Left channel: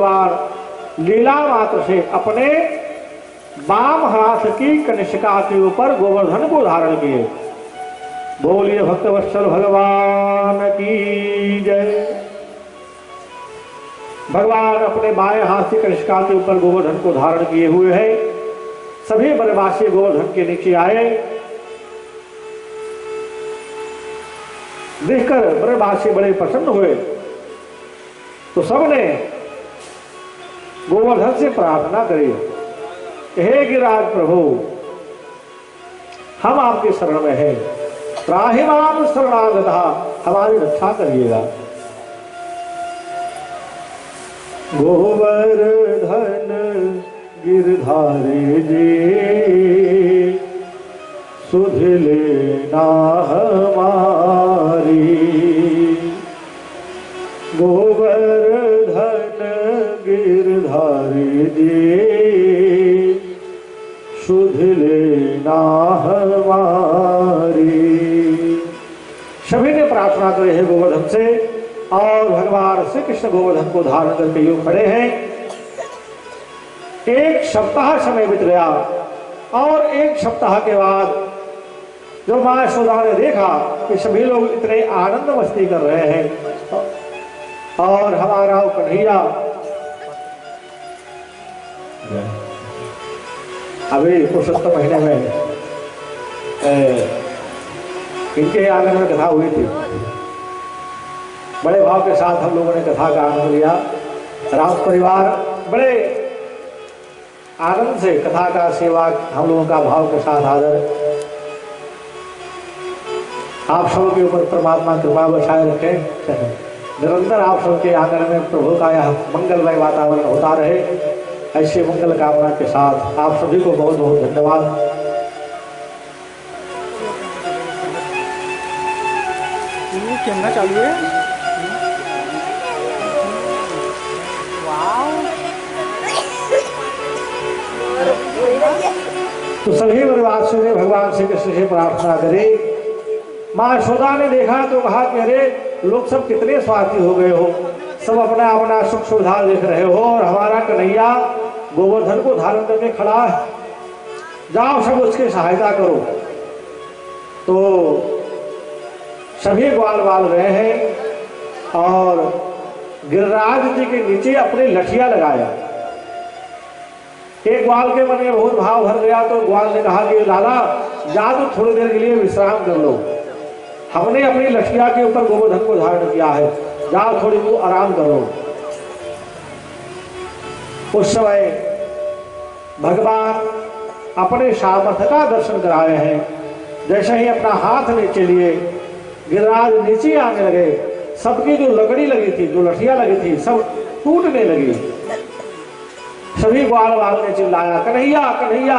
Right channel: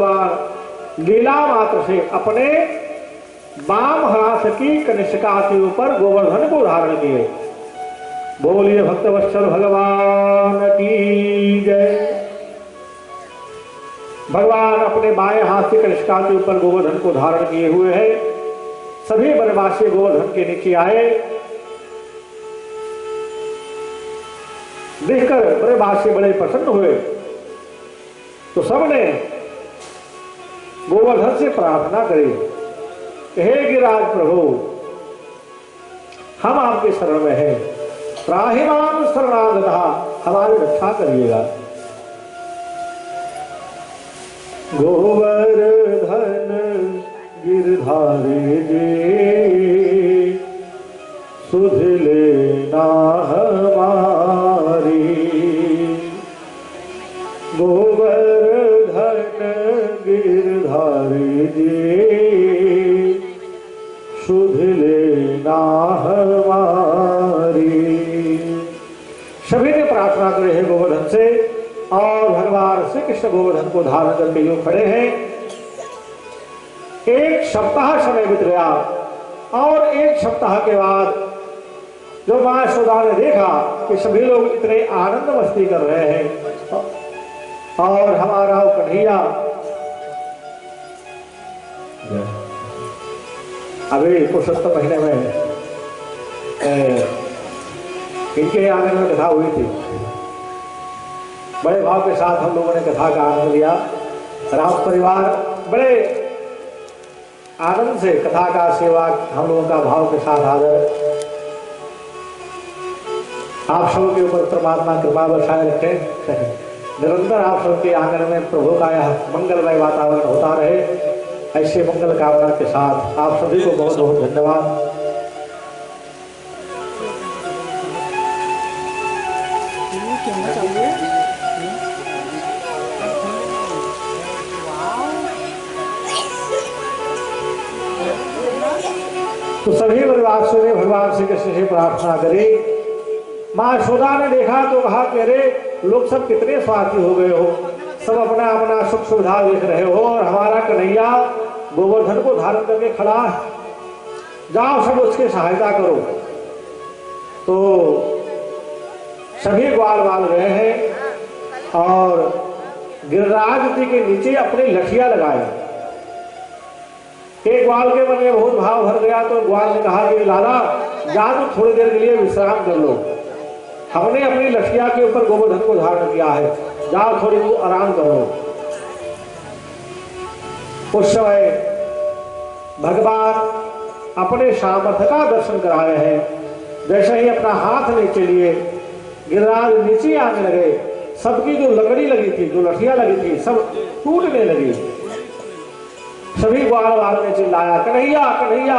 लीला मात्र से अपने वाम हाथ की कनिष्का के ऊपर गोवर्धन को धारण किए। बोलिए भक्तवत्सल भगवान की जय। भगवान अपने बाएं हाथ से कनिष्का के ऊपर गोवर्धन को धारण किए हुए हैं। सभी बनवासी गोवर्धन के नीचे आए। देखकर बनवासी बड़े प्रसन्न हुए तो सबने गोवर्धन से प्रार्थना करी, हे गिरिराज प्रभु, हम आपके शरण में हैं, त्राहिमाम शरणागतः, हमारी रक्षा करिएगा। गोवर्धन गिरधारी जी सुध लेना हमारी, गोवर्धन गिरधारी जी सुध लेना हमारी। सभी ने प्रार्थना करे है गोवर्धन से, और भगवान श्री कृष्ण गोवर्धन को धारण करके यूं खड़े हैं। एक सप्ताह समय बीत गया और एक सप्ताह के बाद जो मां यशोदा ने देखा कि सभी लोग इतने आनंद मस्ती कर रहे हैं और हमारा कन्हैया अभी पुरुषोत्तम महीने में इनके आंगन में कथा हुई थी। बड़े भाव के साथ हम लोगों ने कथा का आनंद लिया। राम परिवार बड़े आनंद से कथा का सेवा हम लोगों का भाव के साथ आदर। आप सब के ऊपर परमात्मा कृपा बरसाए रखे। निरंतर आप सबके आंगन में प्रभु का यह मंगलमय वातावरण होता रहे, ऐसे मंगल कामना के साथ आप सभी को बहुत बहुत धन्यवाद। कैमरा चालू है। तो सभी बनवासियों ने भगवान श्री कृष्ण से प्रार्थना करी। मां यशोदा ने देखा तो कहा कि अरे लोग सब कितने स्वार्थी हो गए हो, सब अपना अपना सुख सुविधा देख रहे हो और हमारा कन्हैया गोवर्धन को धारण करके खड़ा है, जाओ सब उसकी सहायता करो। तो सभी ग्वाल बाल गए हैं और गिरिराज जी के नीचे अपने लठिया लगाया। एक ग्वाल के मन में बहुत भाव भर गया तो ग्वाल ने कहा कि लाला जा तो थोड़ी देर के लिए विश्राम कर लो, हमने अपनी लठिया के ऊपर गोवर्धन को धारण किया है, जाओ थोड़ी वो आराम करो। उस समय भगवान अपने सामर्थ्य का दर्शन कराए हैं। जैसे ही अपना हाथ नीचे लिए गिरिराज नीचे आने लगे, सबकी जो लकड़ी लगी थी, जो लठिया लगी थी, सब टूटने लगी। सभी ग्वाल वालों ने चिल्लाया, कन्हैया कन्हैया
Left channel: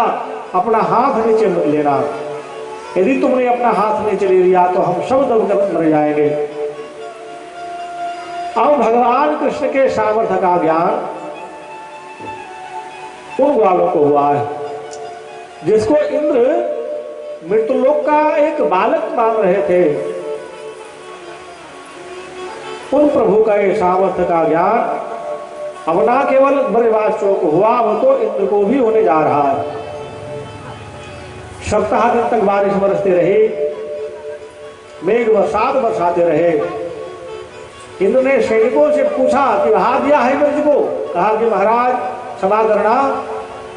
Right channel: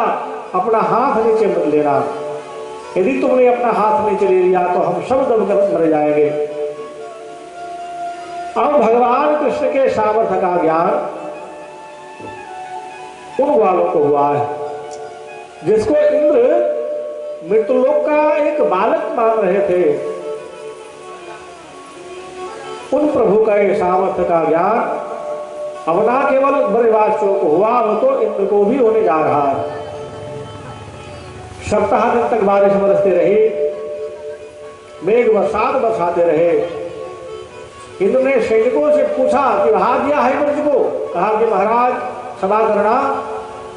अपना हाथ नीचे मत लेना, यदि तुमने अपना हाथ नीचे ले लिया तो हम सब दबकर मर जाएंगे। अब भगवान कृष्ण के सामर्थ्य का ज्ञान उन ग्वालों को हुआ है जिसको इंद्र मृत्युलोक का एक बालक मान रहे थे। उन प्रभु का ये सामर्थ्य का ज्ञान अब ना केवल ब्रजवासियों को हुआ, वो तो इंद्र को भी होने जा रहा है। सप्ताह दिन तक बारिश बरसती रही, मेघ बरसात बरसाते रहे। इंद्र ने सैनिकों से पूछा कि बहा दिया है ब्रज को? कहा कि महाराज क्षमा करना,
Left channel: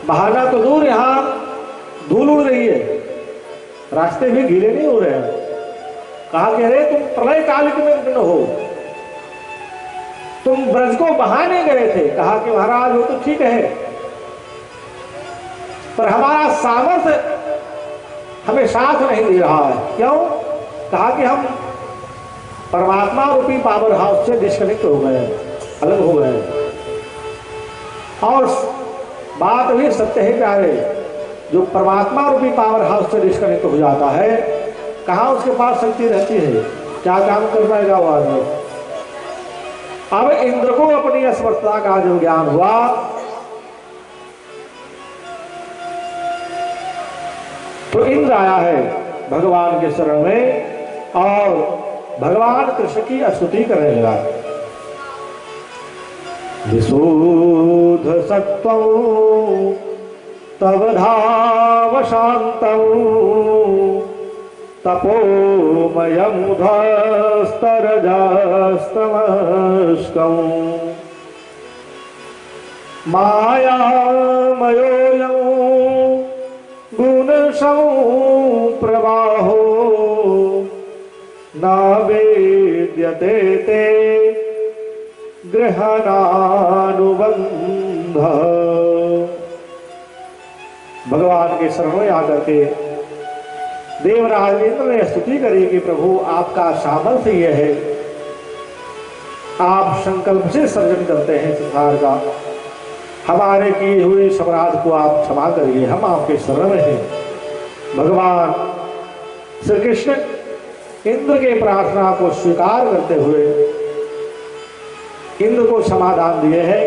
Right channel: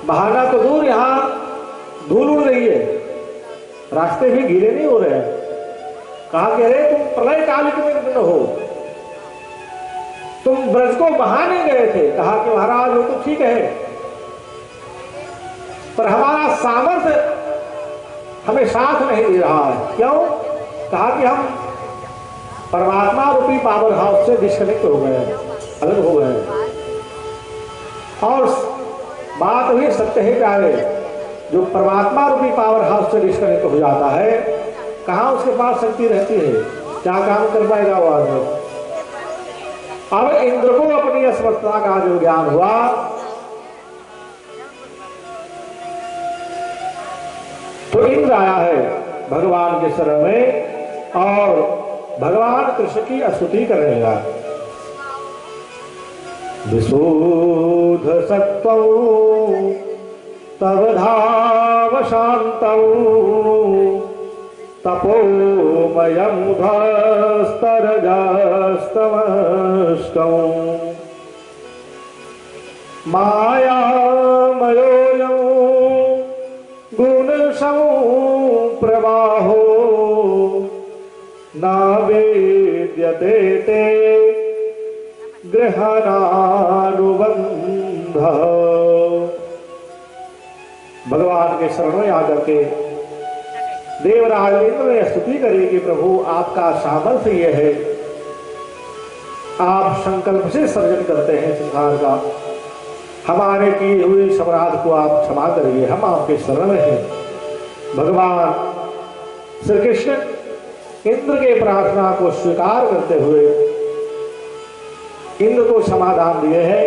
बहाना तो दूर, यहाँ धूल उड़ रही है, रास्ते भी गीले नहीं हो रहे हैं। कहा कि अरे तुम प्रलय काल में हो, तुम ब्रज को बहाने गए थे। कहा कि महाराज वो तो ठीक है, पर हमारा सामर्थ्य हमें साथ नहीं दे रहा है। क्यों? कहा कि हम परमात्मा रूपी पावर हाउस से डिस्कनेक्ट हो गए, अलग हो गए। और बात भी सत्य है प्यारे, जो परमात्मा रूपी पावर हाउस से डिस्कनेक्ट हो जाता है, कहाँ उसके पास शक्ति रहती है, क्या काम कर पाएगा वो आदमी। अब इंद्र को अपनी असमर्थता का जो ज्ञान हुआ, तो इंद्र आया है भगवान के शरण में और भगवान कृष्ण की स्तुति करने लगा। विशुद्ध सत्त्वं तव धाम शान्तं तपोमयं ध्वस्तरजस्तमस्कम् मायामयोऽयं गुणसंप्रवाहो न वेद्यते ते ग्रहणानुबंध। भगवान के शरण में आकर के देवराज इंद्र ने स्तुति करी कि प्रभु आपका सामर्थ्य यह है, आप संकल्प से सर्जन करते हैं संसार का, हमारे की हुई अपराध को आप क्षमा करिए, हम आपके शरण में हैं। भगवान श्री कृष्ण इंद्र के प्रार्थना को स्वीकार करते हुए इंद्र को समाधान दिए हैं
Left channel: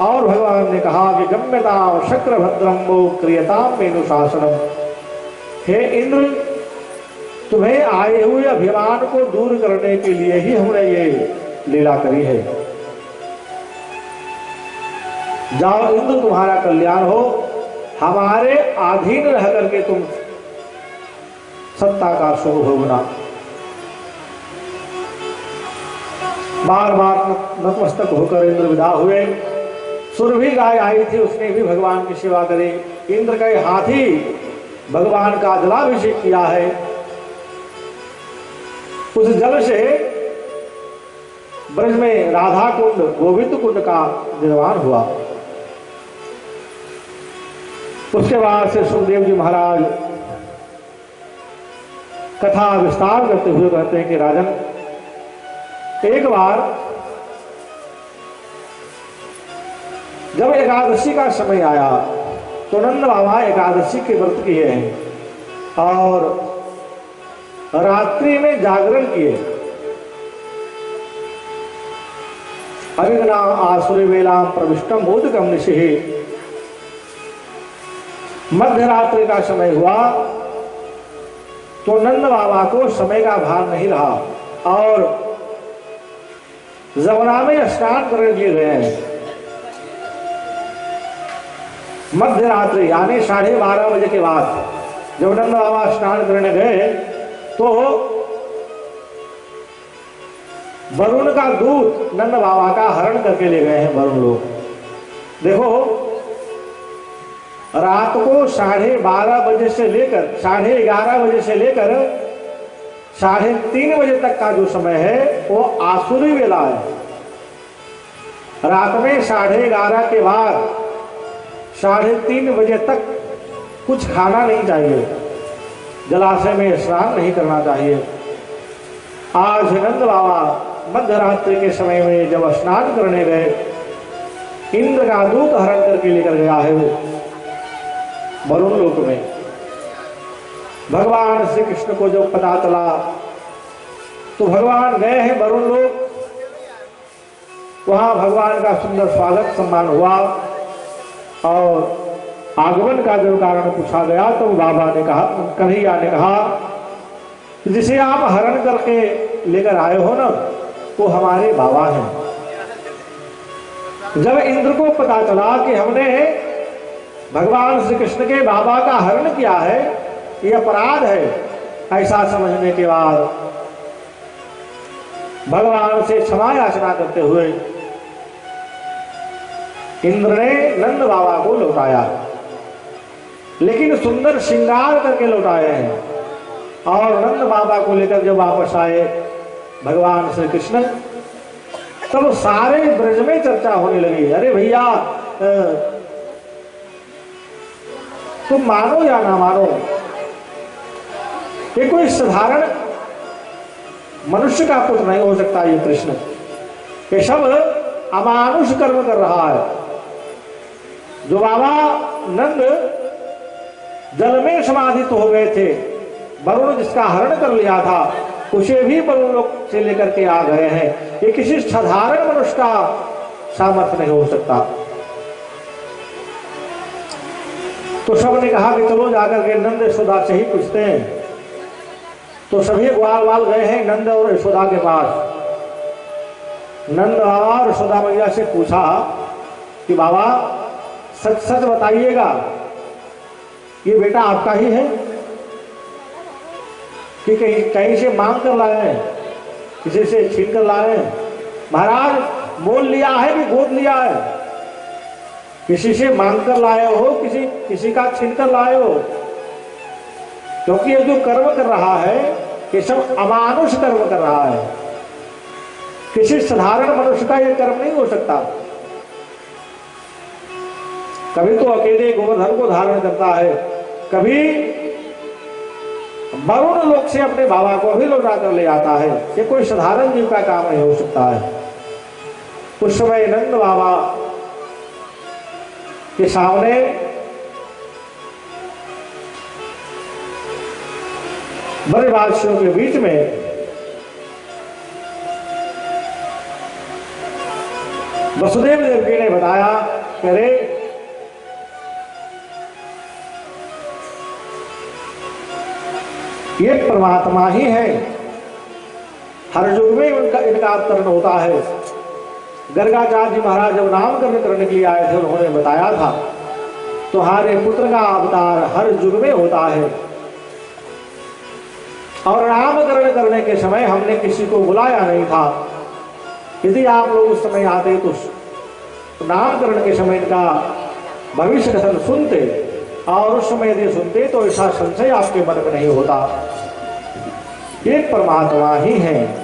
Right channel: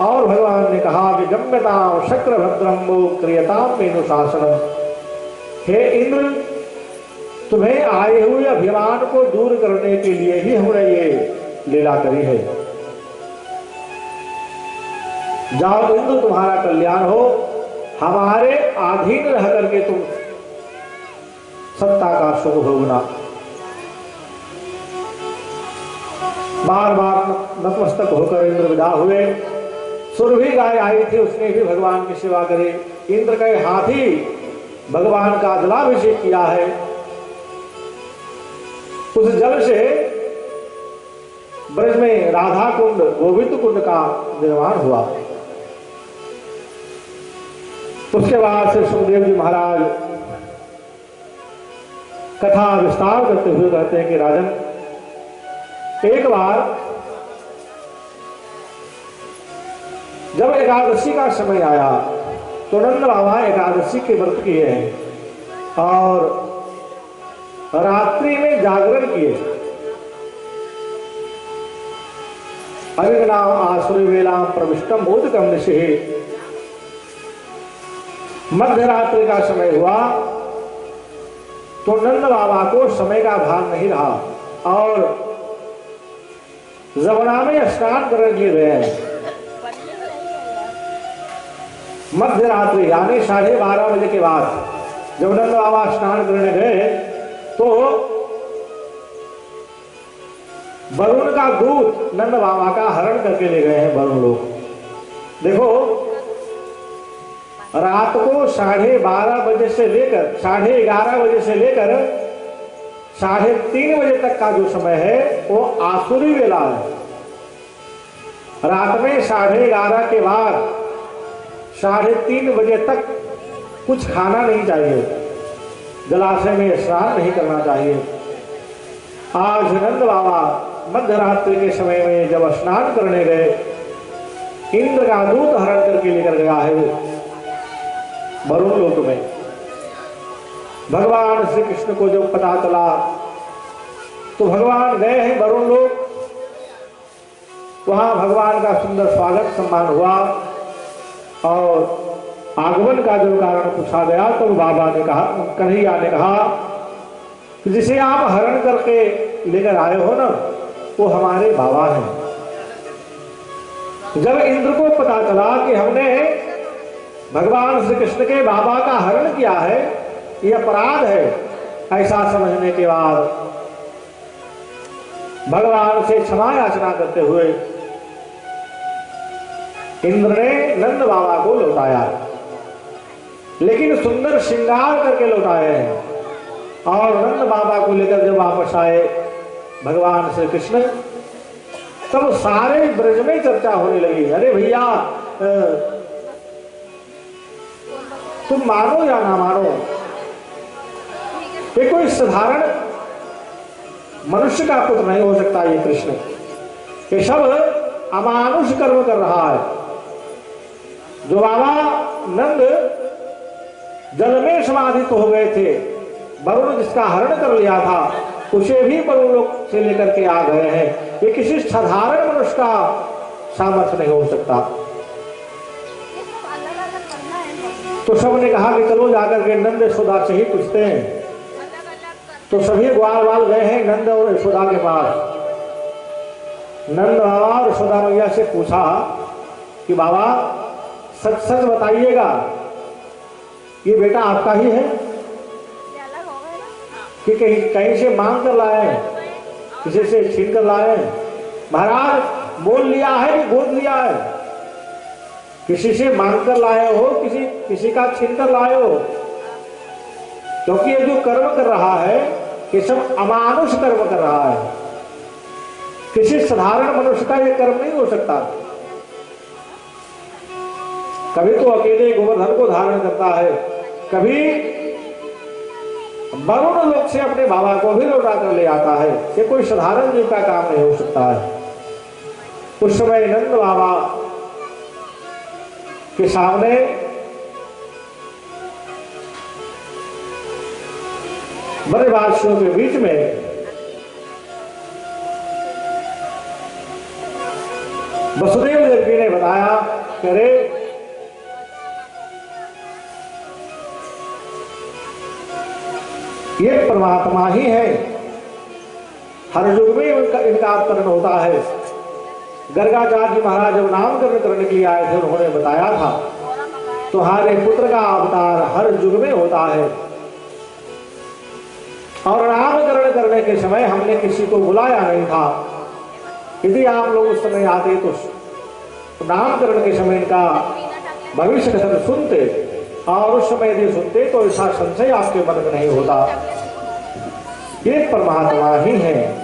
और भगवान ने कहा कि गम्यता शक्रभद्रम वो क्रियताम मेनुशासनम। हे इंद्र, तुम्हें आए हुए अभिमान को दूर करने के लिए ही हमने ये लीला करी है। जाओ इंद्र, तुम्हारा कल्याण हो, हमारे अधीन रह करके तुम सत्ता का सुख भोगना। बार बार नतमस्तक होकर इंद्र विदा हुए। सुरभि गाय आई थी, उसने भी भगवान की सेवा करी। इंद्र के हाथी भगवान का जलाभिषेक किया है, उस जल से ब्रज में राधा कुंड गोविंद कुंड का निर्माण हुआ। उसके बाद से सुखदेव जी महाराज कथा विस्तार करते हुए कहते हैं कि राजन, एक बार जब एकादशी का समय आया तो नंद बाबा एकादशी के व्रत किए हैं और रात्रि में जागरण किए। अरिगना आसुरी वेला प्रविष्टम मोदकम निशिः। मध्य रात्रि का समय हुआ तो नंद बाबा को समय का भान नहीं रहा और जमुना में स्नान करने के लिए गए हैं। मध्य रात्रि यानी 12:30 बजे के बाद जब नंद बाबा स्नान करने गए तो वरुण का दूत नंद बाबा का हरण करके ले गए हैं वरुण लोग। देखो, रात को 12:30 बजे से लेकर 11:30 बजे से लेकर 3:30 बजे तक का जो समय है वो आसुरी वेला है। रात में 11:30 के बाद 3:30 बजे तक कुछ खाना नहीं चाहिए, जलाशय में स्नान नहीं करना चाहिए। आज नंद बाबा मध्य रात्रि के समय में जब स्नान करने गए, इंद्र का दूत हरण करके लेकर गया है वरुण लोक में। भगवान श्री कृष्ण को जब पता चला तो भगवान गए हैं वरुण लोक, वहां भगवान का सुंदर स्वागत सम्मान हुआ और आगमन का जो कारण पूछा गया तो बाबा ने कहा, कन्हैया ने कहा, जिसे आप हरण करके लेकर आए हो ना, वो हमारे बाबा हैं। जब इंद्र को पता चला कि हमने भगवान श्री कृष्ण के बाबा का हरण किया है, ये अपराध है, ऐसा समझने के बाद भगवान से क्षमा याचना करते हुए इंद्र ने नंद बाबा को लौटाया, लेकिन सुंदर श्रृंगार करके लौटाए हैं। और नंद बाबा को लेकर जब वापस आए भगवान श्री कृष्ण, तब सारे ब्रज में चर्चा होने लगी, अरे भैया तुम मानो या ना मानो, ये कोई साधारण मनुष्य का पुत्र नहीं हो सकता। ये कृष्ण ये सब अमानुष कर्म कर रहा है। जो बाबा नंद जल में समाधित हो गए थे, वरुण जिसका हरण कर लिया था, उसे भी वरुण लोक से लेकर के आ गए हैं। ये किसी साधारण मनुष्य का सामर्थ्य नहीं हो सकता। तो सबने कहा कि चलो जाकर के नंद यशोदा से ही पूछते हैं। तो सभी ग्वाल वाल गए हैं नंद और यशोदा के पास। नंद बाबा और यशोदा मैया से पूछा कि बाबा सच सच बताइएगा, ये बेटा आपका ही है कि कहीं कहीं से मांग कर लाए हैं, किसी से छीन कर लाए हैं? महाराज मोल लिया है कि गोद लिया है? किसी से मांग कर लाए हो, किसी का छीन कर लाए हो? क्योंकि ये जो कर्म कर रहा है ये सब अमानुष कर्म कर रहा है, किसी साधारण मनुष्य का ये कर्म नहीं हो सकता। कभी तो अकेले गोवर्धन को धारण करता है, कभी वरुण लोक से अपने बाबा को भी लौटा कर ले आता है। ये कोई साधारण जीव का काम नहीं हो सकता है। उस समय नंद बाबा के सामने ब्रजवासियों के बीच में वसुदेव देवकी ने बताया कि अरे ये परमात्मा ही है, हर युग में इनका अवतरण होता है। गर्गाचार्य जी महाराज जब नामकरण करने के लिए आए थे, उन्होंने बताया था तुम्हारे पुत्र का अवतार हर युग में होता है, और नामकरण करने के समय हमने किसी को बुलाया नहीं था। यदि आप लोग उस समय आते तो नामकरण के समय इनका भविष्य कथन सुनते, और उस समय यदि सुनते तो ऐसा संशय आपके मन में नहीं होता। ये परमात्मा ही है।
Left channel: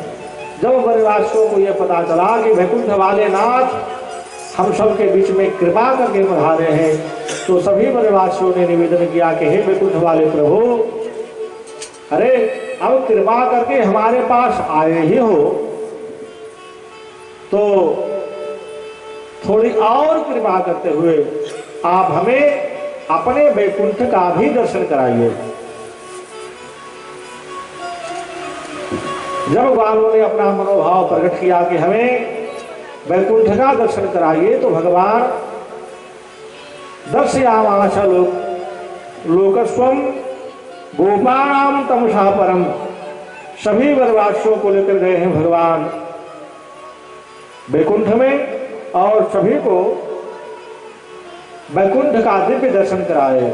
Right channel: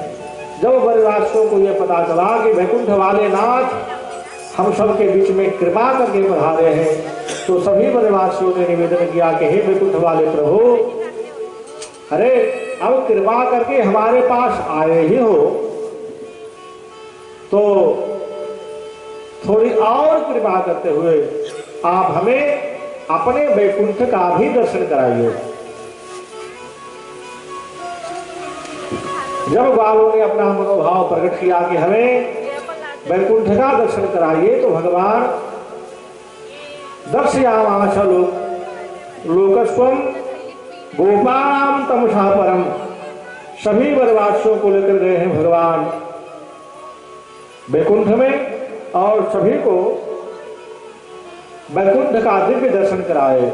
जब ब्रजवासियों को यह पता चला कि वैकुंठ वाले नाथ हम सब के बीच में कृपा करके पधारे हैं, तो सभी ब्रजवासियों ने निवेदन किया कि हे वैकुंठ वाले प्रभु, अरे अब कृपा करके हमारे पास आए ही हो तो थोड़ी और कृपा करते हुए आप हमें अपने वैकुंठ का भी दर्शन कराइए। जब बालों ने अपना मनोभाव प्रकट किया कि हमें वैकुंठ का दर्शन कराइए, तो भगवान दर्शयामास लोकस्वम गोपाणाम तमसा परम, सभी ब्रजवासियों को लेकर गए हैं भगवान वैकुंठ में, और सभी को वैकुंठ का दिव्य दर्शन कराए।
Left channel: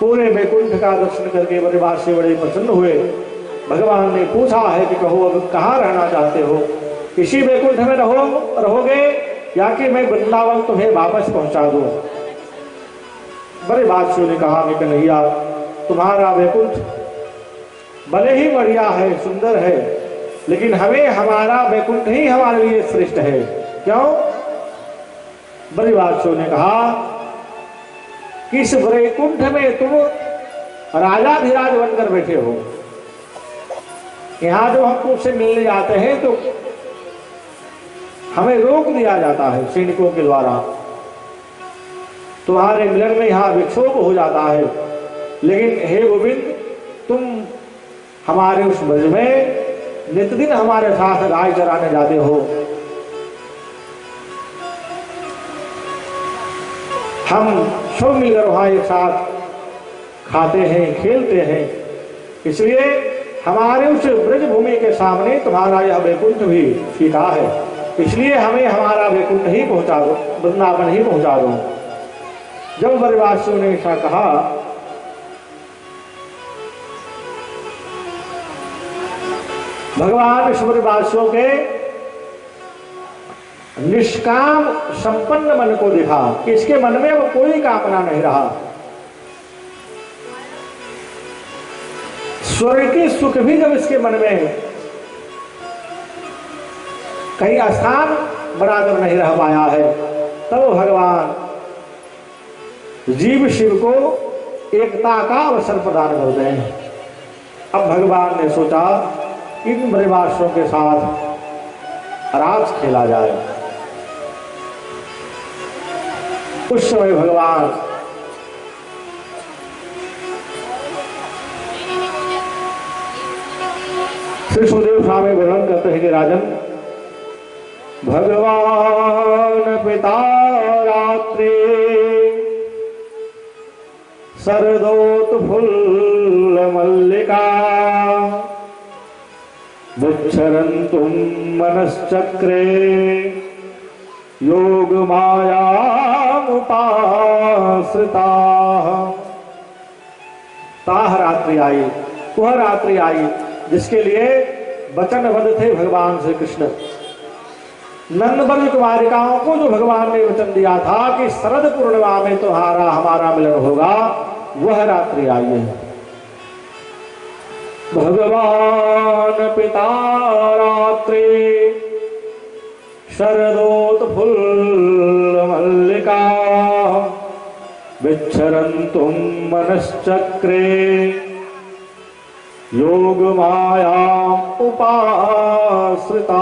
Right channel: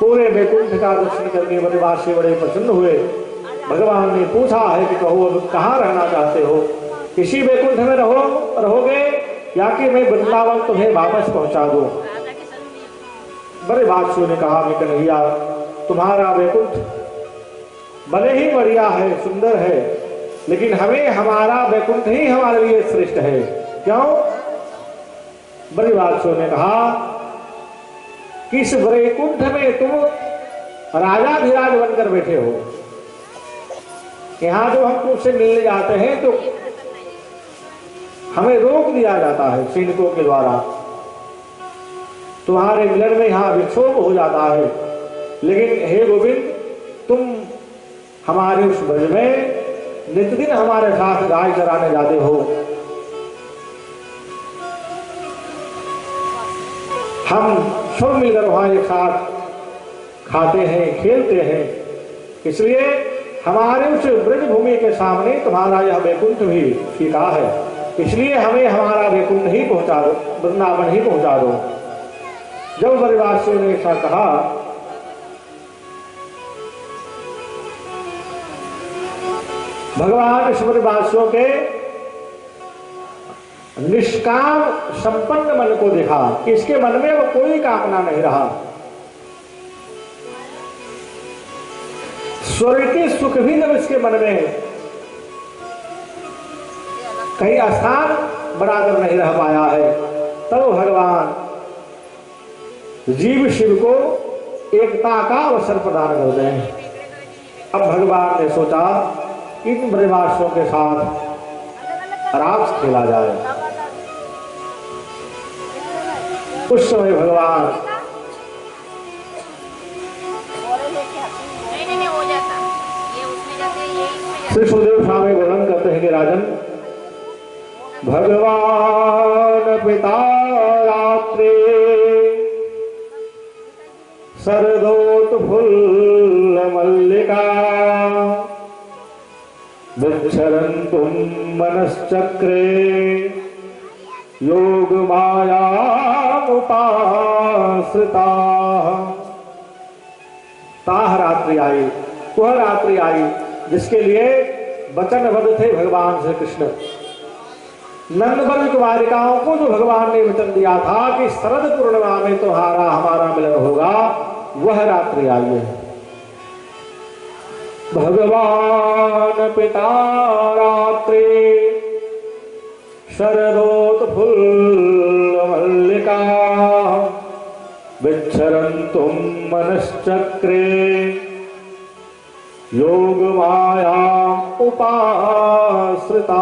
पूरे वैकुंठ का दर्शन करके ब्रजवासी बड़े प्रसन्न हुए। भगवान ने पूछा है कि कहो अब कहाँ रहना चाहते हो, इसी वैकुंठ में रहोगे या कि मैं वृंदावन तुम्हें वापस पहुंचा दूं? ब्रजवासियों ने कहा कि कन्हैया तुम्हारा वैकुंठ भले ही बढ़िया है, सुंदर है, लेकिन हमें हमारा वैकुंठ ही हमारे लिए श्रेष्ठ है। क्यों? ब्रजवासियों ने कहा कि इस वैकुंठ में तुम राजाधिराज बनकर बैठे हो, यहाँ जो हम तुमसे मिलने जाते हैं तो हमें रोक दिया जाता है सैनिकों के द्वारा, तुम्हारे मिलन में यहाँ विक्षोभ हो जाता है। लेकिन हे गोविंद, तुम हमारे उस ब्रज में नित्य दिन हमारे साथ गाय चराने जाते हो, हम सब मिलकर वहां एक साथ खाते हैं, खेलते हैं, इसलिए हमारे उस ब्रज भूमि के सामने तुम्हारा यह वैकुंठ भी फीका है, इसलिए हमें हमारा वैकुंठ ही पहुंचा दो, वृंदावन ही पहुंचा दो। जब ब्रजवासियों ने ऐसा कहा, भगवान इस ब्रजवासियों के निष्काम संपन्न मन को देखा कि इसके मन में अब कोई कामना नहीं रहा, स्वर्ग की सुख भी जब इसके मन में कहीं स्थान बनाकर नहीं रह पाया है, तब भगवान जीव शिव को एकता का अवसर प्रदान कर दें। अब भगवान ने सोचा इन ब्रजवासियों के साथ रास खेला जाए। उस समय भगवान श्री सुखदेव स्वामी वर्णन करते हैं कि राजन, भगवान पिता रात्रि शरदोत फुल्ल मल्लिका विचरन्तुं मनश्चक्रे योग मायामुपाश्रिताः। ताह रात्रि आई, वह रात्रि आई जिसके लिए वचनबद्ध थे भगवान श्री कृष्ण। नंदव्रज कुमारिकाओं को जो भगवान ने वचन दिया था कि शरद पूर्णिमा में तुम्हारा हमारा मिलन होगा, वह रात्रि आई है। भगवान पिता रात्रि शरदोत्फुल्ल मल्लिका विच्छरन्तुं मनश्चक्रे योग माया उपाश्रिताः।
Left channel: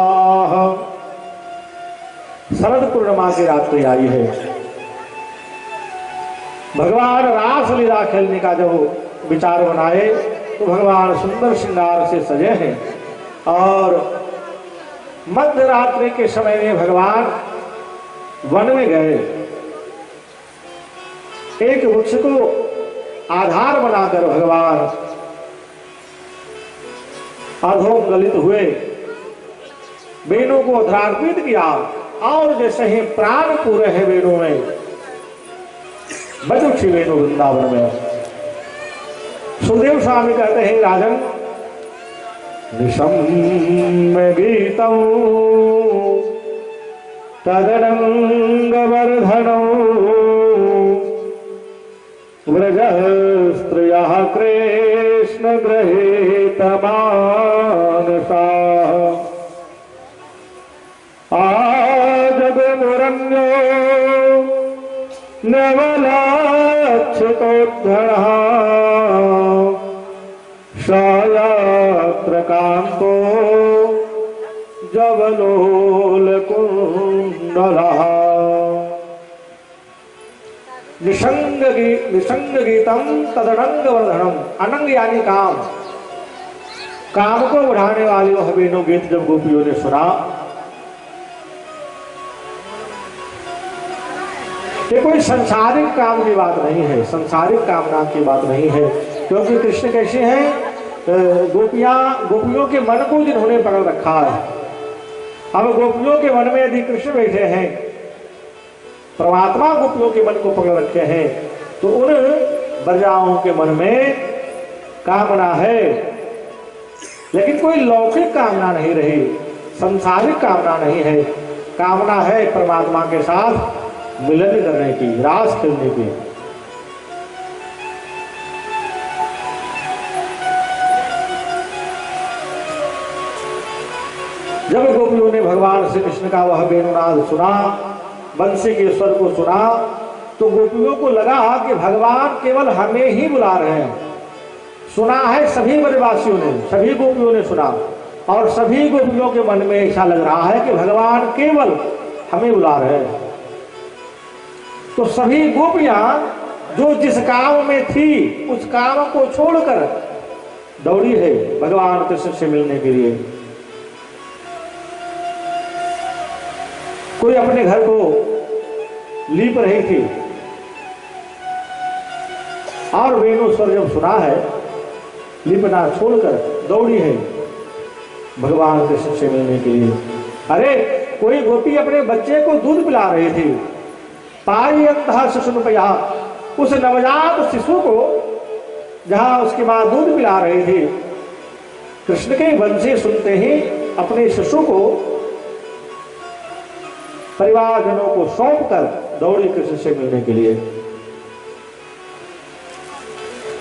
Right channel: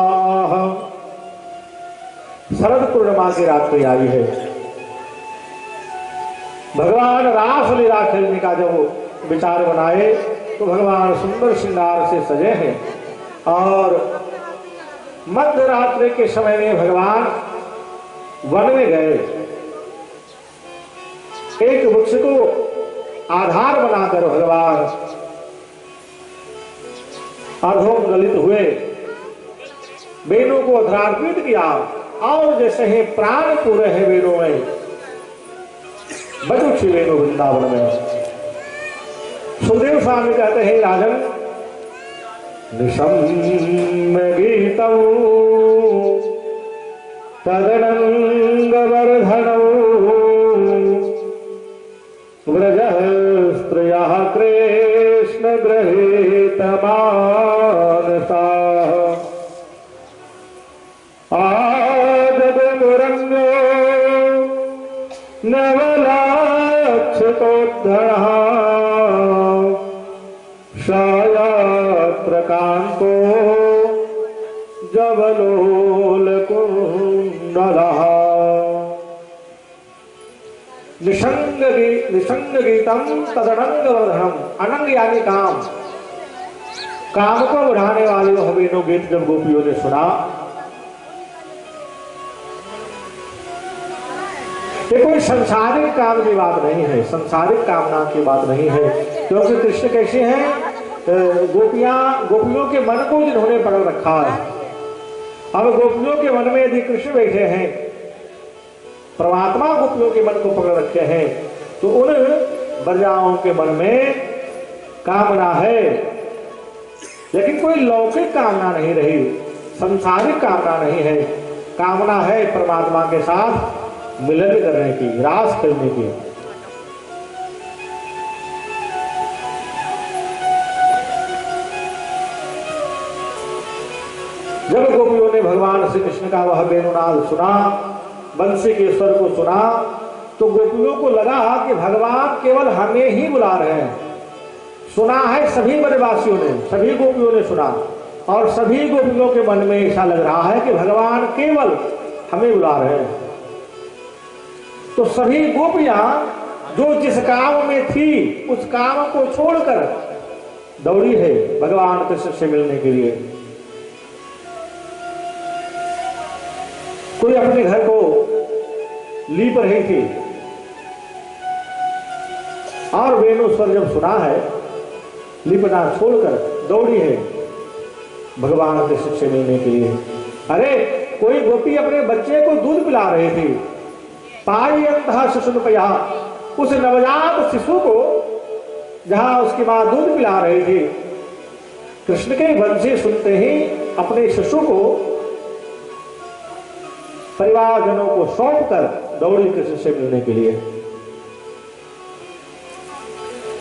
शरद पूर्णिमा की रात्रि आई है। भगवान रासलीला खेलने का जो विचार बनाए तो भगवान सुंदर श्रृंगार से सजे हैं और मध्य रात्रि के समय में भगवान वन में गए। एक वृक्ष को आधार बनाकर भगवान अधोगलित हुए, वेणु को अधरार्पित किया और जैसे ही प्राण पूरे हैं वेणु में, बज उठी वेणु वृंदावन में। सुखदेव स्वामी कहते हैं, राजन निशम्य गीतम तदनंग वर्धनौ व्रज स्त्रियः कृष्ण गृहीत मानसाः आजगमुरन्यो नवलाक्षितोद्धरः शायात्र कांतो जवलोलकुंडलः। निषंग गीतम तदनंग वर्धनम। अनंग यानी काम, काम को बढ़ाने वाले वह वेणु गीत जब गोपियों ने सुना, ये कोई संसारिक काम की बात नहीं है, संसारिक कामना की बात नहीं है, क्योंकि कृष्ण कैसे हैं, गोपियों के मन को जिन्होंने पकड़ रखा है। अब गोपियों के मन में यदि कृष्ण बैठे हैं, परमात्मा गोपियों के मन को पकड़ रखे हैं, तो उन ब्रजाओं के मन में कामना है, लेकिन कोई लौकिक कामना नहीं रही, संसारिक कामना नहीं है। कामना है परमात्मा के साथ मिलन करने की, रास खेलने की। जब गोपियों ने भगवान श्री कृष्ण का वह वेणुनाद सुना, बंसी के स्वर को सुना, तो गोपियों को लगा कि भगवान केवल हमें ही बुला रहे हैं। सुना है सभी ब्रजवासियों ने, सभी गोपियों ने सुना, और सभी गोपियों के मन में ऐसा लग रहा है कि भगवान केवल हमें बुला रहे हैं। तो सभी गोपियां जो जिस काम में थी उस काम को छोड़कर दौड़ी है भगवान कृष्ण से मिलने के लिए। कोई अपने घर को लीप रही थी और वेणु स्वर जब सुना है, लिपना छोड़कर दौड़ी है भगवान कृष्ण से मिलने के लिए। अरे कोई गोपी अपने बच्चे को दूध पिला रही थी, पायन्तः शिशुनुपया, उस नवजात शिशु को जहां उसकी मां दूध पिला रही थी, कृष्ण के वंशी सुनते ही अपने शिशु को परिवारजनों को सौंपकर दौड़ी कृष्ण से मिलने के लिए।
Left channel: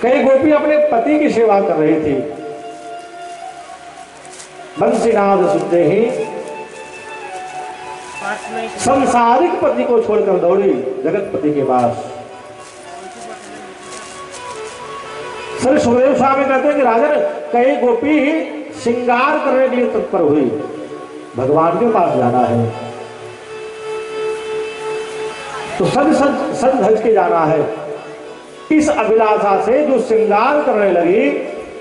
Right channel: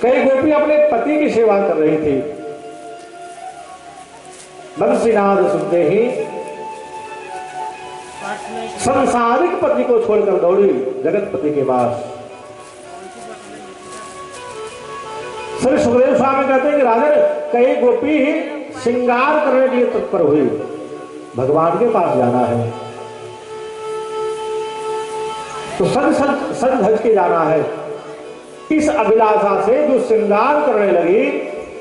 कई गोपी अपने पति की सेवा कर रही थी, बंसीनाद सुनते ही संसारिक पति को छोड़कर दौड़ी जगतपति के पास। श्री सुखदेव स्वामी कहते हैं कि राजन, कई गोपी श्रृंगार करने के लिए तत्पर हुई, भगवान के पास जाना है तो सज धज के जाना है। इस अभिलाषा से जो श्रृंगार करने लगी,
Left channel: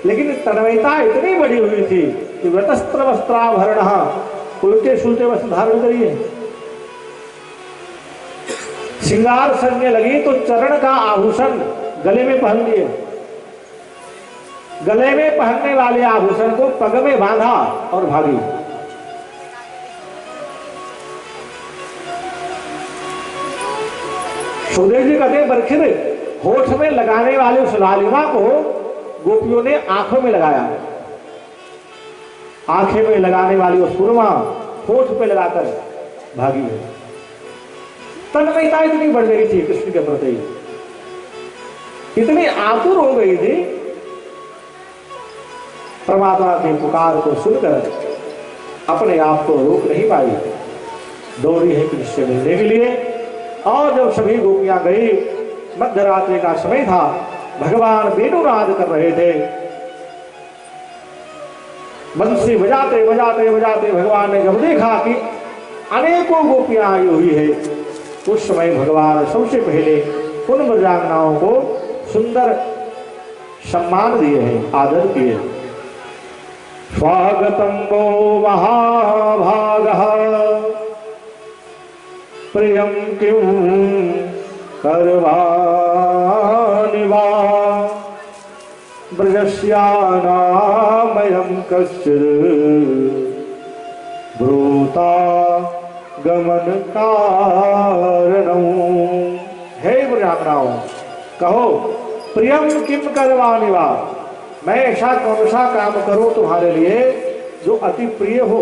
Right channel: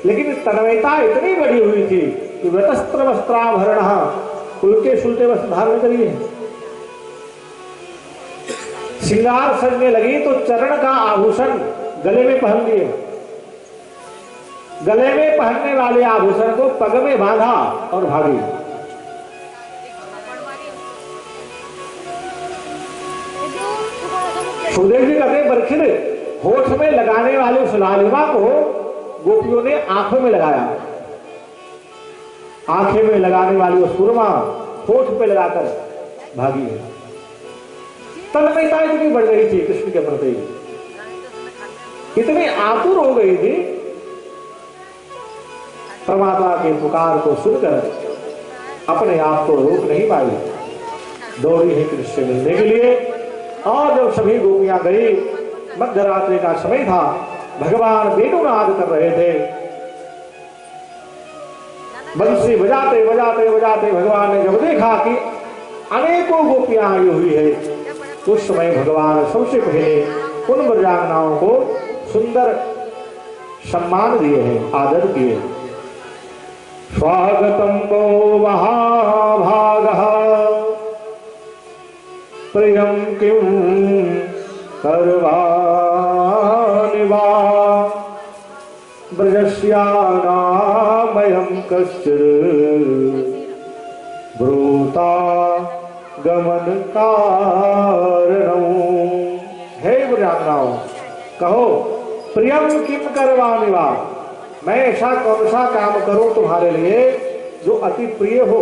लेकिन तन्मयता इतनी बड़ी हुई थी कि वस्त्र वस्त्राभरण, उल्टे सुलटे वस्त्र धारण करिए। श्रृंगार सजने लगी तो चरण का आभूषण गले में पहन लिए, गले में पहनने वाले आभूषण को पग में बांधा और भागी। सुखदेव जी कहते बरखिर होठ में लगाने वाले उस लालिमा को गोपियों ने आंखों में लगाया। आंखें में लगाने वाली उस सुरमा होठ पे लगाकर भागी है। तन्मयता इतनी बढ़ गई थी कृष्ण के प्रति, इतनी आतुर हो गई थी, परमात्मा के पुकार को सुनकर अपने आप को रोक नहीं पाई, दौड़ी है कृष्ण से मिलने के लिए। और जब सभी गोपियां गई, मध्यरात्रि का समय था, भगवान वेणुनाद कर रहे थे, बंसी बजाते बजाते बजाते भगवान ने जब देखा कि अनेकों गोपियां आई हुई है, उस समय भगवान सबसे पहले उन ब्रजांगनाओं को सुंदर सम्मान दिए हैं, आदर किए। स्वागतम वो महाभागः प्रियं किं करवाणि वा ब्रजस्यानामयं कश्चित् ब्रूता गमन कारणं। हे ब्रजांगनाओं, कहो प्रियम किम करवाणि वा, मैं ऐसा कौन सा काम करूं तुम्हारे लिए जो अति प्रिय हो।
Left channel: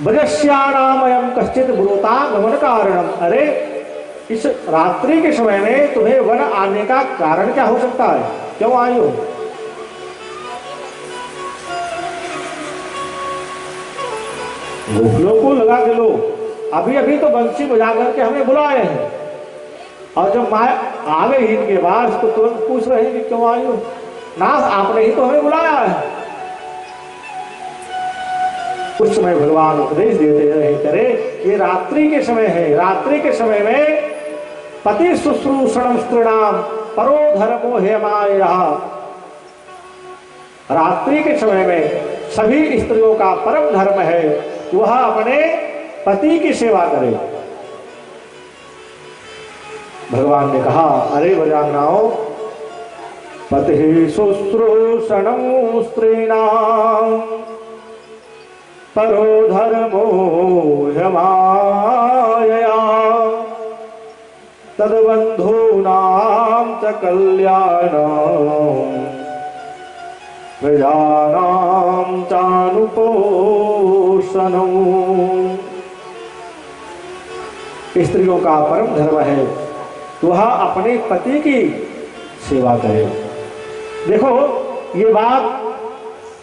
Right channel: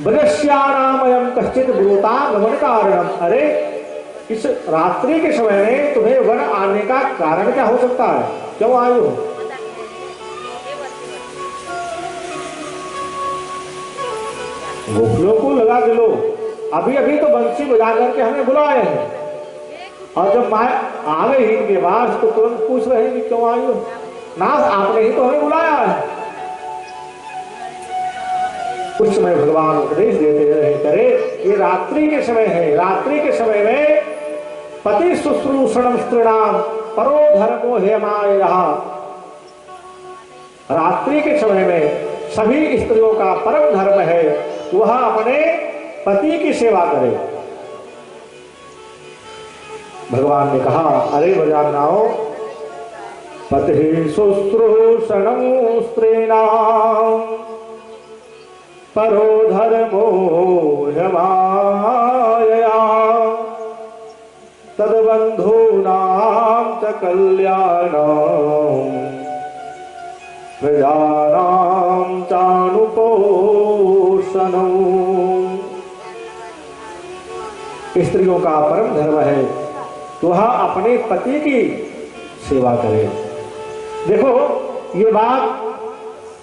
ब्रजस्यानामयं कश्चित् ब्रूता गमन कारणम, अरे इस रात्रि के समय में तुम्हें वन आने का कारण क्या हो सकता है, क्यों आई हो? गोपियों को लगा के लो अभी अभी तो बंसी बजा करके हमें बुलाए हैं, और जब माँ आ गई इनके बाद तो तुरंत पूछ रहे हैं कि क्यों आई हो? नाथ आपने ही तो हमें बुलाया है। उस समय भगवान उपदेश देते रहे, करे ये रात्रि के समय है, रात्रि के समय में पति शुश्रूषण स्त्रीणाम परो धर्मो हेमाया। रात्रि के समय में सभी स्त्रियों का परम धर्म है वह अपने पति की सेवा करे। भगवान ने कहा, अरे ब्रजांगनाओं, पति शुश्रूषण स्त्रीणाम परो धर्मो ह्यमायया तद्बन्धूनां च कल्याणं प्रजानां चानुपोषणम्। स्त्रियों का परम धर्म है वह अपने पति की सेवा करे। देखो ये बात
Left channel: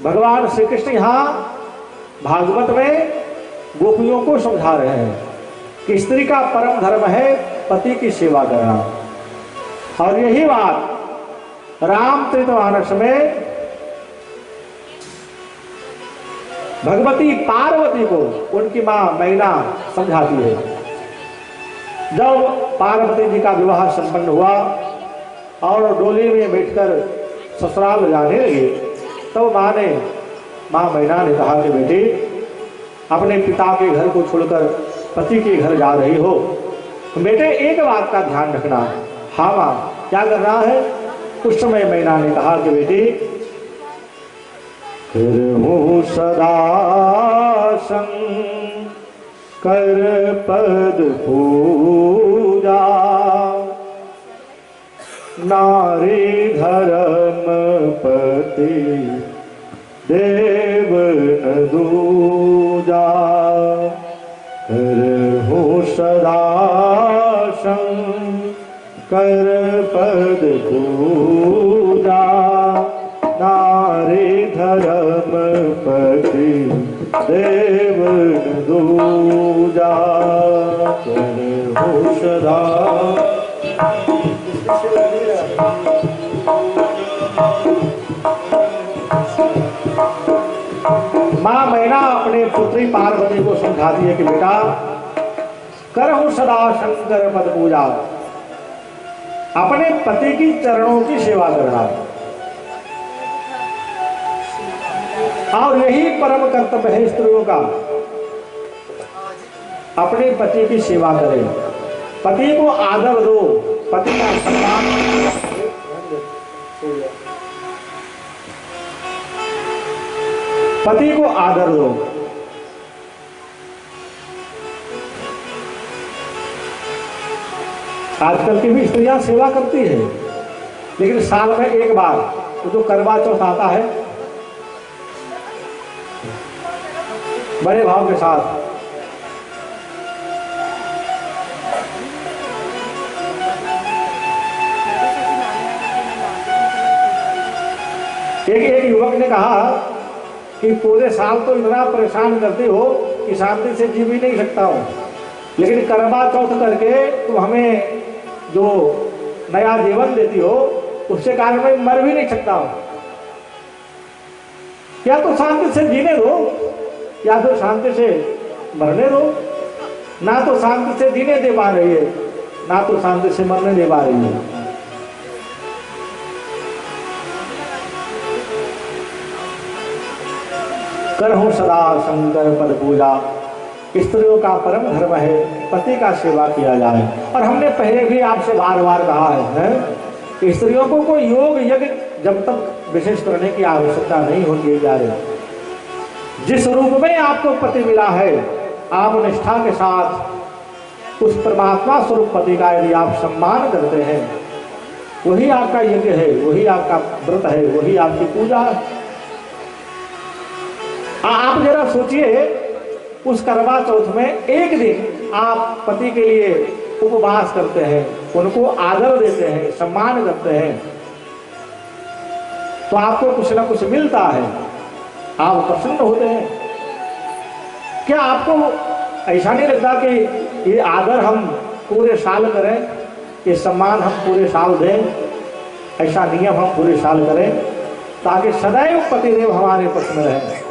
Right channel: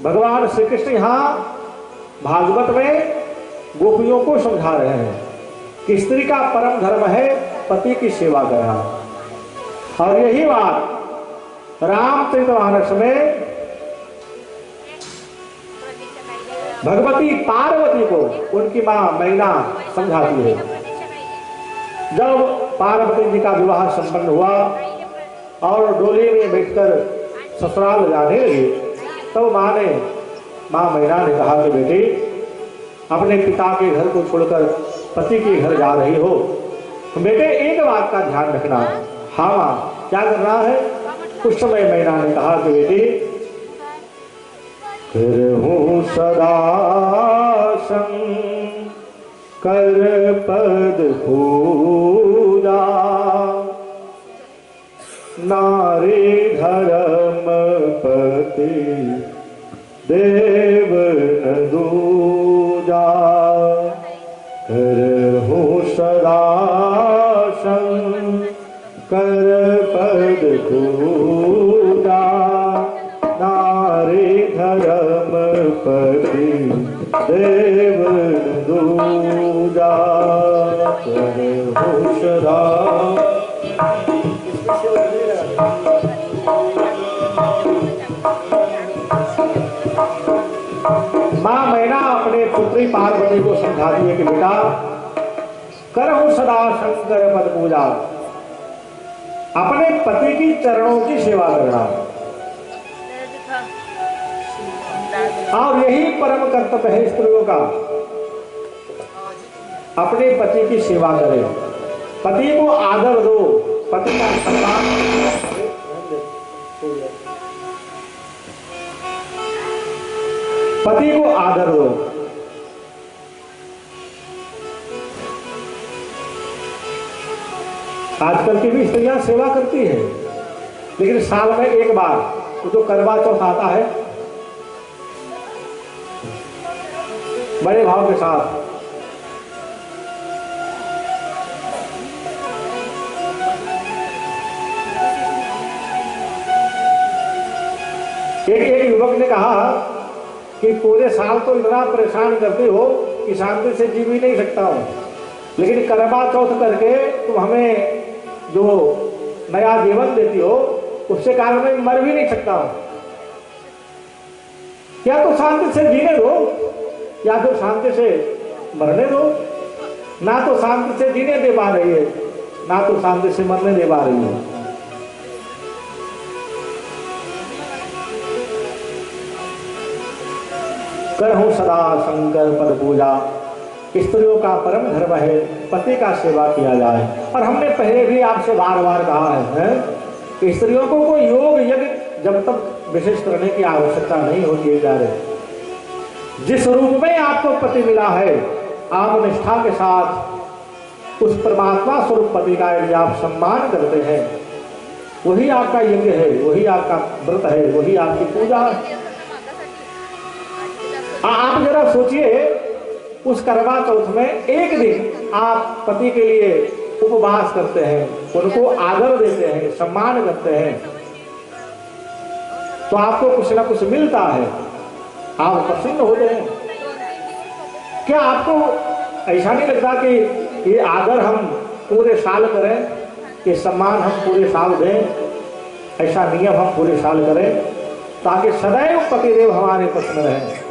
भगवान श्री कृष्ण यहाँ भागवत में गोपियों को समझा रहे हैं कि स्त्री का परम धर्म है पति की सेवा करना। और यही बात रामचरितमानस में भगवती पार्वती को उनकी मां मैना समझाती है। जब पार्वती जी का विवाह संपन्न हुआ और डोली में बैठकर ससुराल जाने लगी, तब मां मैना ने कहा कि बेटी, अपने पिता के घर को छोड़कर पति के घर जा रही हो, तो बेटे एक बात का ध्यान रखना। हाँ माँ, क्या करना है? उस समय मैना ने कहा कि बेटी, करहूं सदा कर पद पूजा, नारी धर्म पति देव न दूजा। करहूं सदा कर पद पूजा, नारी धर्म पति देव न दूजा। करहूं सदा मां मैना अपने पुत्री पार्वती को समझाती है कि बेटा, करहूं सदा शंकर पद पूजा, अपने पति की चरणों की सेवा करना, और यही परम कर्तव्य है स्त्रियों का, अपने पति की सेवा करें, पति को आदर दो, पति का सम्मान पति को आदर दो। आजकल की भी स्त्रियां सेवा करती है, लेकिन साल में एक बार तो जो करवा चौथ आता है बड़े भाव के साथ, एक युवक ने कहा कि पूरे साल तो इतना परेशान करते हो कि शांति से जी भी नहीं सकता हूं, लेकिन करवा चौथ करके तुम हमें जो नया जीवन देती हो उससे कारण मैं मर भी नहीं सकता हूं। क्या तो शांति से जीने दो या फिर शांति से मरने दो। ना तो शांति से जीने दे पा रही है, ना तो शांति से मरने दे पा रही है। करहूं सदा शंकर पद पूजा, स्त्रियों का परम धर्म है पति का सेवा किया जाए। और हमने पहले भी आपसे बार बार कहा है कि स्त्रियों को कोई योग यज्ञ जब तक विशेष करने की आवश्यकता नहीं होती है। जा रहे जिस रूप में आपको पति मिला है, आप निष्ठा के साथ उस परमात्मा स्वरूप पति का यदि आप सम्मान करते हैं, वही आपका यज्ञ है, वही आपका व्रत है, वही आपकी पूजा है। आप जरा सोचिए, उस करवा चौथ में एक दिन आप पति के लिए उपवास करते हैं, उनको आदर देते हैं, सम्मान करते हैं, तो आपको कुछ ना कुछ मिलता है, आप प्रसन्न होते हैं। क्या आपको ऐसा नहीं लगता कि ये आदर हम पूरे साल करें, ये सम्मान हम पूरे साल दें, ऐसा नियम हम पूरे साल करें ताकि सदैव पतिदेव हमारे प्रसन्न रहें।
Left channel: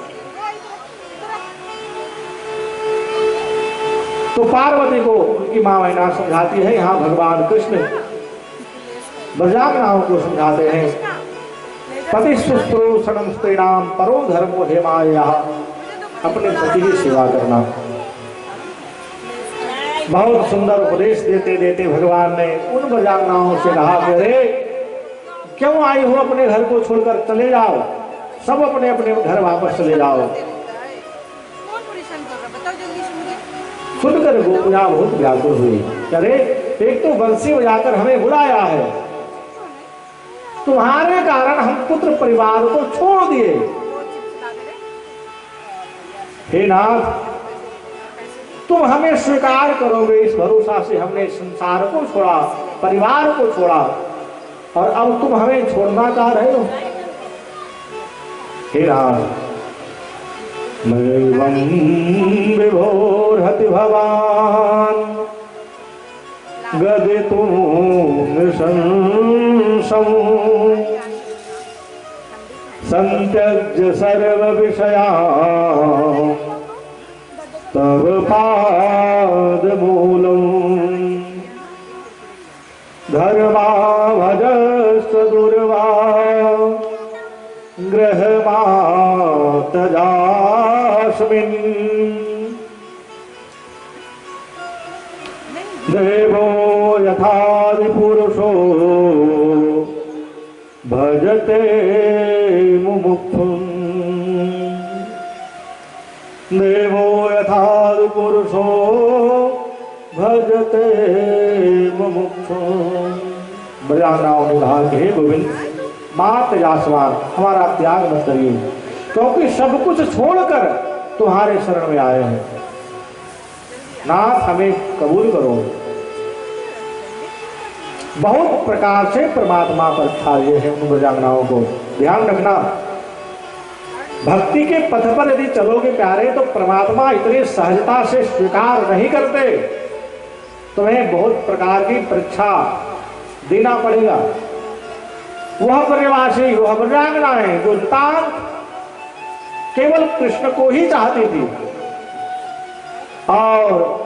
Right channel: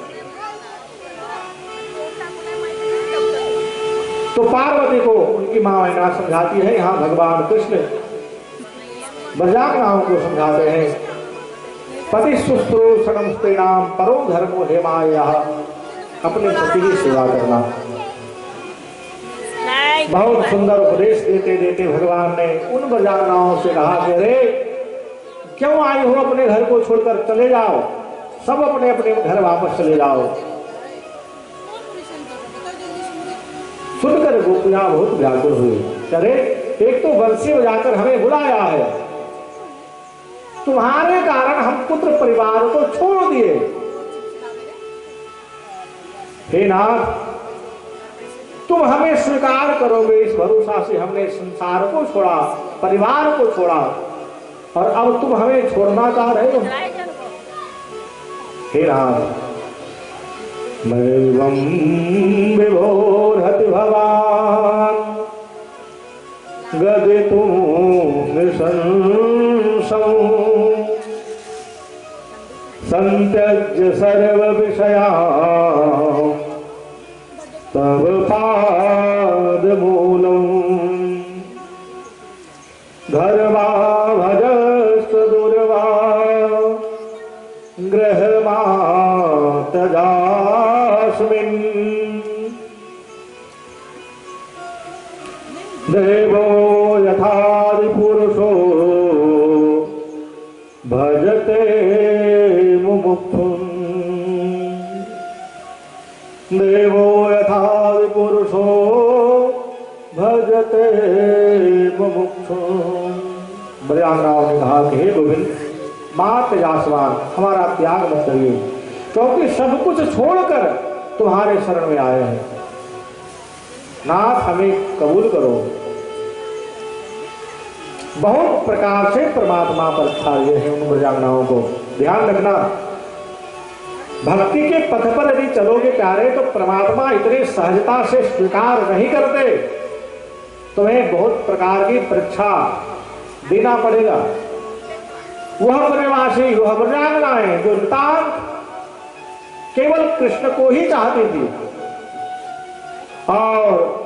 तो पार्वती को उनकी मां मैना समझाती है, यहाँ भगवान कृष्ण ब्रजांगनाओं को समझाते हैं, पति सुस्त्रोषणम स्त्रीणाम परो धर्मो हेमाया, अपने पति की सेवा करना। बहुत सुंदर उपदेश देते देते भगवान ने उन ब्रजांगनाओं से कहा कि अरे क्यों आई हो, अपने घर को छोड़कर चले जाओ, सब अपने अपने घर वापस चले जाओ। सुनकर गोपियां बहुत व्याकुल हुई, अरे एक तो बंसी बजाकर हमें बुलाया है, तुम्हारे कारण हम पुत्र परिवार को छोड़ दिए। हे नाथ, तुम हमें स्वीकार करोगे, इस भरोसा से हमने संसार को छोड़ा, परिवार को छोड़ा, और अब तुम हमें छोड़ना चाह रहे हो। हे नाथ, मैवं विभोर्हति भवान गदितुं नृशंसं संत्यज्य सर्व विषया तव पादमूलम् धर्माभजश्च दुर्वा गृहमातजास्मिन् देवो यथादिपुरुषो भजते मुमुक्षुम् देवो यथादिपुरुषो भजते मुमुक्षुम्। ब्रजांगनाओं ने कहा कि हे गोविंद, मात जासवान, हमारा त्याग मत करिए, क्योंकि सब कुछ छोड़कर तुम्हारे शरण में आए हैं। नाथ, हमें कबूल करो। बहुत प्रकार से परमात्मा परीक्षा लिए हैं उन ब्रजांगनाओं को। ध्यान रखना, भक्ति के पथ पर यदि चलोगे प्यारे, तो परमात्मा इतने सहजता से स्वीकार नहीं करते, तुम्हें बहुत प्रकार की परीक्षा देना पड़ेगा। वह ब्रजवासी, वह ब्रजांगनाएं जो नितांत केवल कृष्ण को ही चाहती थी, और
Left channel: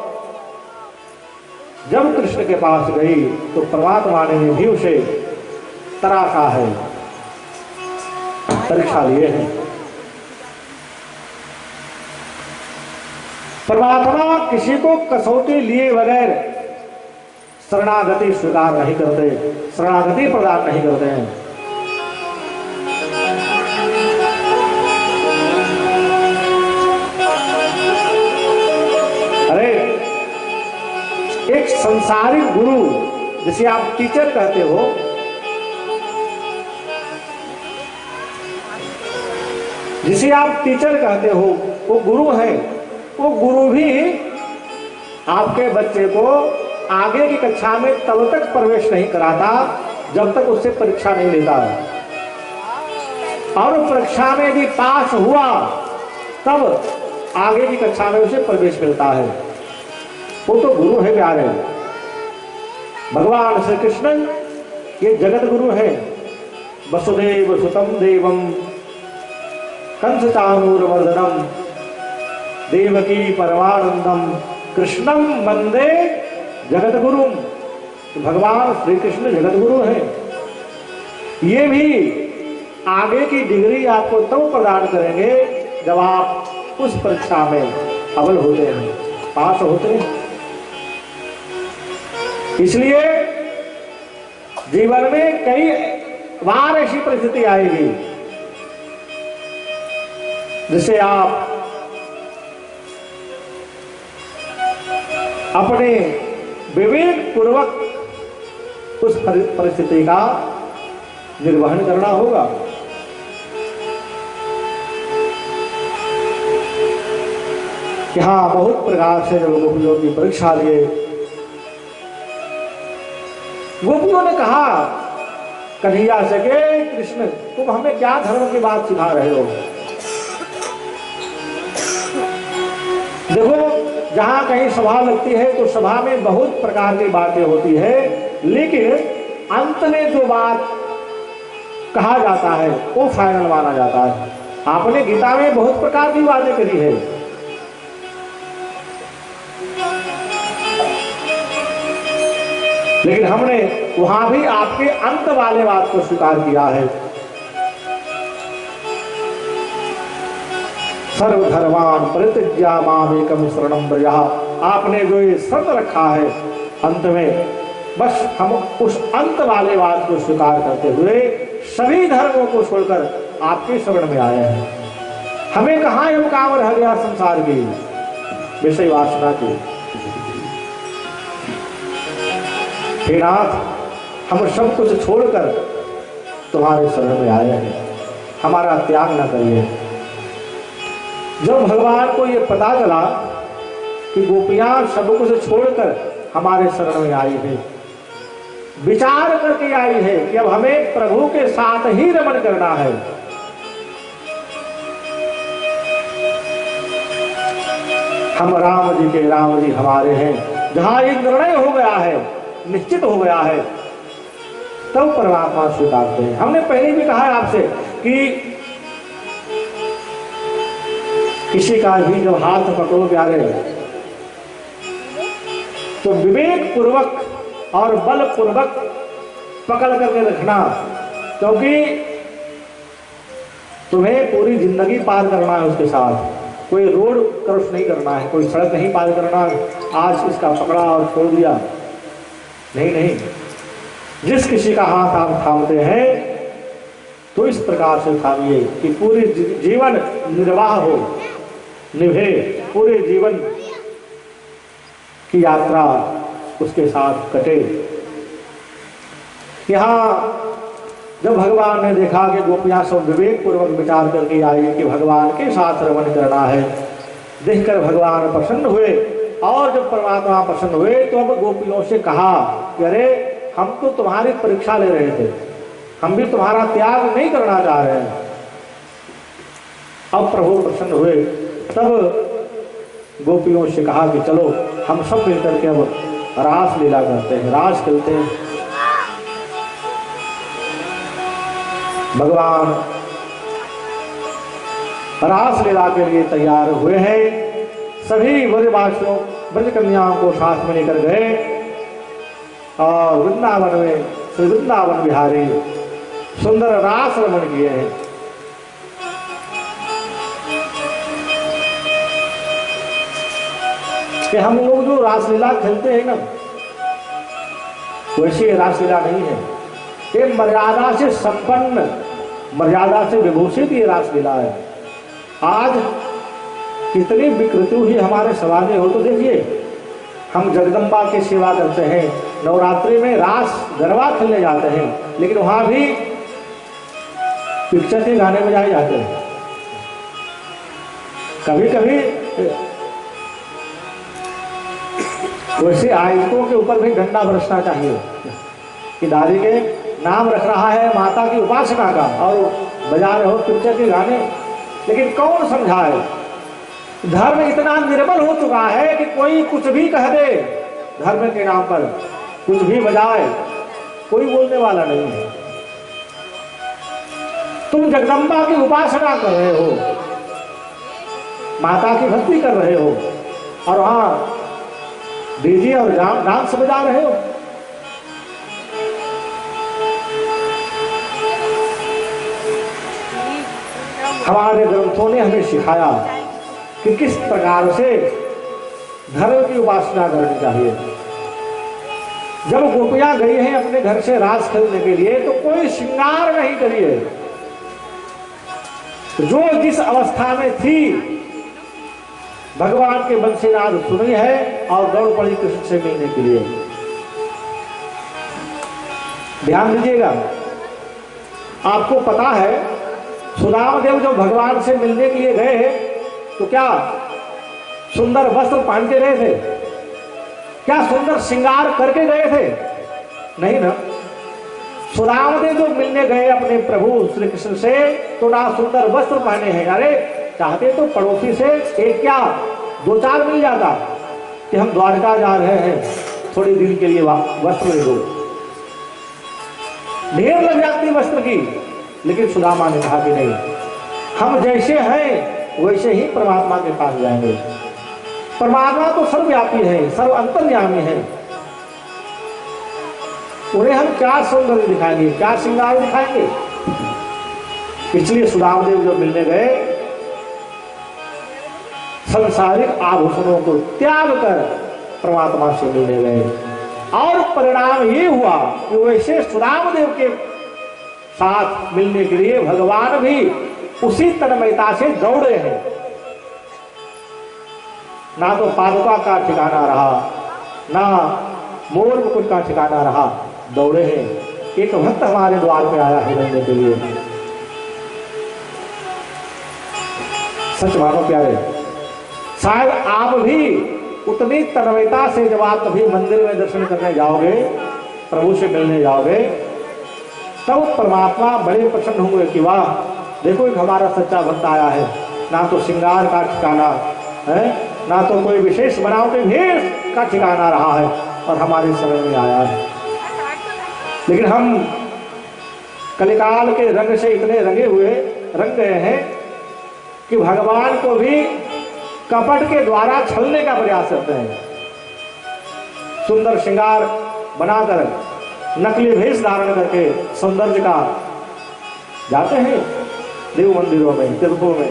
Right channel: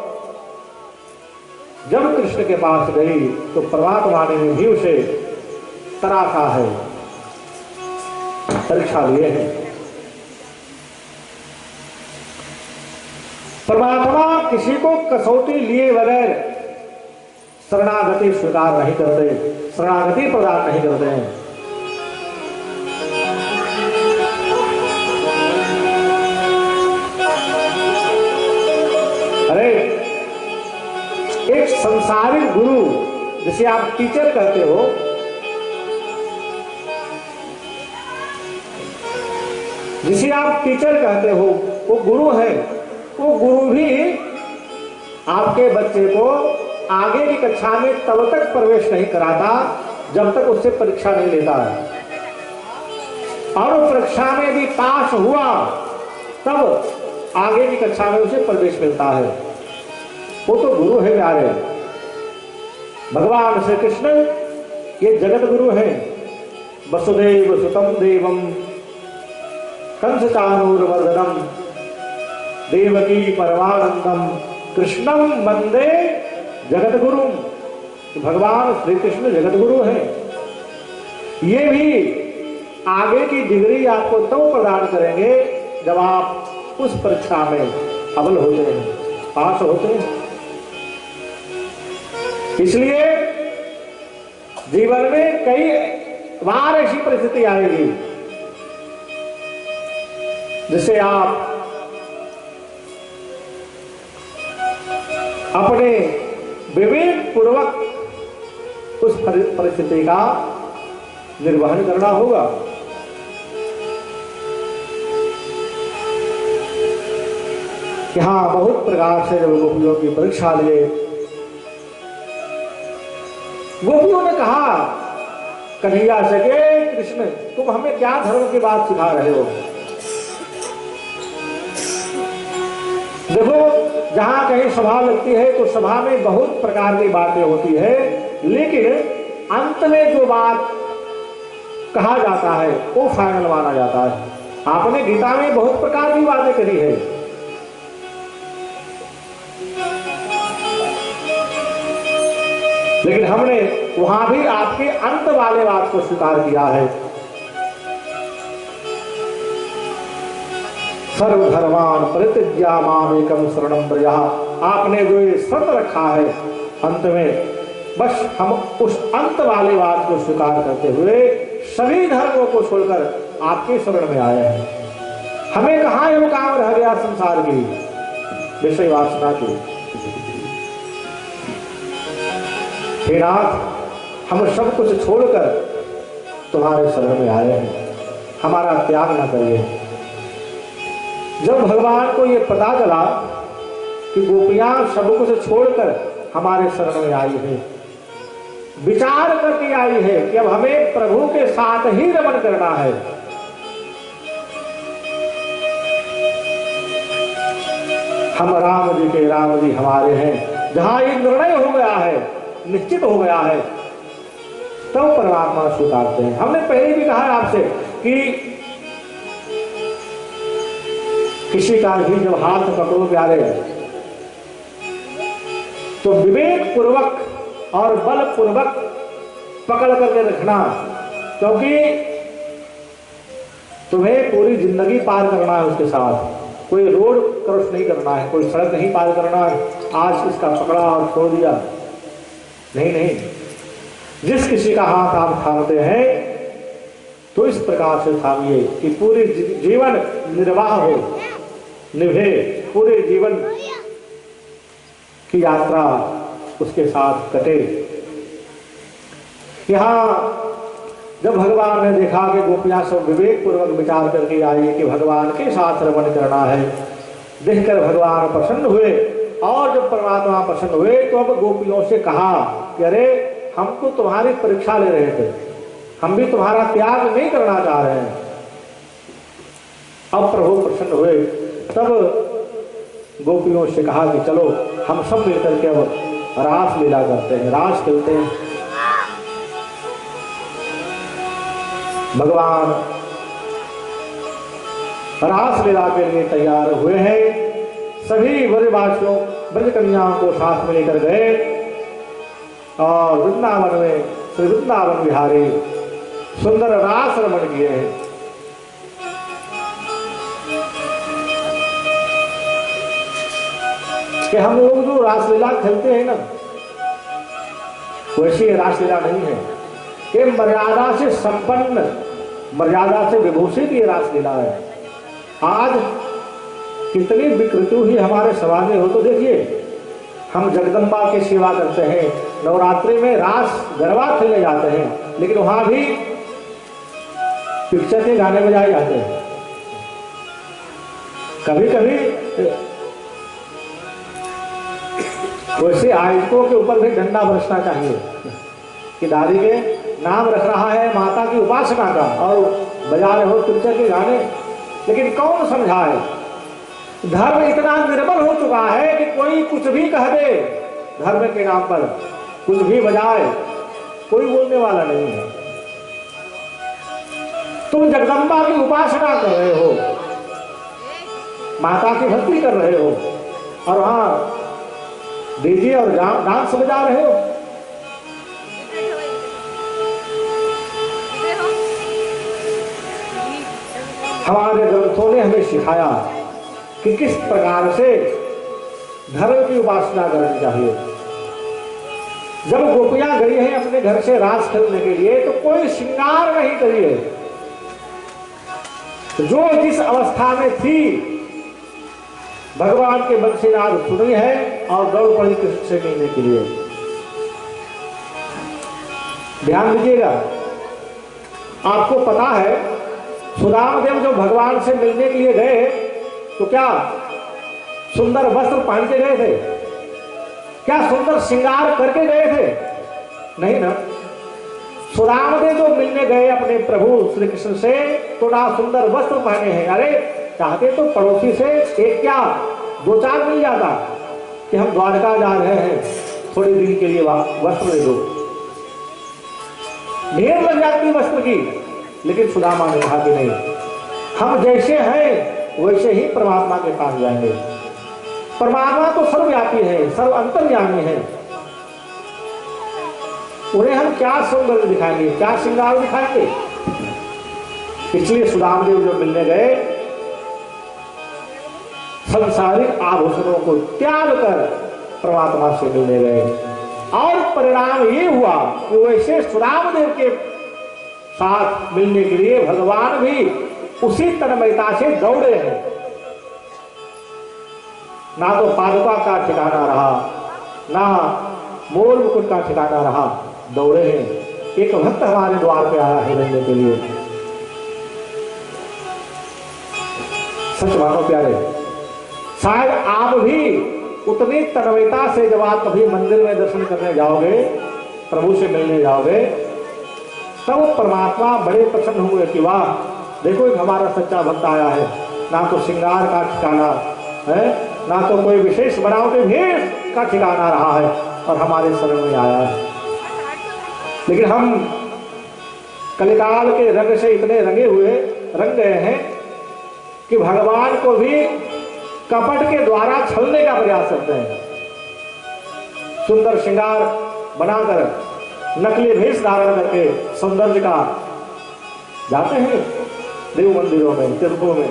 जब कृष्ण के पास गई तो परमात्मा ने भी उसे तराशा है, परीक्षा लिए हैं। परमात्मा किसी को कसौटी लिए बगैर शरणागति स्वीकार नहीं करते, शरणागति प्रदान नहीं करते हैं। एक संसारिक गुरु जिसे आप टीचर कहते हो, जिसे आप टीचर कहते हो, वो गुरु है। वो गुरु भी आपके बच्चे को आगे की कक्षा में तब तक प्रवेश नहीं कराता जब तक उससे परीक्षा नहीं लेता है, और परीक्षा में भी पास हुआ तब आगे की कक्षा में उसे प्रवेश मिलता है। वो तो गुरु है प्यारे। भगवान श्री कृष्ण ये जगत गुरु है। वसुदेव सुतम देवम कंसचानूरमर्दनम देवकी परमानंदम कृष्णम वंदे जगत गुरु। भगवान श्री कृष्ण जगत गुरु है। ये भी आगे की डिग्री आपको तब प्रदान करेंगे जब आप उस परीक्षा में अव्वल होते हैं, पास होते हैं। इसलिए जीवन में कई बार ऐसी परिस्थिति आएगी जिसे आप अपने विवेक पूर्वक उस परिस्थिति का निर्वहन करना होगा। कि हाँ, बहुत प्रकार से जब गोपियों की परीक्षा लिए, गोपियों ने कहा कन्हैया से कि कृष्ण तुम हमें क्या धर्म की बात सिखा रहे हो। देखो, जहां कहीं सभा लगती है तो सभा में बहुत प्रकार की बातें होती है, लेकिन अंत में जो बात कहा जाता है वो फाइनल माना जाता है। आपने गीता में बहुत प्रकार की बातें करी है, लेकिन हमने वहां भी आपके अंत वाले बात को स्वीकार किया है। सर्वधर्मान परित्यज्य मामेकं शरणं व्रज। आपने जो ये शर्त रखा है अंत में, बस हम उस अंत वाले बात को स्वीकार करते हुए सभी धर्मों को छोड़कर आपके शरण में आए हैं। हमें कहाँ ये काम रह गया संसार की विषय वासना की। हे नाथ, हम सब कुछ छोड़कर तुम्हारे शरण में आए हैं, हमारा त्याग न करिए। जब भगवान को ये पता चला कि गोपियां सब कुछ छोड़कर हमारे शरण में आई है, विचार करके आई है कि अब हमें प्रभु के साथ ही रमण करना है, हम राम जी के राम जी हमारे हैं, जहां ये निर्णय हो गया है, निश्चित हो गया है, तब परमात्मा स्वीकारते हैं। हमने पहले भी कहा है आपसे कि किसी का भी जब हाथ पकड़ो प्यारे तो विवेक पूर्वक और बल पूर्वक पकड़ करके रखना, क्योंकि तुम्हें पूरी जिंदगी पार करना है उसके साथ। कोई रोड क्रॉस नहीं करना है, कोई सड़क नहीं पार करना है आज इसका पकड़ा और छोड़ दिया, नहीं नहीं। जिस किसी का हाथ आप थामते हैं तो इस प्रकार से थामिए कि पूरी जीवन निर्वाह हो, निभे, पूरे जीवन की यात्रा उसके साथ कटे। यहाँ जब भगवान ने देखा कि गोपियां सब विवेक पूर्वक विचार करके आई कि भगवान के साथ रमण करना है, देखकर भगवान प्रसन्न हुए। और जब परमात्मा प्रसन्न हुए तो अब गोपियों से कहा कि अरे हम तो तुम्हारी परीक्षा ले रहे थे, हम भी तुम्हारा त्याग नहीं करना चाह रहे हैं। अब प्रभु प्रसन्न हुए, तब गोपियों से कहा कि चलो हम सब मिलकर के अब रास लीला करते हैं, रास खेलते हैं। भगवान रास लीला के लिए तैयार हुए हैं। सभी ब्रजवासियों ब्रज कन्याओं को साथ में लेकर गए और वृंदावन में श्री वृंदावन बिहारी सुंदर रास रमण किए हैं। कि हम लोग जो रासलीला खेलते हैं ना, वैसी रासलीला नहीं है। ये मर्यादा से संपन्न, मर्यादा से विभूषित ये रासलीला है। आज कितनी विकृति हुई हमारे समाज में हो तो देखिए, हम जगदम्बा की सेवा करते हैं, नवरात्रि में रास गरबा खेलने जाते हैं, लेकिन वहां भी पिक्चर के गाने बजाए जाते हैं। कभी कभी वैसे आयतों के ऊपर भी डंडा बरसना चाहिए कि दादी के नाम रख रहा है माता की उपासना का और बजा रहे हो पिक्चर के गाने। लेकिन कौन समझाए, धर्म इतना निर्बल हो चुका है कि कोई कुछ भी कह दे, धर्म के नाम पर कुछ भी बजाए, कोई बोलने वाला नहीं है। तुम जगदम्बा की उपासना कर रहे हो, माता की भक्ति कर रहे हो, और वहां डीजे और डांस बजा रहे हो। हमारे ग्रंथों ने हमें सिखाया कि किस प्रकार से धर्म की उपासना करनी चाहिए। जब गोपियां गई हैं अपने घर से रास खेलने के लिए तो कोई श्रृंगार नहीं करिए, जो जिस अवस्था में थी भगवान के बंसीनाद सुनी है और दौड़ पड़ी कृष्ण से मिलने के लिए। ध्यान दीजिएगा, आपको पता है सुदाम देव जो भगवान से मिलने के लिए गए तो क्या सुंदर वस्त्र पहन के गए थे? क्या सुंदर श्रृंगार करके गए थे? नहीं ना। सुदाम देव जो मिलने गए अपने प्रभु श्री कृष्ण से तो ना सुंदर वस्त्र पहने हैं। अरे चाहते तो पड़ोसी से एक क्या दो चार मिल जाता कि हम द्वारका जा रहे हैं, थोड़ी दिन के लिए वस्त्र ले दो, ढेर लग जाती वस्त्र की। लेकिन सुदामा ने कहा कि नहीं, हम जैसे हैं वैसे ही परमात्मा के पास जाएंगे। परमात्मा तो सर्वव्यापी है, सर्व अंतर्यामी है, उन्हें हम क्या सुंदर दिखाएंगे, क्या श्रृंगार दिखाएंगे। इसलिए सुदामदेव जो मिलने गए संसारिक आभूषणों को त्याग कर परमात्मा से मिलने गए, और परिणाम ये हुआ कि वैसे सुदामदेव के साथ मिलने के लिए भगवान भी उसी तन्मयता से दौड़े हैं। ना तो पादुका का ठिकाना रहा, ना मोर मुकुट का ठिकाना रहा, दौड़े हैं। एक भक्त हमारे द्वार पे आया है मिलने के लिए। सच मानो प्यारे, शायद आप भी उतनी तन्मयता से जब आप कभी मंदिर में दर्शन करने जाओगे, प्रभु से मिलने जाओगे, तब परमात्मा बड़े प्रसन्न होंगे कि वाह देखो एक हमारा सच्चा भक्त आया है। ना तो श्रृंगार का ठिकाना है, ना तो कोई विशेष बनावटी भेष का ठिकाना रहा है, और हमारे शरण में आया है। लेकिन हम कलिकाल के रंग से इतने रंग गए हैं कि भगवान को भी कपट के द्वारा छलने का प्रयास करते हैं। सुंदर श्रृंगार बनाकर, नकली भेष धारण करके सौंदर्य का जाते हैं देव मंदिरों में, तीर्थों में।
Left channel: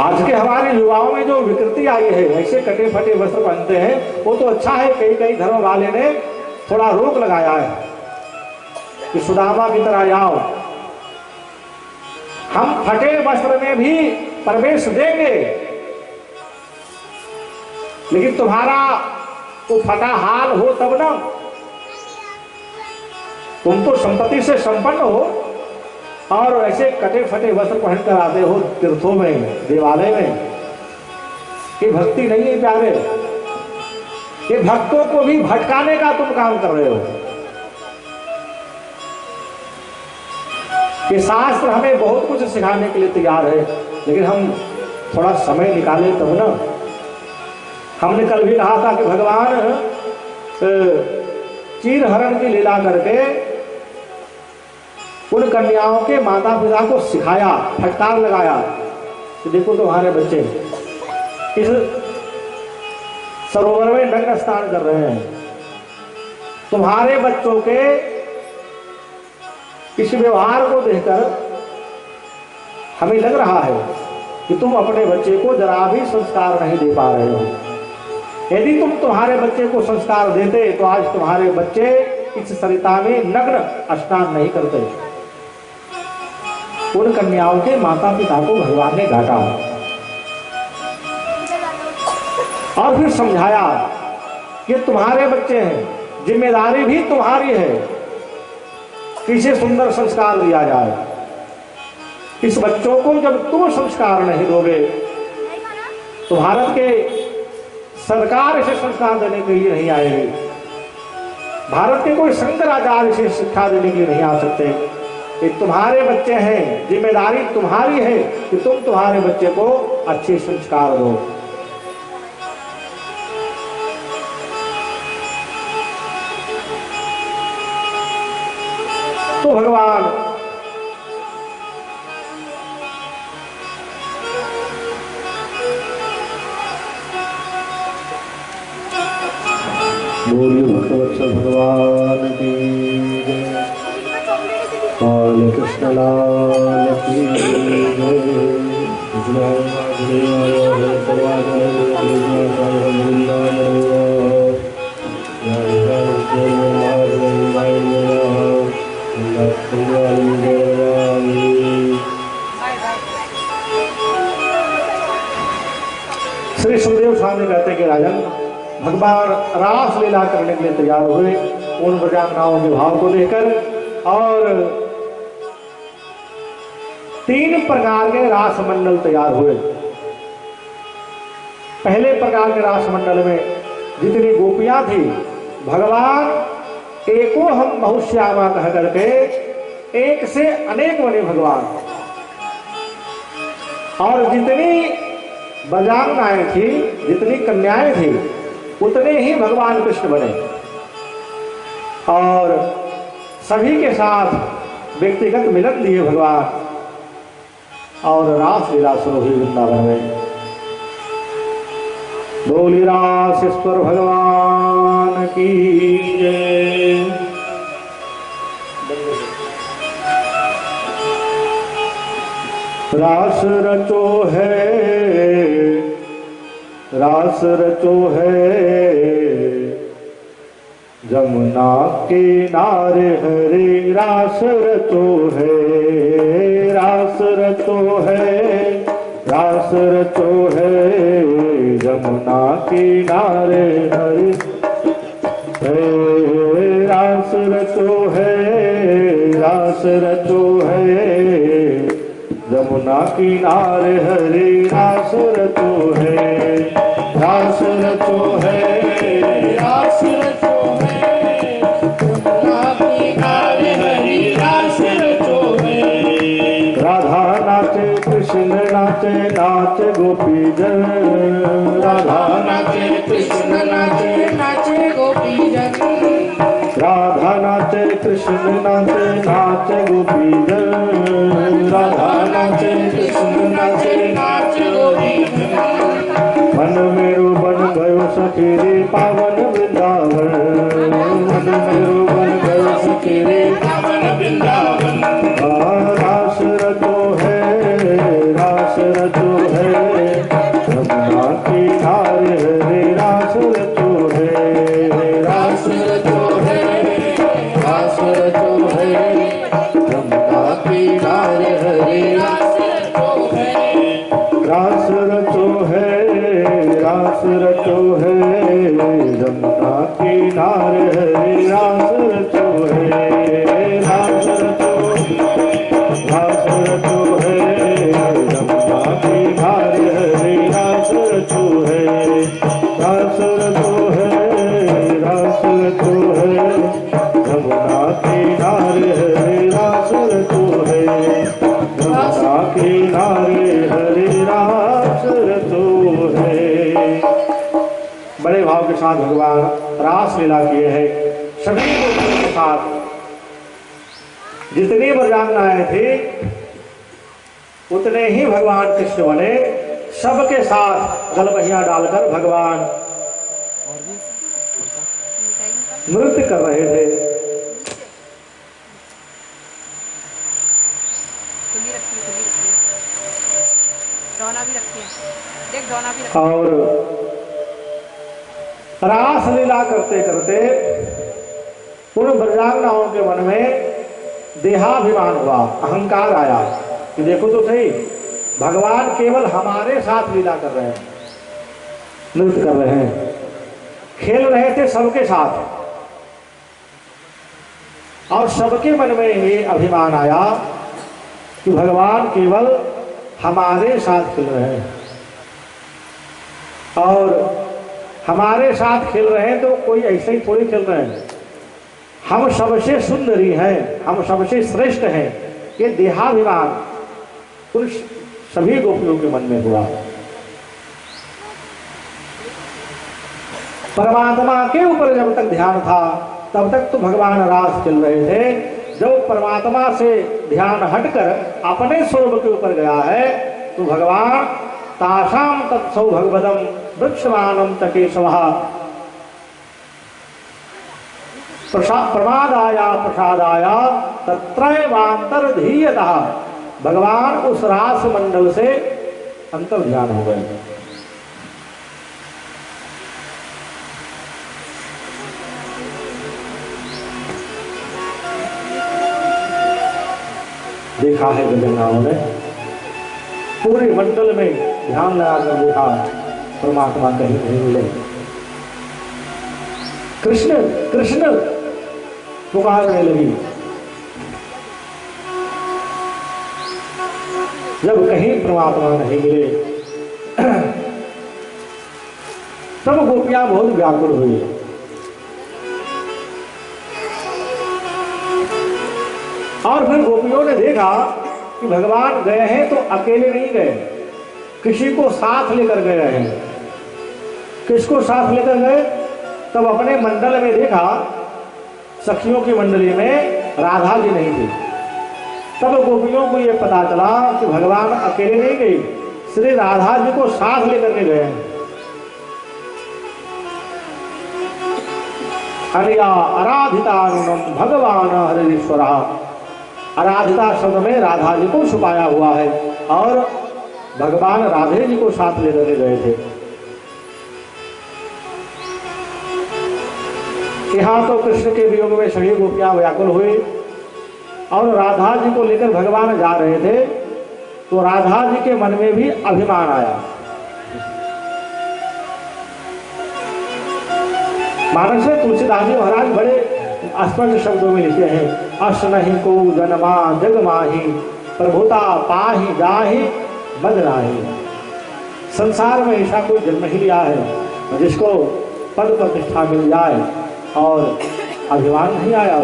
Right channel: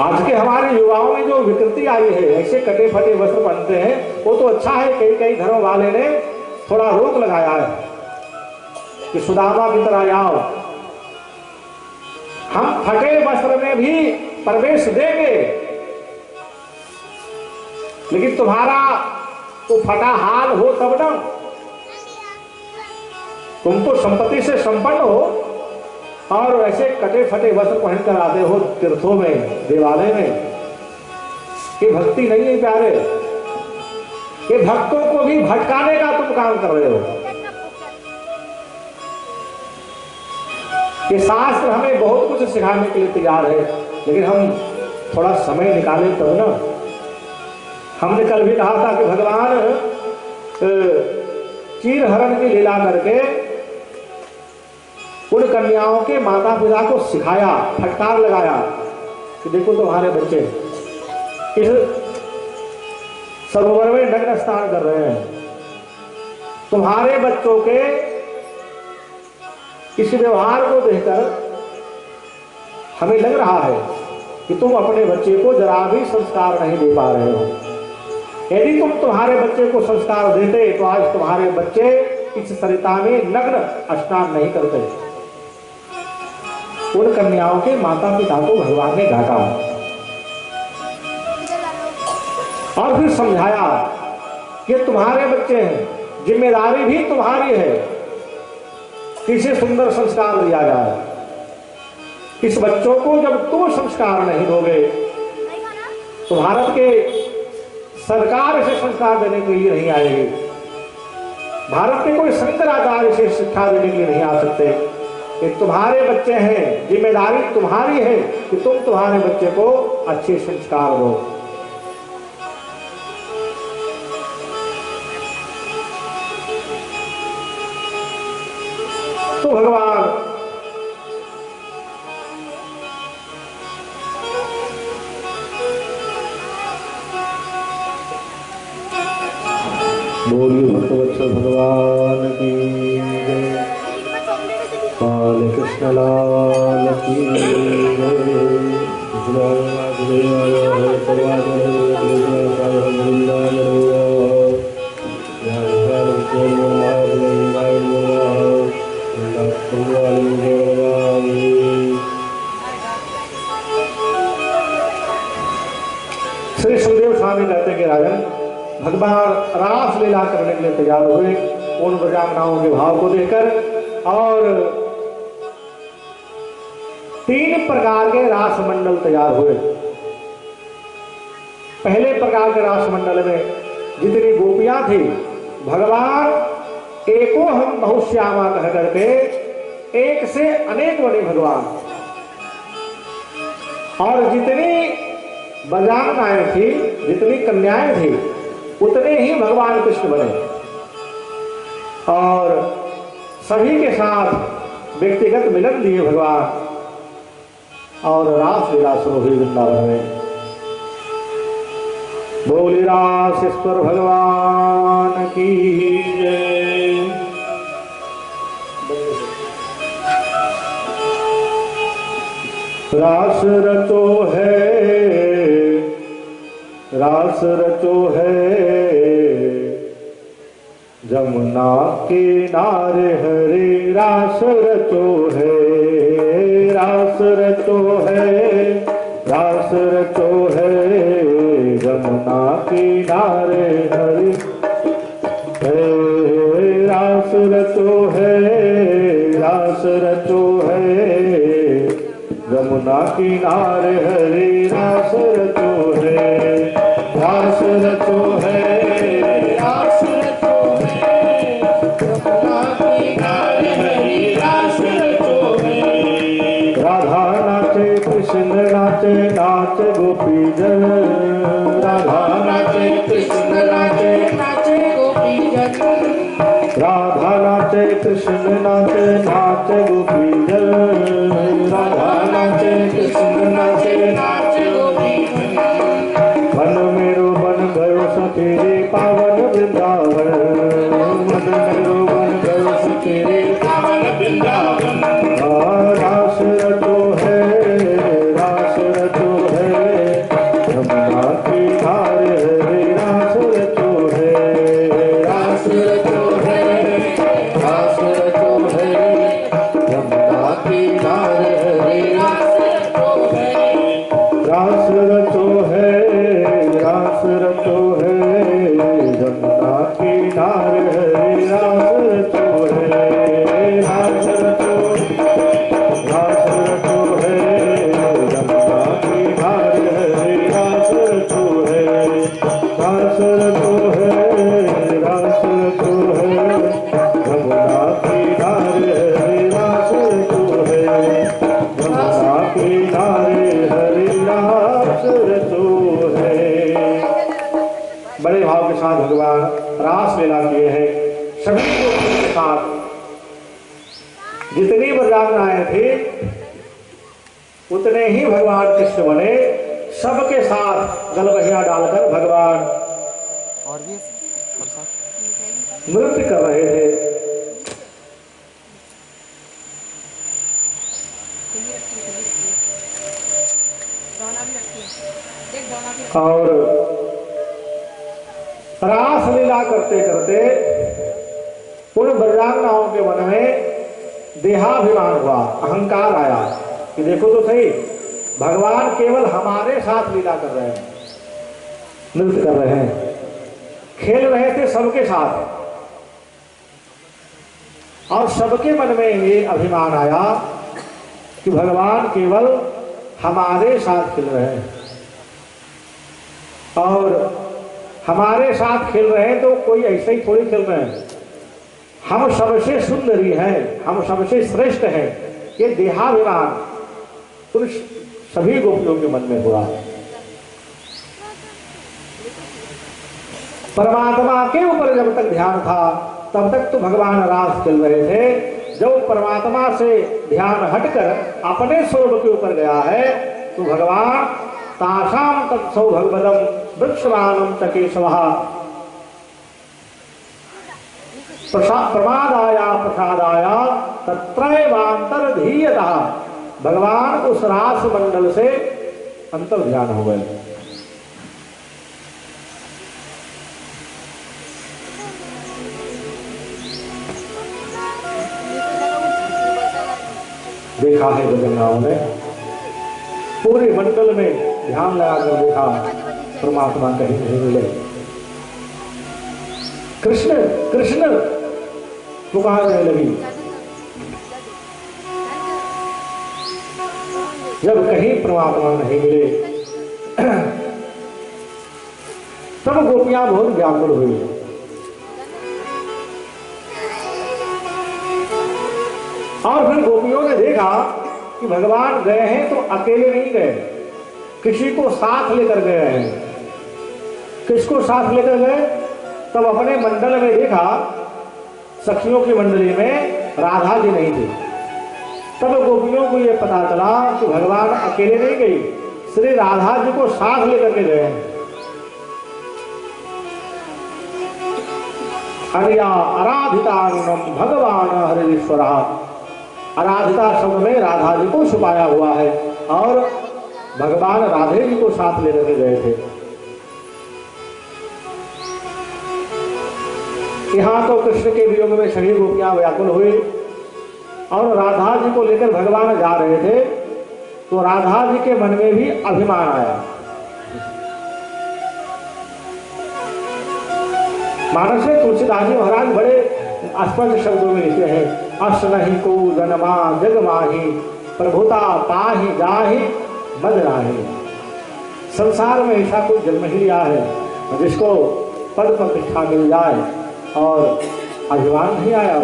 आज के हमारे युवाओं में जो विकृति आई है, ऐसे कटे फटे वस्त्र पहनते हैं, वो तो अच्छा है, कई कई धर्म वाले ने थोड़ा रोक लगाया है कि सुदामा की तरह जाओ, हम फटे वस्त्र में भी प्रवेश देंगे, लेकिन तुम्हारा तो फटा हाल हो तब ना। तुम तो संपत्ति से संपन्न हो और ऐसे कटे फटे वस्त्र पहनकर आते हो तीर्थों में, देवालय में। ये भक्ति नहीं है प्यारे, ये भक्तों को भी भटकाने का तुम काम कर रहे हो। ये शास्त्र हमें बहुत कुछ सिखाने के लिए तैयार है, लेकिन हम थोड़ा समय निकालें तब ना। हमने कल भी कहा था कि भगवान चीर हरण की लीला करके उन कन्याओं के माता पिता को सिखाया, फटकार लगाया कि देखो तुम्हारे बच्चे इस सरोवर में नग्न स्नान कर रहे हैं, तुम्हारे बच्चों के इस व्यवहार को देखकर हमें लग रहा है कि तुम अपने बच्चे को जरा भी संस्कार नहीं दे पा रहे हो। यदि तुम तुम्हारे बच्चे को संस्कार देते तो आज तुम्हारे बच्चे इस सरिता में नग्न स्नान नहीं करते। उन कन्याओं के माता पिता को भगवान ने डांटा और फिर समझाया कि तुम्हारे बच्चे हैं, जिम्मेदारी भी तुम्हारी है कि इसे सुंदर संस्कार दिया जाए। इस बच्चों को जब तुम संस्कार नहीं दोगे तो भारत के सरकार इसे संस्कार देने के लिए नहीं आएगी, भारत के कोई शंकराचार्य इसे शिक्षा देने के लिए नहीं आ सकते। ये तुम्हारे बच्चे हैं, जिम्मेदारी तुम्हारी है कि तुम तुम्हारे बच्चे को अच्छे संस्कार दो। तो भगवान बोलिए भक्तवत्सल भगवान की जय, काल कृष्ण लाल की श्री सुखदेव स्वामी कहते कि राजन, भगवान रास लीला करने के लिए तैयार हुए उन ब्रजांगनाओं के भाव को देखकर, और 3 प्रकार के रास मंडल तैयार हुए। पहले प्रकार के रास मंडल में जितनी गोपियां थी, भगवान एको हम बहुश्यामा कह करके एक से अनेक बने भगवान, और जितनी ब्रजांगनाएं थी, जितनी कन्याएं थी, उतने ही भगवान कृष्ण बने, और सभी के साथ व्यक्तिगत मिलन दिए भगवान, और रास लीला शुरू हुई वृंदावन में। बोली रासेश्वर भगवान की जय। रास रचो है, रास रचो है जमुना किनारे हरे, रास रचो है, रास रचो है, रास रचो है जमुना किनारे हरे, रास रचो है, रास रचो है जमुना किनारे हरे, रास रचो है, रास रचो है, रास रचो है जमुना किनारे हरे, रास रचो है। राधा नाचे कृष्ण नाचे, नाचे गोपी जन, राधा नाचे कृष्ण नाचे, नाचे गोपी जन, राधा नाचे कृष्ण नाचे, नाचे गोपी जन, राधा नाचे कृष्ण नाचे, नाचे गोपी जन। मन मेरो बन गयो सखी रे पावन वृंदावन, मन मेरो बन गयो सखी रे पावन वृंदावन। रास रचो है, रास रचो है जमुना किनारे हरे, रास रचो है, रास रचो है, रास रचो है जमुना किनारे हरे, रास रचो है, रास रचो है, रास रचो है जमुना किनारे हरे, रास रचो है, रास रचो, रास रचो है जमुना किनारे हरे, रास रचो है, रास रचो है, रास रचो है जमुना किनारे हरे, रास रचो है, जमुना किनारे हरे, रास रचो है। बड़े भाव के साथ भगवान रास लीला किए हैं सभी गोपियों के साथ। जितनी ब्रजांगनाएं थी उतने ही भगवान कृष्ण बने, सबके साथ गलबहिया डालकर भगवान और भी नृत्य कर रहे थे। डोना भी रखी है, देख डोना भी रखी है। और रास लीला करते करते उन ब्रजांगनाओं के मन में देहाभिमान हुआ, अहंकार आया। कि देखो तो सही, भगवान केवल हमारे साथ लीला कर रहे हैं, नृत्य कर रहे हैं, खेल रहे थे सबके साथ, और सबके मन में ये अभिमान आया कि भगवान केवल हमारे साथ खेल रहे हैं, और हमारे साथ खेल रहे हैं तो कोई ऐसे ही थोड़ी खेल रहे हैं, हम सबसे सुंदरी हैं, हम सबसे श्रेष्ठ हैं, ये देहाभिमान उन सभी गोपियों के मन में हुआ। परमात्मा के ऊपर जब तक ध्यान था तब तक तो भगवान रास चल रहे थे। जब परमात्मा से ध्यान हटकर अपने स्वरूप के ऊपर गया है तो भगवान तासाम तत्सौ भगवदम वृक्षमानम तकेशवः प्रमादाया प्रसादाया तत्रैवांतर्धीयतः, भगवान उस रास मंडल से अंतर ध्यान हो गए। देखा है गजनराव ने पूरे मंडल में ध्यान लगाकर देखा, परमात्मा कहीं नहीं मिले। कृष्ण कृष्ण पुकारने लगी, जब कहीं परमात्मा नहीं मिले तब गोपियां बहुत व्याकुल हुई। और फिर गोपियों ने देखा कि भगवान गए हैं तो अकेले नहीं गए, किसी को साथ लेकर गए हैं। किसको साथ लेकर गए? तब अपने मंडल में देखा, सखियों की मंडली में राधा जी नहीं थी। तब गोपियों को यह पता चला कि भगवान अकेले नहीं गई, श्री राधा जी को साथ लेकर के गए हैं। अरिया आराधितानुनम भगवान हरीश्वर, आराधिता शब्द में राधा जी को छुपाया हुआ है और भगवान राधे जी को साथ लेकर गए थे। यहाँ तो कृष्ण के वियोग में सभी गोपियां व्याकुल हुई और राधा जी को लेकर भगवान जा रहे थे तो राधा जी के मन में भी अभिमान आया। मानस में तुलसीदास जी महाराज बड़े स्पष्ट शब्दों में लिखे हैं, अस नहीं को जन्मा जग माही प्रभुता पाही जाही मद नाही। संसार में ऐसा कोई जन्म ही लिया है जिसको पद प्रतिष्ठा मिल जाए और अभिमान नहीं आया।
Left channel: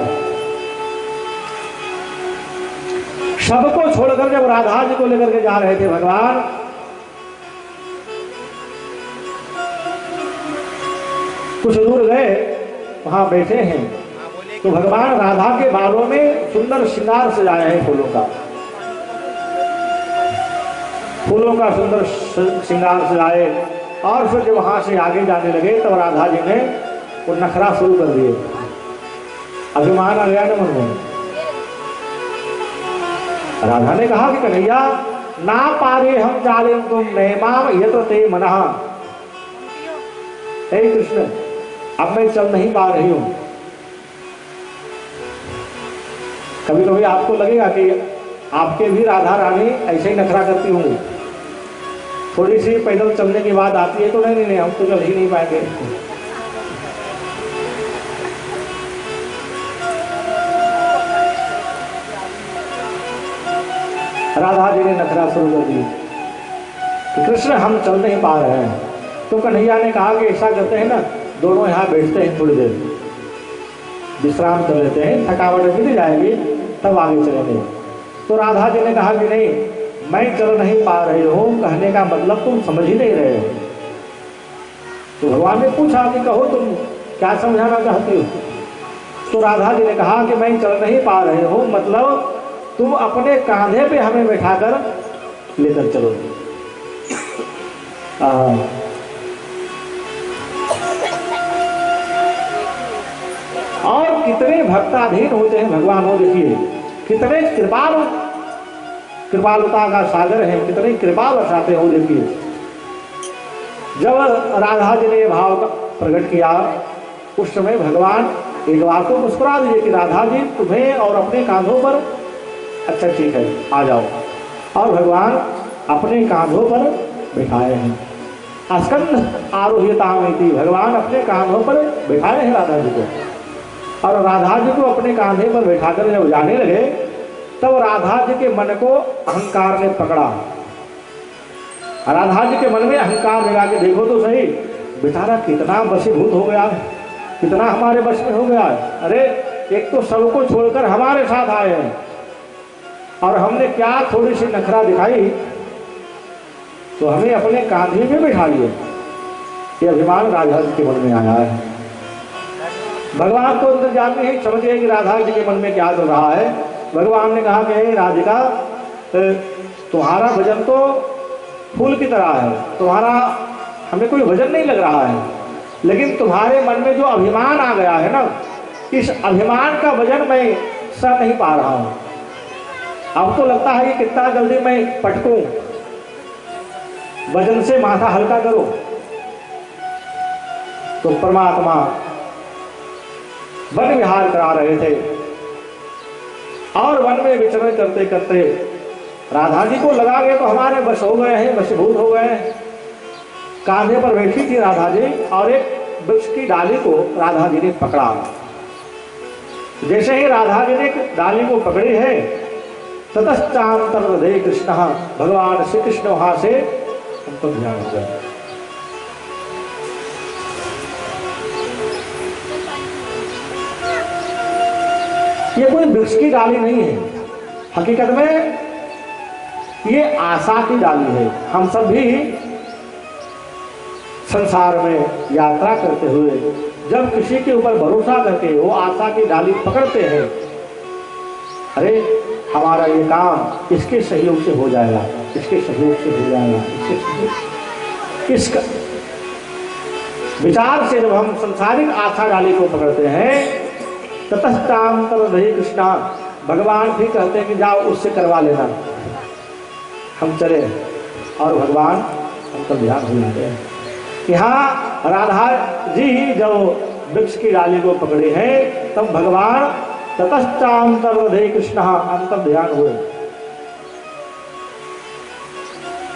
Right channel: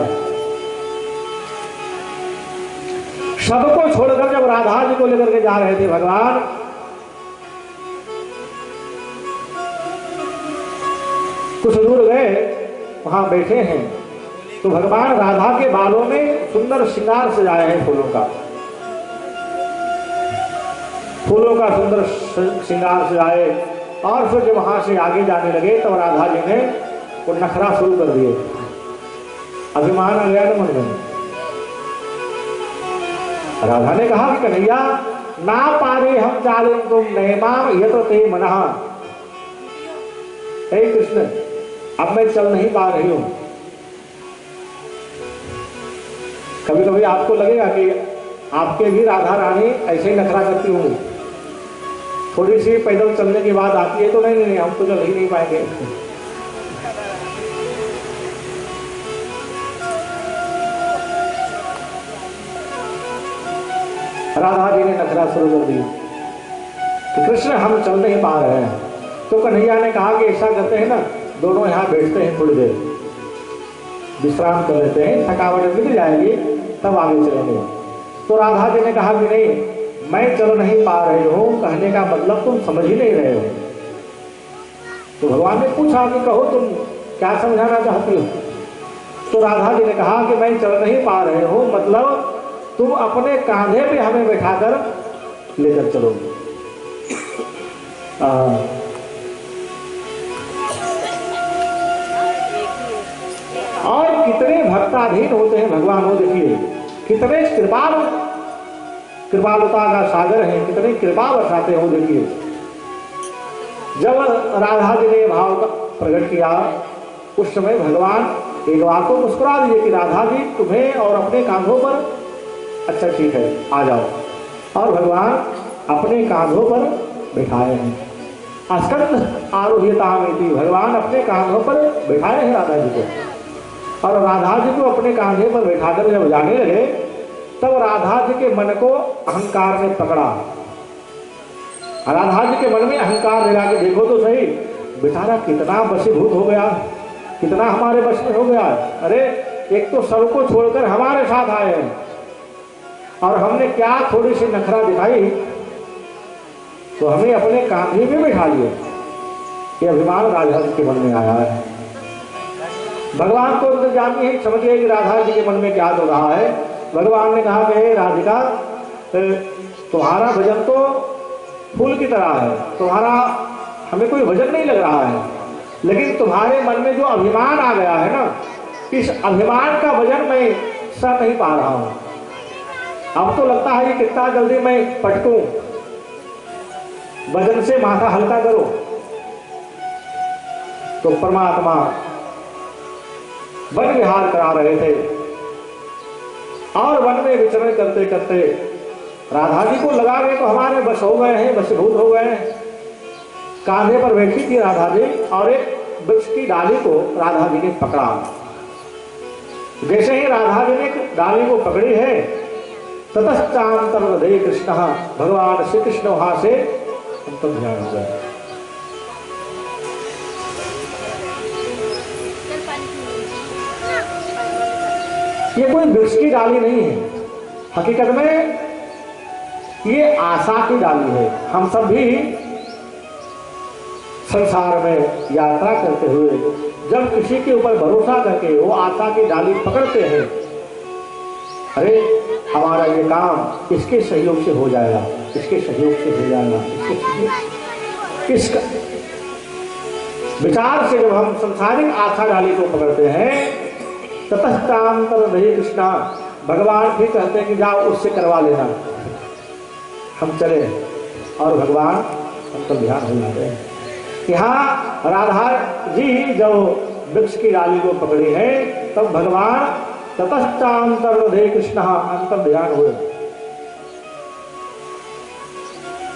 सबको छोड़कर जब राधा जी को लेकर के जा रहे थे भगवान, कुछ दूर गए, वहां बैठे हैं तो भगवान राधा के बालों में सुंदर श्रृंगार सजाए हैं, फूलों का सुंदर श्रृंगार सजाए। और फिर जब वहां से आगे जाने लगे तब राधा जी ने वो नखरा शुरू कर दिए। अभिमान आ गया मन में। राधा ने कहा कि कन्हैया ना पारे हम चाले तुम नैमाम ये तो ते मना। हे कृष्ण, अब मैं चल नहीं पा रही हूं। कभी कभी आपको लगेगा कि आपके भी राधा रानी ऐसे ही नखरा करती हूँ, थोड़ी सी पैदल चलने की बात आती है तो नहीं हम तो चल ही नहीं पाएंगे। राधा जी ने नखरा शुरू कर दी कि कृष्ण हम चल नहीं पा रहे हैं। तो कन्हैया ने कहा कि ऐसा करते हैं ना, दोनों यहाँ बैठते हैं, थोड़ी देर विश्राम कर लेते हैं, थकावट मिट जाएगी तब आगे चलेंगे। तो राधा जी ने कहा कि नहीं, मैं चल नहीं पा रही हूँ, कहने का मतलब तुम समझ ही नहीं रहे हो। तो भगवान ने पूछा कि कहो तुम क्या समझाना चाहती हो। तो राधा जी ने कहा कि मैं चल नहीं पा रही हूँ, मतलब तुम अपने कांधे पे हमें बैठाकर लेकर चलो। और कितने भक्ताधीन होते हैं भगवान, हो देखिए कितने कृपालुता का सागर है, कितनी कृपा बरसाते हो। देखिए जब राधा जी ने भाव प्रकट किया उस समय भगवान एक बार को मुस्कुरा दीजिए कि राधा जी तुम्हें और अपने कांधों पर, अच्छा ठीक है आ जाओ। और भगवान अपने कांधों पर बैठाए हैं। अस्कंद आरोहितामिति, भगवान अपने कांधों पर बैठाए हैं राधा जी को। और राधा जी को अपने कांधे पर बैठाकर जब जाने लगे तब राधा जी के मन को अहंकार ने पकड़ा। राधा जी के मन में अहंकार लगा के देखो तो सही, बेचारा कितना वशीभूत हो गया, कितना हमारे वश में हो गया। अरे एक तो सबको छोड़कर हमारे साथ आए हैं और हमने क्या थोड़ी सी नखरा दिखाई तो हमें अपने कांधे में बिठा लिए। ये अभिमान राधा जी के मन में आया है। भगवान को तो जानते हैं, समझिए कि राधा जी के मन में क्या हो रहा है। भगवान ने कहा कि राधिका, तुम्हारा भजन तो फूल की तरह है, तुम्हारा हमें कोई भजन नहीं लग रहा है, लेकिन तुम्हारे मन में जो अभिमान आ गया है ना, इस अभिमान का वजन मैं सह नहीं पा रहा हूं। अब तो लगता है कि कितना जल्दी मैं पटकूं, वजन से माथा हल्का करो। तो परमात्मा वन विहार करा रहे थे और वन में विचरण करते करते राधा जी को लगा गए तो हमारे बस हो गए हैं, वशीभूत हो गए हैं। कांधे पर बैठी थी राधा जी और एक वृक्ष की डाली को राधा जी ने पकड़ा। जैसे ही राधा जी ने डाली को पकड़ी है, ततश्चांतर हृदय कृष्ण, भगवान श्री कृष्ण वहां से अंतर ध्यान हो गए। ये कोई वृक्ष की डाली नहीं है, हकीकत में ये आशा की डाली है। हम सब भी संसार में यात्रा करते हुए जब किसी के ऊपर भरोसा करके वो आशा की डाली पकड़ते हैं, अरे हमारा ये काम इसके सहयोग से हो जाएगा, इसके सहयोग से हो जाएगा, इसका विचार से जब हम संसारिक आशा डाली को पकड़ते हैं, ततश्चांतर हृदय कृष्ण, भगवान भी कहते हैं कि जाओ उससे करवा लेना। हम चले और भगवान अंतर ध्यान हो जाते हैं। यहाँ राधा जी जब वृक्ष की डाली को पकड़े हैं तब भगवान ततश्चांतर हृदय कृष्ण अंतर ध्यान हुए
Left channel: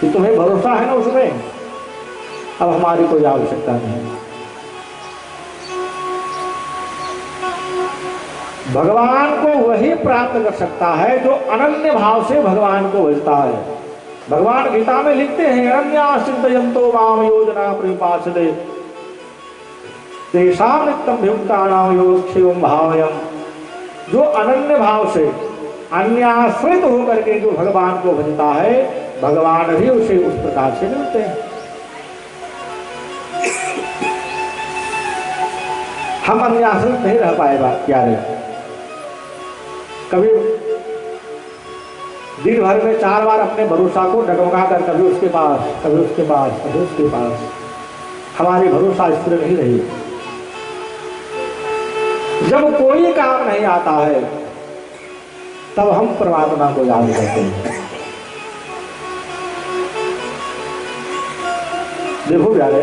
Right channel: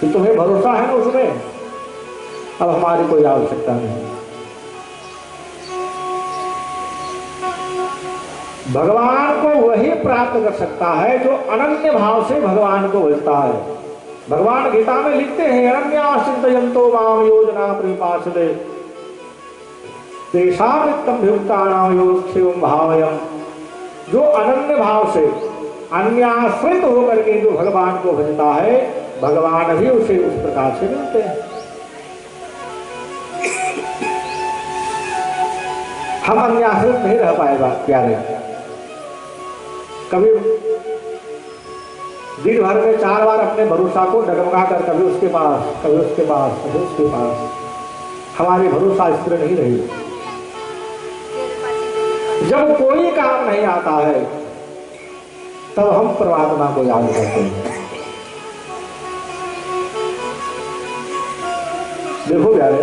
कि तुम्हें भरोसा है ना उसमें, अब हमारी कोई आवश्यकता नहीं। भगवान को वही प्राप्त कर सकता है जो अनन्य भाव से भगवान को भजता है। भगवान गीता में लिखते हैं, अनन्या चिंतयन्तो माम योजना परिपासते तेषां नित्यं भुक्तानां योगक्षेमं भावयम्। जो अनन्य भाव से अन्याश्रित होकर के जो भगवान को भजता है, भगवान भी उसे उस प्रकार से मिलते हैं। हम अन्याश्रित नहीं रह पाएगा प्यारे। कभी दिन भर में 4 बार अपने भरोसा को डगमगा कर कभी उसके पास, कभी उसके पास, कभी उसके पास, हमारी भरोसा स्थिर नहीं रही। जब कोई काम नहीं आता है तब हम परमात्मा को याद करते हैं। देखो यार,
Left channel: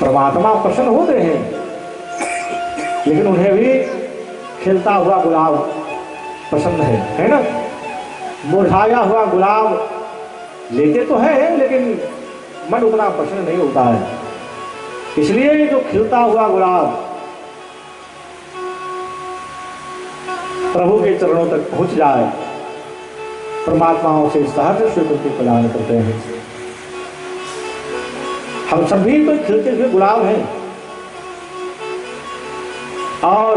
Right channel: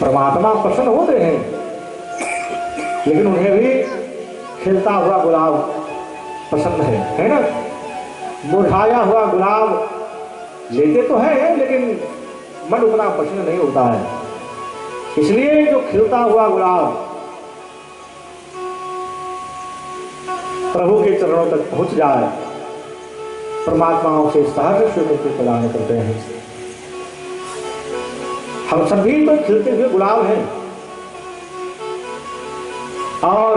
परमात्मा प्रसन्न होते हैं लेकिन उन्हें भी खिलता हुआ गुलाब पसंद है ना। मुरझाया हुआ गुलाब लेते तो है लेकिन मन उतना पसंद नहीं होता है। इसलिए जो खिलता हुआ गुलाब प्रभु के चरणों तक पहुंच जाए, परमात्माओं से सहज स्वीकृति प्रदान करते हैं। हम सभी तो खिलते हुए गुलाब हैं और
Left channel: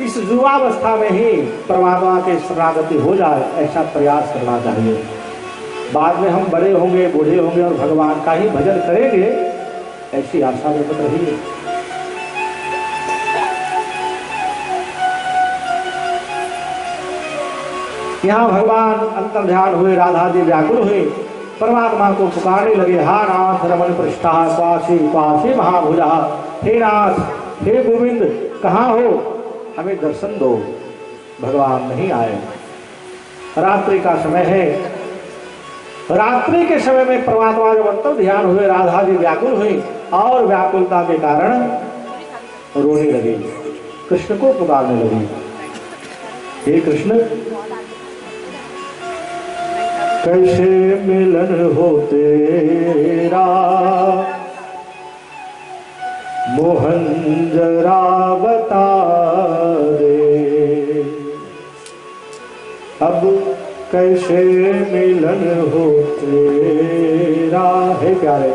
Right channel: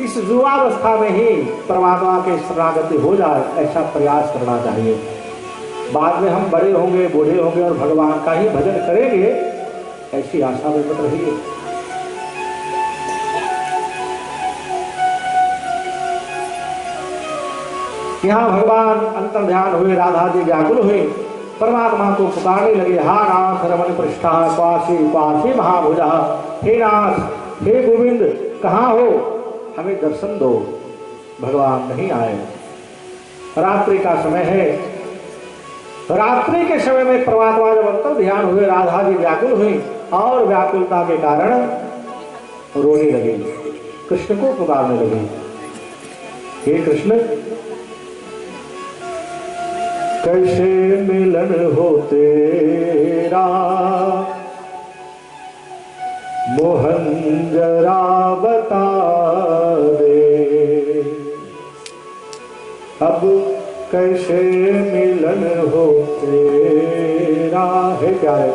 इस युवावस्था में ही परमात्मा के शरणागति हो जाए ऐसा प्रयास करना चाहिए। बाद में हम बड़े होंगे, बूढ़े होंगे और भगवान का ही भजन करेंगे, ऐसी आशा में मत रहिए। यहाँ भगवान अंतर ध्यान हुए, राधा जी व्याकुल हुए, परमात्मा को पुकारने लगे, हा नाथ रमण पृष्ठा क्वासी क्वासी महाभुजा, हे नाथ, हे गोविंद, कहाँ हो, हमें दर्शन दो। भगवान नहीं आए। रात्रि का समय है। रात्रि के समय में परमात्मा जब अंतर ध्यान हुए, राधा जी व्याकुल हुई और व्याकुलता के कारण रोने लगे। कृष्ण को पुकारने लगी, हे कृष्ण कैसे मिलन हो तेरा मोहन जरा बता दे, अब कैसे मिलन हो तेरा। हे प्यारे,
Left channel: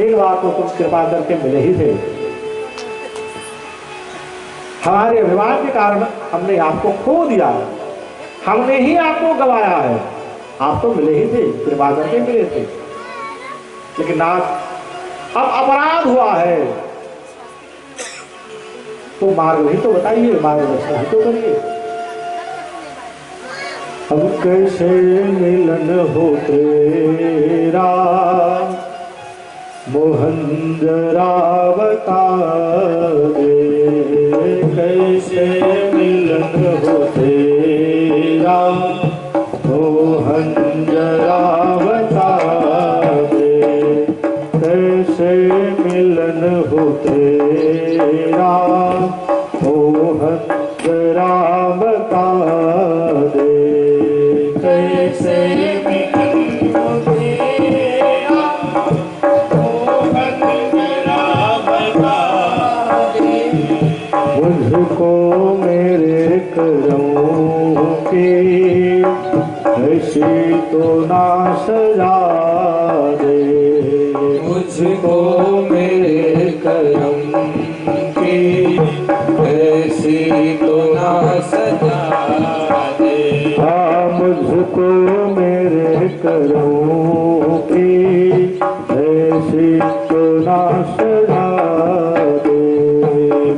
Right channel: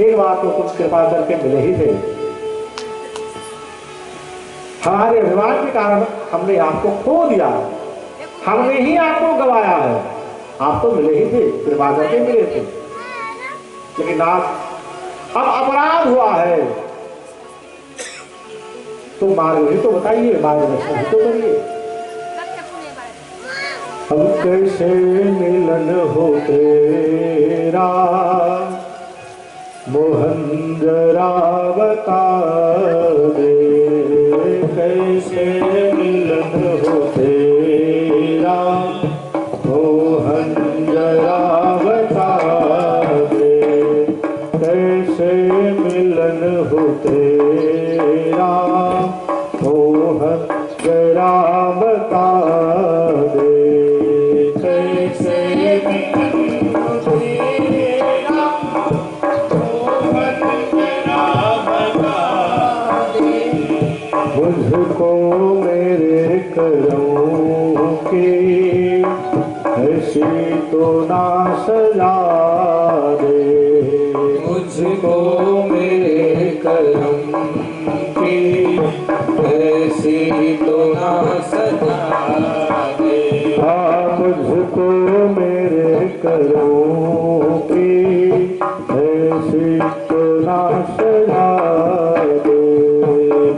एक बार तो तुम कृपा करके मिले ही थे, हमारे विवाह के कारण हमने आपको खो दिया, हमने ही आपको गवाया है। आप तो मिले ही थे, कृपा करके मिले थे, लेकिन नाथ अब अपराध हुआ है, तो मार्ग ही तो बताइए, मार्गदर्शन ही तो करिए। अब कैसे मिलन हो तेरा मोहन जरा बता दे, कैसे मिलन हो तेरा मोहन जरा बता दे, कैसे मिलन हो तेरा मोहन जरा बता दे, कैसे मिलन हो तेरा मोहन जरा बता दे, मुझको मेरे करम की ऐसी तो ना सजा दे, मुझको मेरे करम की ऐसी तो ना सजा दे, हाँ मुझको मेरे करम की ऐसी तो ना सजा दे,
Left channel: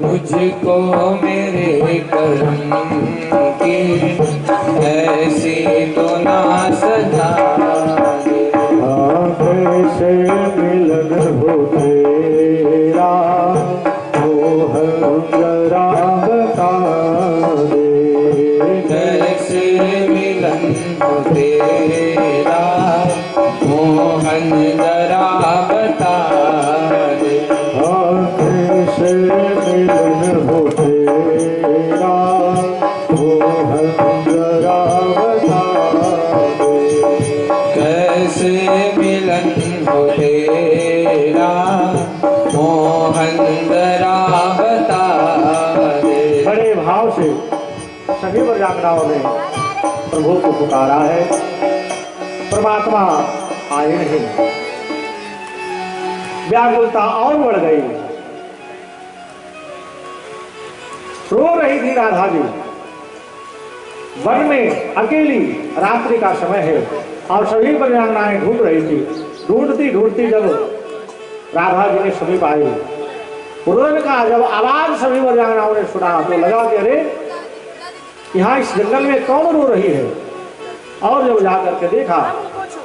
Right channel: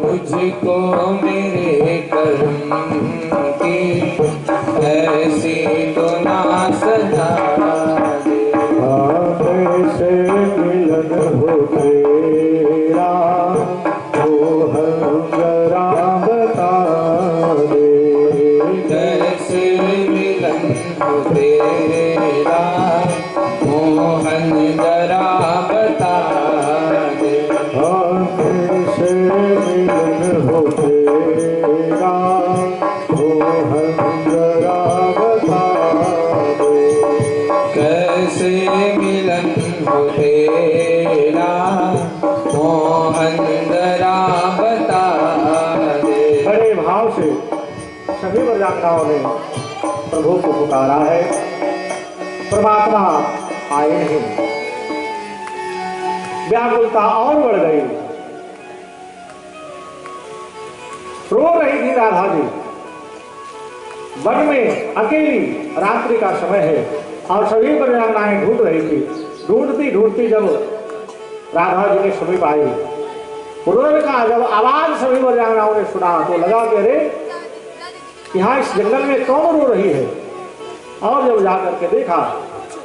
मुझको मेरे करम की ऐसी तो ना सजा दे, हाँ कैसे मिलन हो तेरा मोहन जरा बता दे, कैसे मिलन हो तेरा मोहन जरा बता दे, हाँ कैसे मिलन हो तेरा मोहन जरा बता दे, कैसे मिलन हो तेरा मोहन जरा बता दे। बड़े भाव से सभी व्याख्याओं ने प्रभु को पुकारा है, परमात्मा आए नहीं, व्याकुलता और बढ़ गई, रो रही थी राधा जी, वन में अकेली, रात्रि का समय है और सभी परिवाराएं ढूंढ रही थी, ढूंढती ढूंढती जब राधा जी ने समीप आई, उन्होंने कहा, जब आवाज सभी परिवाराओं ने सुना तो लगा कि अरे यहाँ इस जंगल में कौन रो रही है, और जब जाकर के देखा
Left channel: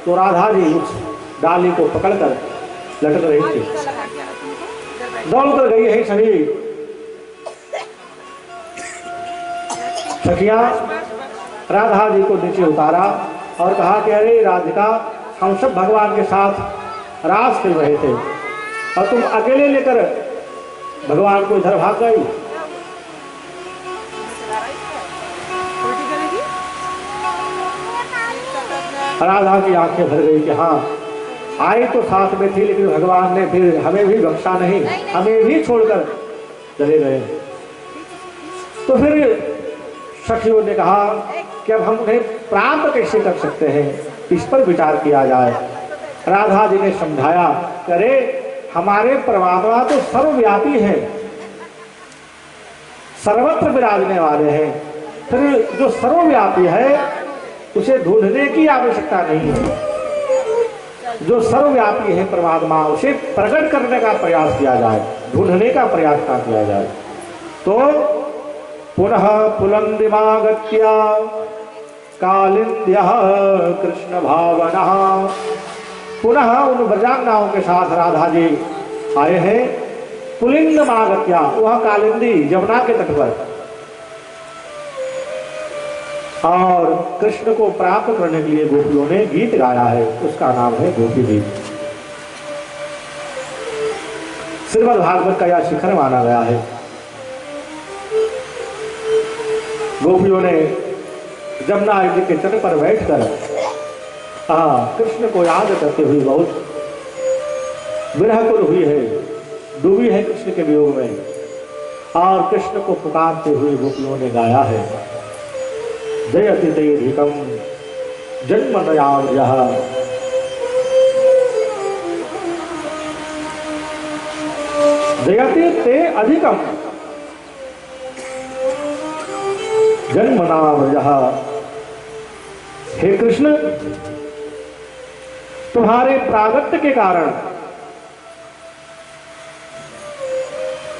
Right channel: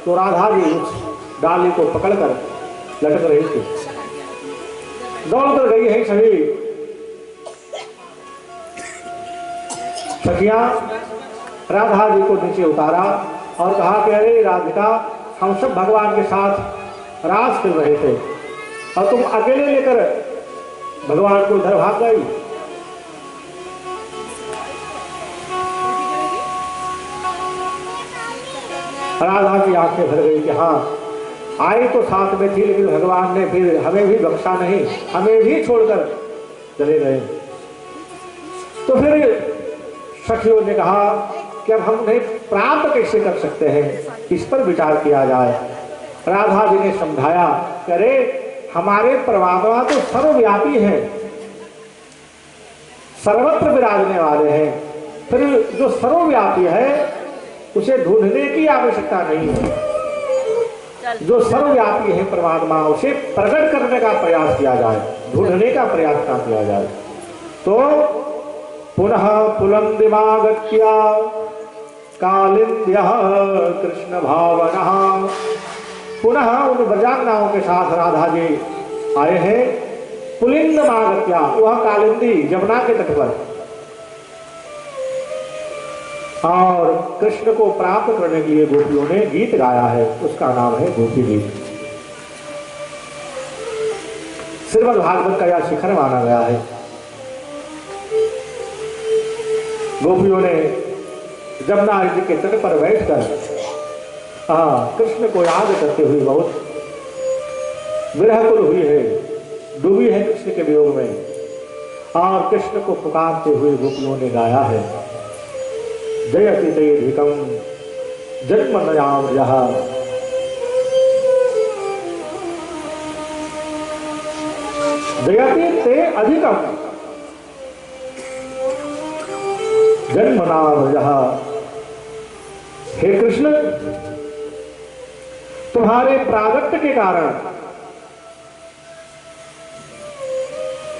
तो राधा जी उस डाली को पकड़कर लटक रही थी, दौड़ कर गई है सभी सखियां, राधा जी को नीचे उतारा और कहा कि अरे राधिका, हम सब भगवान के साथ रास खेल रहे थे और तुम अकेले लेकर भगवान को उधर भाग गई। राधा की आंखें भर गई कि हाँ, आई तो साथ में थी, लेकिन भगवान ने फिर हमें भी बख्शा नहीं, हमें भी छोड़कर चले गए। तो फिर सखियों ने कहा कि अब हम उन्हें प्राप्त कैसे कर सकते हैं, इस पर विचार किया जाए। राधा जी ने समझाया, अरे हमारे परमात्मा तो सर्वव्यापी हैं, सर्वत्र विराजने वाले हैं, फिर जो सर्वव्यापी है उसे ढूंढने की आवश्यकता नहीं है, जो सर्वव्यापी है परमात्मा उसे प्रकट करने का प्रयास किया जाए, ढूंढने का प्रयास ना किया जाए। तो पुनः पुलंदिमागत्या कालिंद्यः कृष्ण भावनः, पुनः उन ब्रजांगनाओं के साथ राधा जी आए हैं पुलिंदमागत्या, वह कालिंदी जमुना के तट पर, और कृष्ण को प्राप्त करने के लिए गोपियों ने गीत गाया है, उसका नाम है गोपी गीत। श्रीमद् भागवत का यह शिखर माना गया है। गोपियों ने जमुना जी के तट पर बैठकर कृष्ण को याद करते हुए बहुत विरहकुल हुई है, डूबी है कृष्ण के वियोग में, और कृष्ण को पुकारते हुए गोपियों ने गाया है, जयति ते अधिकम जन्मनयाव्यः जयति ते अधिकम जन्मनाव्यः। हे कृष्ण, तुम्हारे प्रागट्य के कारण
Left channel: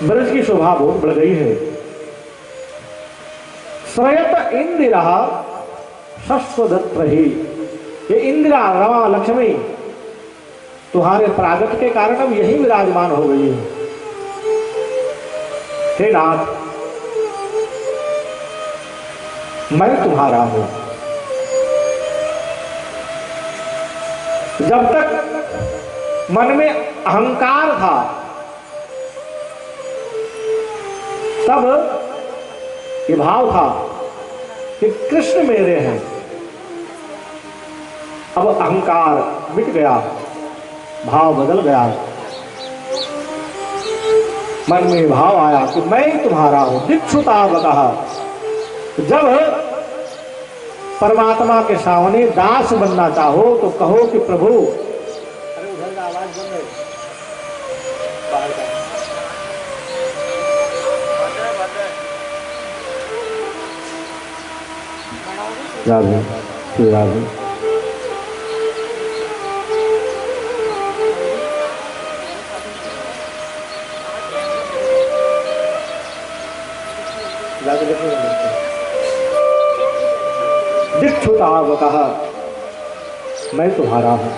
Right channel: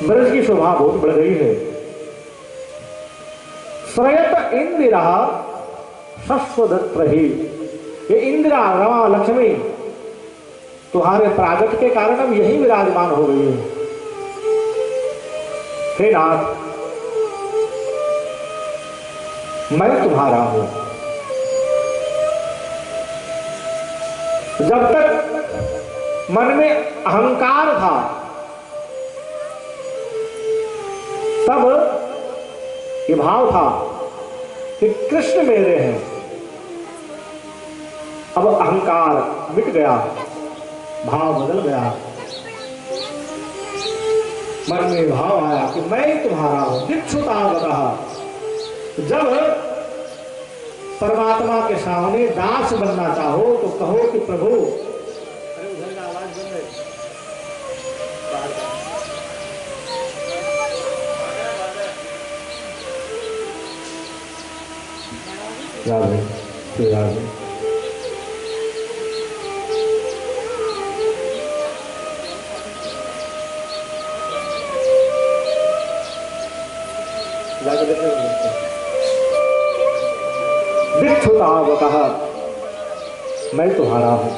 ब्रज की शोभा बहुत बढ़ गई है। श्रयत इंदिरा शश्वदत्र ही, ये इंदिरा रमा लक्ष्मी तुम्हारे प्रागट्य के कारण अब यही विराजमान हो गई है। हे नाथ, मैं तुम्हारा हूं। जब तक मन में अहंकार था तब ये भाव था कि कृष्ण मेरे हैं। अब अहंकार मिट गया, भाव बदल गया, मन में भाव आया कि मैं तुम्हारा हूं। दिक्षुतावतः, जब परमात्मा के सामने दास बनना चाहो तो कहो कि प्रभु, अरे उधर का आवाज बंद है, बाहर का राधे श्री राधे। दिक्षुतावतः, मैं तुम्हारा हूं।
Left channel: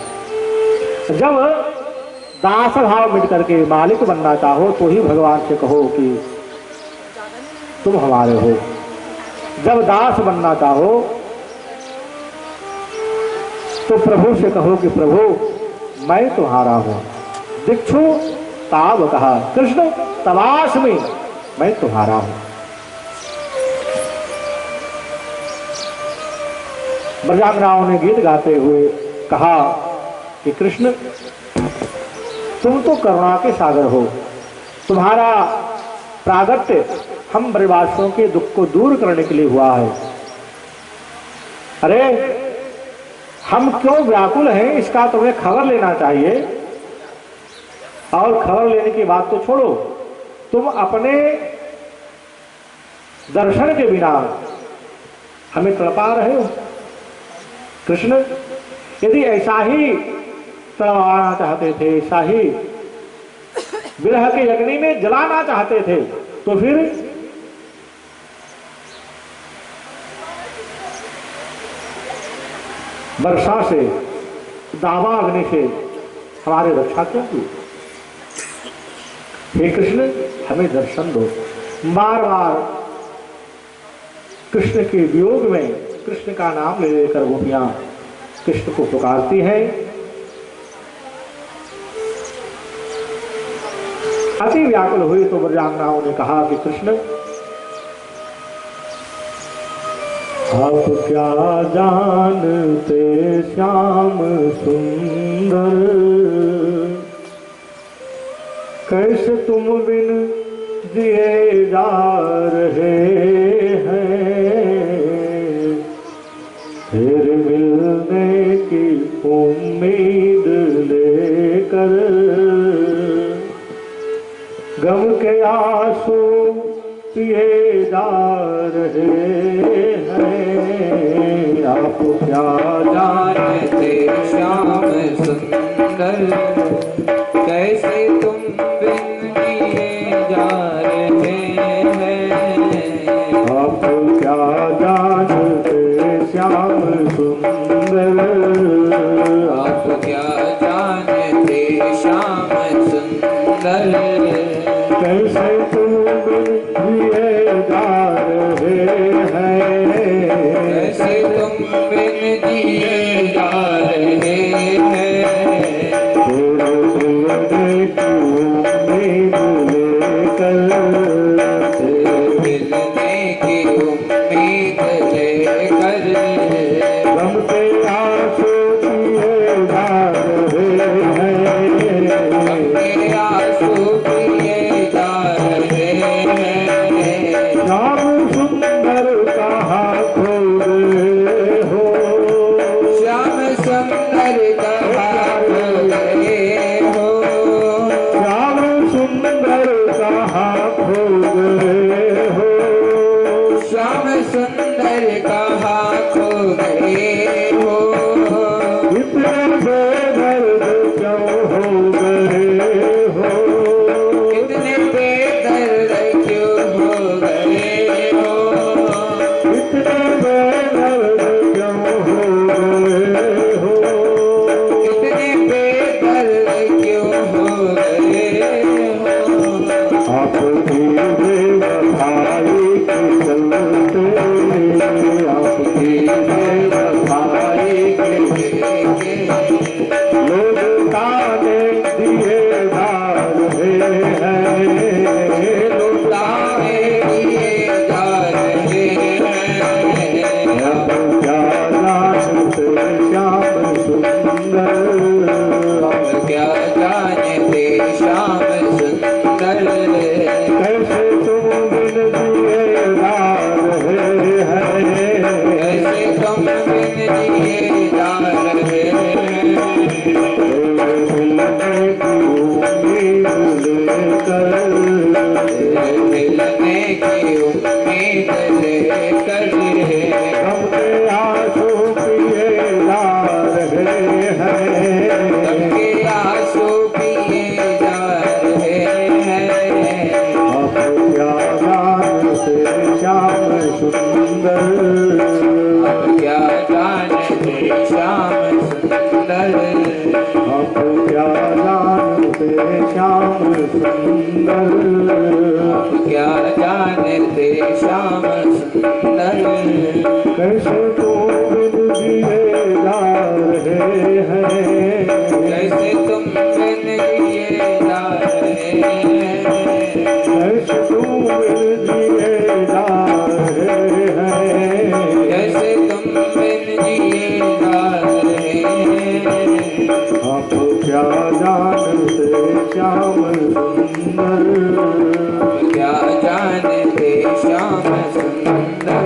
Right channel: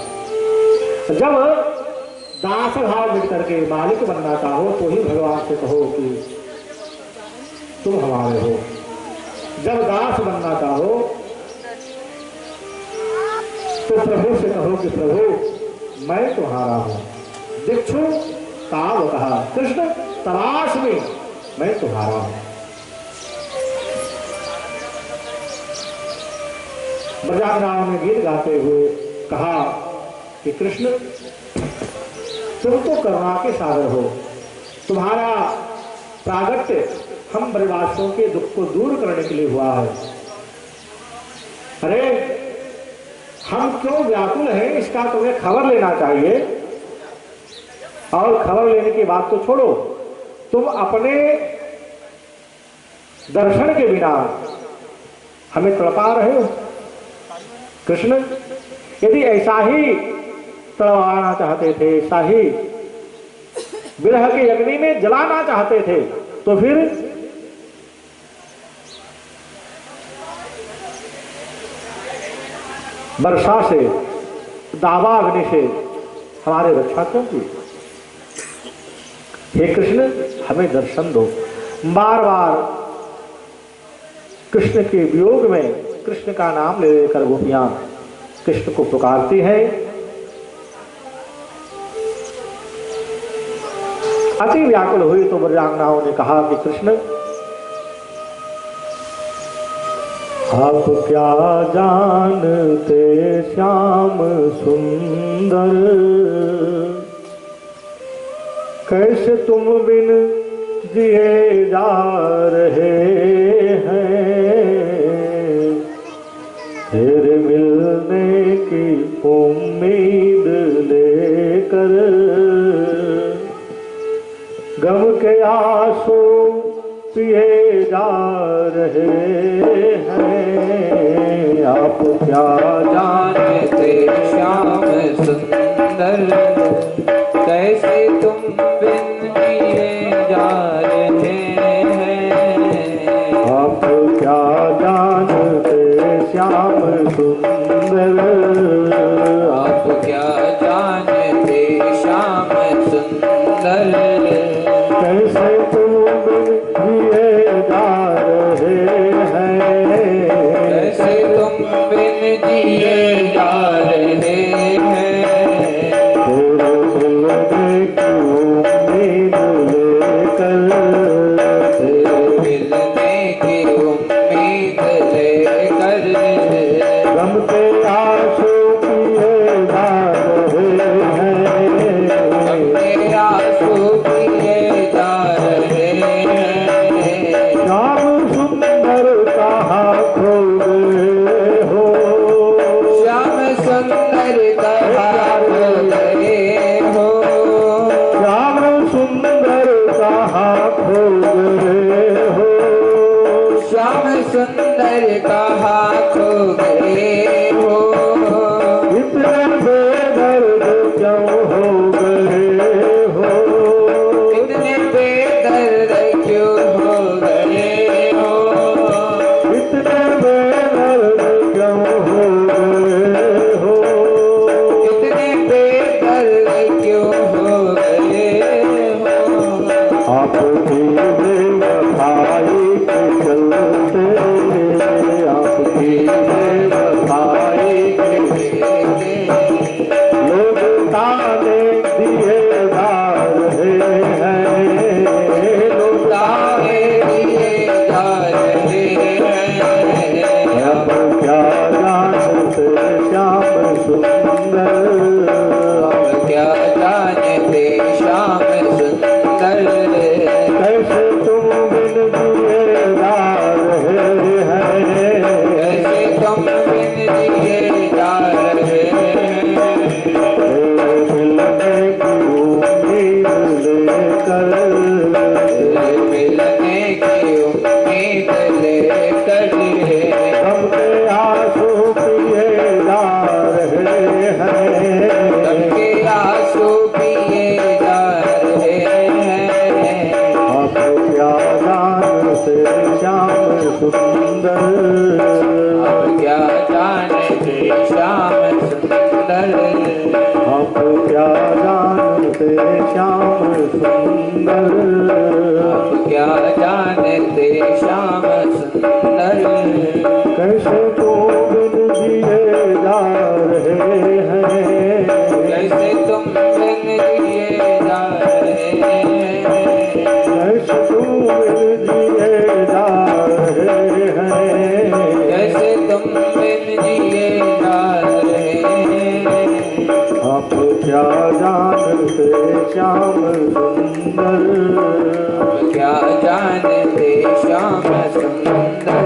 जब दास भाव मिट करके मालिक बनना चाहो तो ही भगवान से कहो कि तुम हमारे हो। जब दास बनना चाहो तो प्रभु से कहो कि प्रभु मैं तुम्हारा हूं। दिक्षु तावतः, कृष्ण तवास्मि, मैं तुम्हारा हूं। ब्रजांगनाओं ने गीत गाते हुए कहा कि कृष्ण तुम तो करुणा के सागर हो, तुम्हारा प्रागट्य हम ब्रजवासियों के दुख को दूर करने के लिए हुआ है। अरे हम क्यों व्याकुल हैं इसका तुम्हें खबर लेना चाहिए। और खबर लेने की बात तो छोड़ो, तुम अपने दर्शन के बिना हमें तड़पा रहे हो। कृष्ण यदि ऐसा ही तड़पाना चाहते थे, ऐसा ही विरह के अग्नि में जलाना चाहते थे, तो फिर वर्षा से, दावा अग्नि से हमारे रक्षा क्यों की। हे कृष्ण हमें दर्शन दो। बार बार कृष्ण के वियोग में कृष्ण का नाम ले लेकर गोपियां कृष्ण को पुकारती है। अति व्याकुल हुई तो ब्रजांगनाओं ने कहा कि कृष्ण आप क्या जानते श्याम सुंदर, कैसे तुम बिन जिए जा रहे हैं। तेरे मिलने की उम्मीद लेकर गम के आंसू पिए जा रहे हैं। आप क्या जानते श्याम सुंदर, कैसे तुम बिन जिए जा रहे हैं। आप क्या जानते श्याम सुंदर, आप क्या जानते श्याम सुंदर, कैसे तुम जिए जा रहे हैं। कैसे तुम बिन जिए जा रहे हैं। तेरे मिलने की उम्मीद लेकर, तेरे मिलने की उम्मीद सबके आंसू पिए जा रहे हैं, सबके आंसू पिए जा रहे हैं। श्याम सुंदर कहाँ खो गए हो, श्याम सुंदर कहाँ खो गए हो, श्याम सुंदर कहाँ खो गए हो, श्याम सुंदर कहाँ खो गए हो। इतने बेदर्द क्यों हो गए हो, इतने बेदर्द क्यों हो गए हो, इतने बेदर्द क्यों हो गए हो, इतने बेदर्द क्यों हो गए हो। आपकी बेवफाई के चलते, आपकी बेवफाई के लोग ताने दिए जा रहे हैं, लोग तारे दिए जा रहे हैं। अब क्या जानते श्याम सुंदर, अब क्या जानते श्याम सुंदर, कैसे तुम बिन दिए जा रहे हैं, कैसे तुम बिन दिए जा रहे हैं। मिलने की उम्मीद लेकर, मिलने की उम्मीद लेकर सबके आंसू पिए जा रहे हैं, सबके आंसू पिए जा रहे हैं। अब क्या जानते श्याम सुंदर, अब क्या जानते श्याम सुंदर, अब क्या जानते श्याम सुंदर, अब क्या जानते श्याम सुंदर। कैसे तो बिन दिए जा रहे हैं, कैसे तुम बिन दिए जा रहे हैं, कैसे तुम बिन दिए जा रहे हैं, कैसे तुम बिन दिए जा रहे हैं। आप क्या जानते श्याम सुंदर, क्या जानते श्याम सुंदर।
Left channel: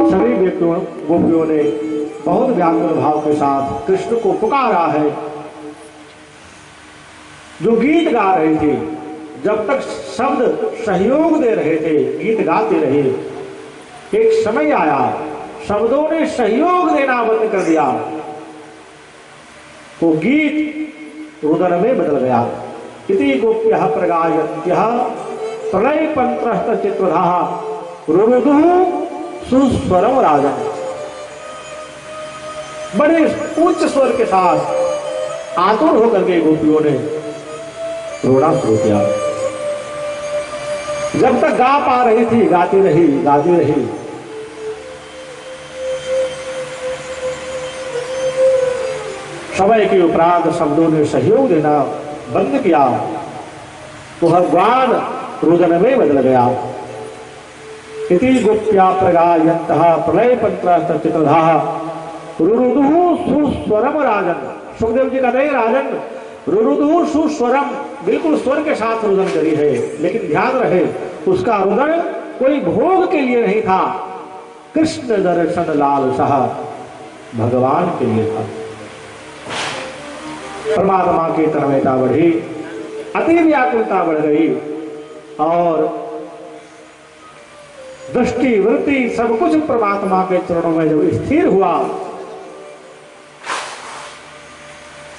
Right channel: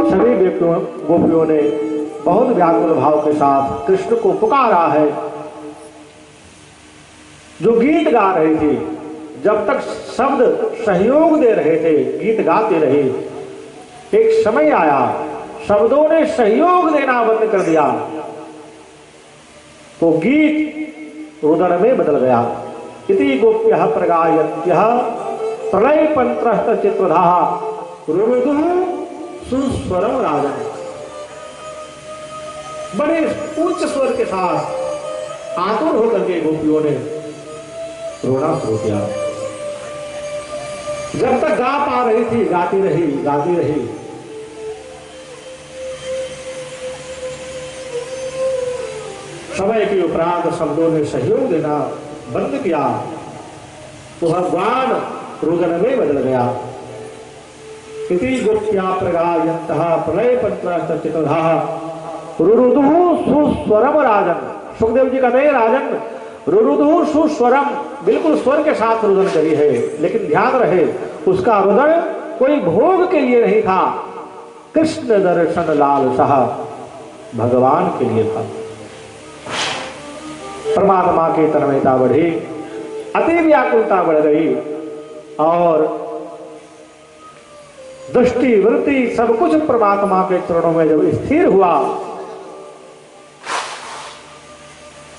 सभी व्यक्तियों गोपियों ने बहुत व्याकुल भाव के साथ कृष्ण को पुकारा है। जो गीत गा रहे थे, जब तक शब्द सहयोग दे रहे थे, गीत गाते रहे। एक समय आया, शब्दों ने सहयोग देना बंद कर दिया, तो गीत रुदन में बदल गया। इति गोप्यः प्रगायन्त्यः प्रलय पंत्रस्त चित्रधाः रुरुदुः सुस्वरम राजन। बड़े उच्च स्वर के साथ आतुर होकर के गोपियों ने रोना शुरू किया। जब तक गा पा रही थी गाती रही, गाती रही। समय के उपरांत शब्दों ने सहयोग देना बंद किया, तो भगवान रुदन में बदल गया। इति गोप्या प्रगायन्तः प्रलय पंत्रस्त चित्रधाः रुरुदुः सुस्वरम राजन। सुखदेव जी कहते हैं, राजन रुरुदुः सुस्वरम, बिल्कुल स्वर के साथ रुदन करी है, लेकिन ध्यान रहे उसका रुदन कोई भोग के लिए नहीं था, कृष्ण दर्शन लालसा भगवान के लिए था। परमात्मा की तन्मयता बढ़ी, अति व्याकुलता बढ़ गई और दृष्टि वृत्ति सब कुछ परमात्मा के चरणों में जब स्थिर हुआ,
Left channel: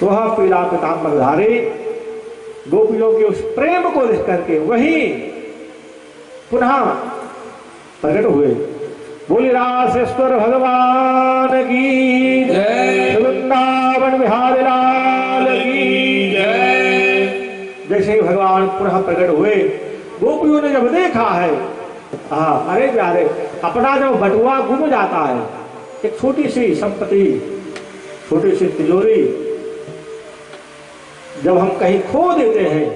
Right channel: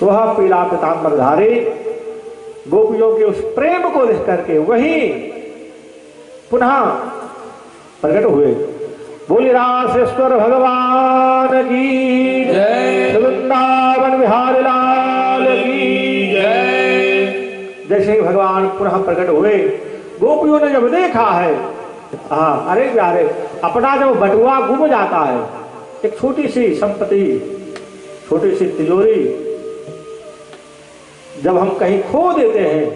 तो वह पीला पीताम्बरधारी गोपियों के उस प्रेम को देख करके वही पुनः प्रकट हुए। बोली रासेश्वर भगवान की जय, वृंदावन बिहारी लाल की जय। जैसे ही भगवान पुनः प्रकट हुए, गोपियों ने जब देखा है, अरे प्यारे, अपना जब बटुआ गुम जाता है, एक छोटी सी संपत्ति, छोटी सी तिजोरी जब हम कहीं खो देते हैं,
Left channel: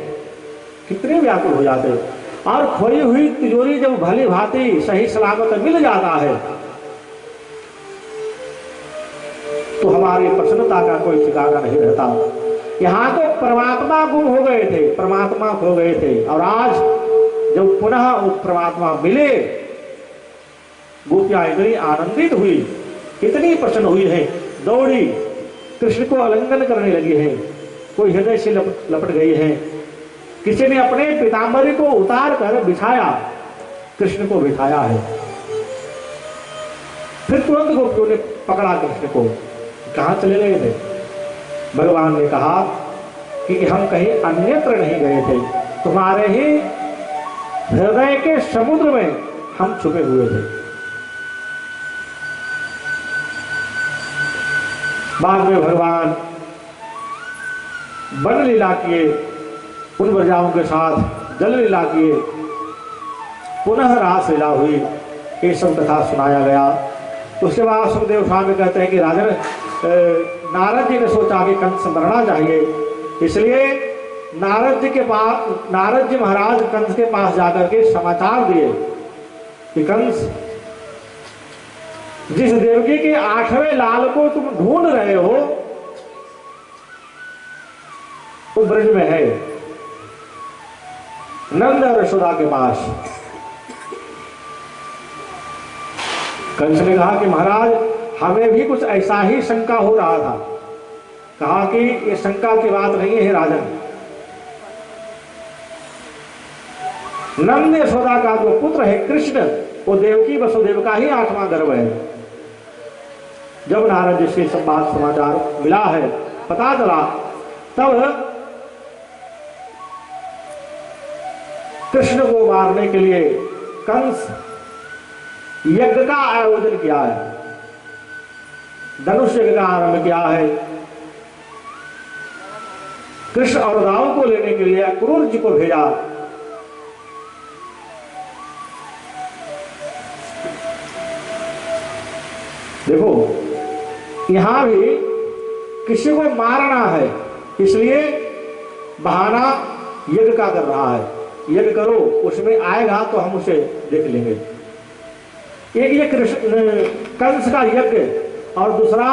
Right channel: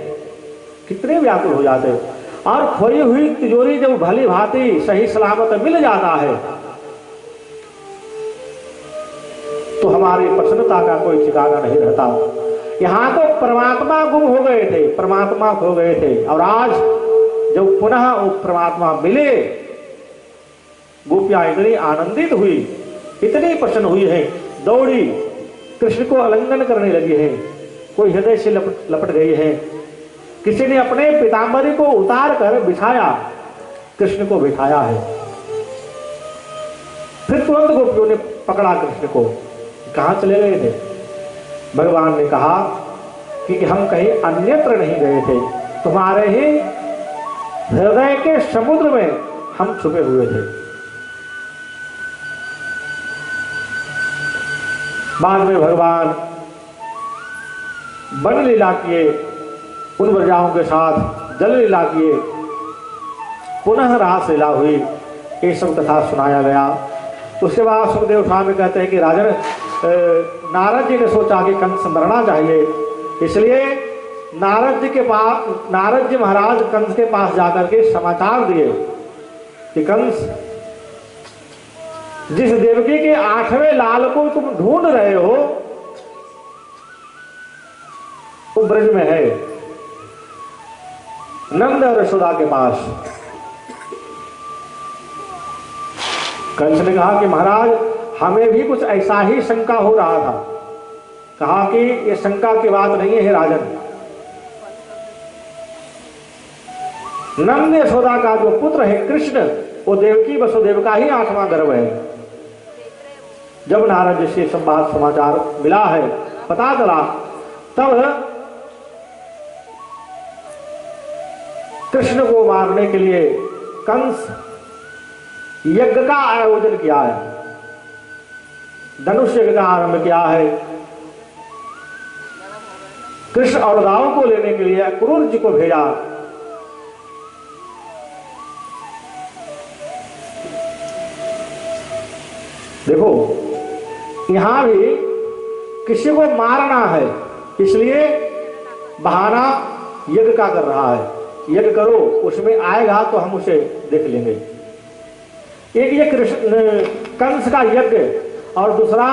कितने व्याकुल हो जाते हैं। और खोई हुई तिजोरी जब भली भांति सही सलामत मिल जाता है, हमारी प्रसन्नता का कोई ठिकाना नहीं रहता। यहाँ तो परमात्मा गुम हो गए थे, परमात्मा खो गए थे, और आज जब पुनः वो परमात्मा मिले, गोपियां इतनी आनंदित हुई, इतनी प्रसन्न हुई है, दौड़ी कृष्ण को आलिंगन करने लगी है, कोई हृदय से लपट गई है, किसी ने अपने पीतांबरी को उतार कर बिछाया, कृष्ण को बिठाया है। फिर तुरंत गोपियों ने पकड़ा कृष्ण को, कहां चले गए थे? भगवान ने कहा कि हम कहीं अन्यत्र नहीं गए थे, तुम्हारे ही हृदय के समुद्र में हम छुपे हुए थे। बाद में भगवान वन लीला किए, उन व्रजाओं के साथ जल लीला किए, पुनः रास लीला हुई, ये सब कथा सुनाया गया। उसके बाद सुखदेव स्वामी कहते हैं कि राजन, नारद जी ने सोचा कि कंस मरना चाहिए, इसलिए नारद जी के पास, नारद जी महाराज कंस के पास जाकर के समाचार दिए कि कंस, जिस देवकी के 8वें लाल को तुम ढूंढ रहे हो वो ब्रज में है, नंद और यशोदा के पास। कंस ने कहा कि महाराज, हमें भी कुछ ऐसा ही शंका हो रहा था। कहा कि ये शंका की बात नहीं है राजन, नंद यशोदा का जो पुत्र है कृष्ण, वो देवकी वसुदेव का ही 8वां गर्भ है। जब नारद जी से संवाद समाचार मिला है, पता चला, तब कृष्ण को मारने के लिए कंस यज्ञ का आयोजन किया है, धनुष यज्ञ का आरंभ किया है। कृष्ण और राव को लेने के लिए क्रूर जी को भेजा। देखो, यहां भी किसी को मारना है, इसलिए बहाना यज्ञ का कर रहा है, यज्ञ करो, उसमें आएगा तो हम उसे देख लेंगे। एक ये कृष्ण कंस का यज्ञ, और दूसरा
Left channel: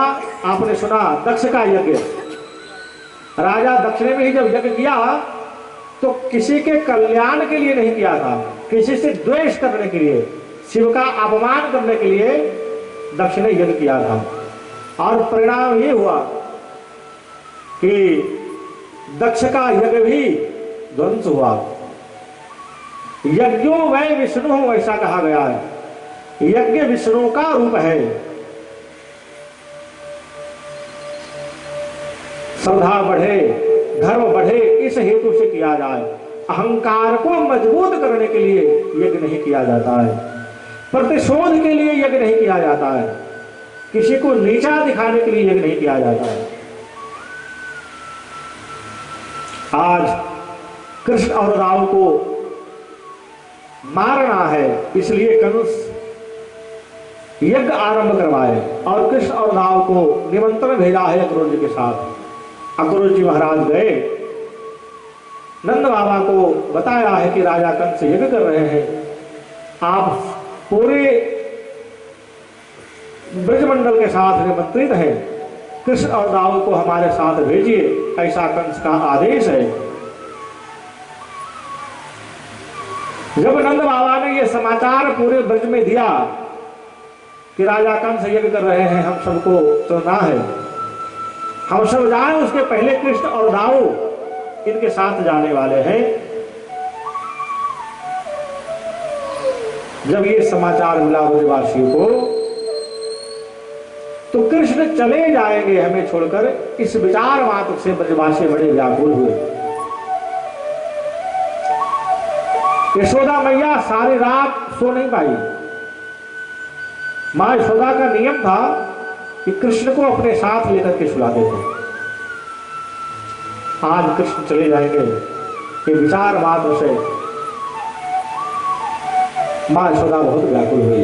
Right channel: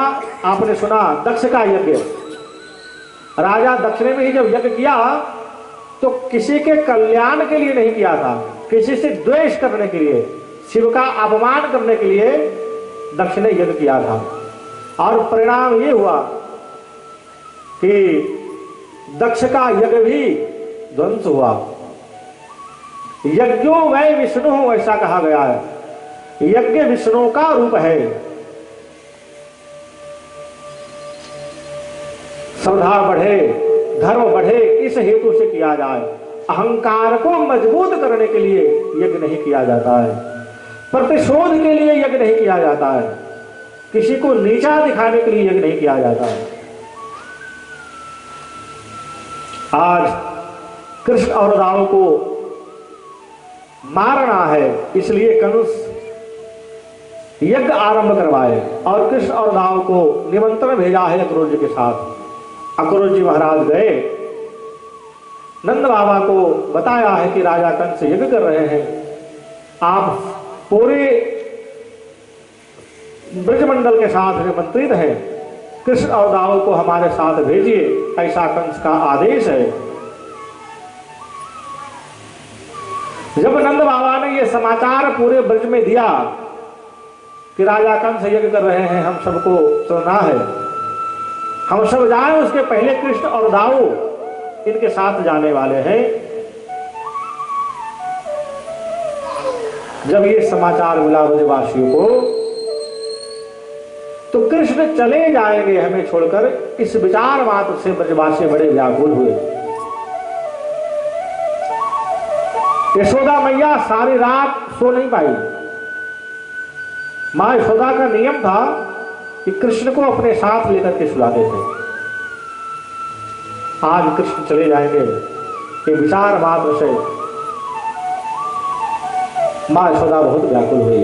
आपने सुना दक्ष का यज्ञ। राजा दक्ष ने भी जब यज्ञ किया तो किसी के कल्याण के लिए नहीं किया था, किसी से द्वेष करने के लिए, शिव का अपमान करने के लिए दक्ष ने यज्ञ किया था। और परिणाम ये हुआ कि दक्ष का यज्ञ भी ध्वंस हुआ। यज्ञो वै विष्णु, ऐसा कहा गया है, यज्ञ विष्णु का रूप है। श्रद्धा बढ़े, धर्म बढ़े, इस हेतु से किया जाए। अहंकार को मजबूत करने के लिए यज्ञ नहीं किया जाता है, प्रतिशोध के लिए यज्ञ नहीं किया जाता है, किसी को नीचा दिखाने के लिए यज्ञ नहीं किया जाता है। आज कृष्ण और राव को मारना है, इसलिए कंस यज्ञ आरंभ करवाए और कृष्ण और राव को निमंत्रण भेजा है अक्रूर जी के साथ। अक्रूर जी महाराज गए, नंद बाबा को बताया है कि राजा कंस यज्ञ कर रहे हैं, आप पूरे ब्रजमंडल के साथ निमंत्रित हैं, कृष्ण और राव को हमारे साथ भेजिए, ऐसा कंस का आदेश है। जब नंद बाबा ने यह समाचार पूरे ब्रज में दिया कि राजा कंस यज्ञ कर रहे हैं, हम सबको सुनना है, हम सब जाए, उसके पहले कृष्ण और दाऊ इनके साथ जाने वाले हैं। जब ये समाचार मिला ब्रजवासियों को, तो कृष्ण चले जाएंगे हमें छोड़कर, इस विचार मात्र से ब्रजवासी बड़े व्याकुल हुए। यशोदा मैया सारी रात सो नहीं पाई। मां यशोदा का नियम था कि कृष्ण को अपने साथ लेकर के सुलाते थे। आज कृष्ण चले जाएंगे, ये विचार मात्र से मां यशोदा बहुत व्याकुल हुई,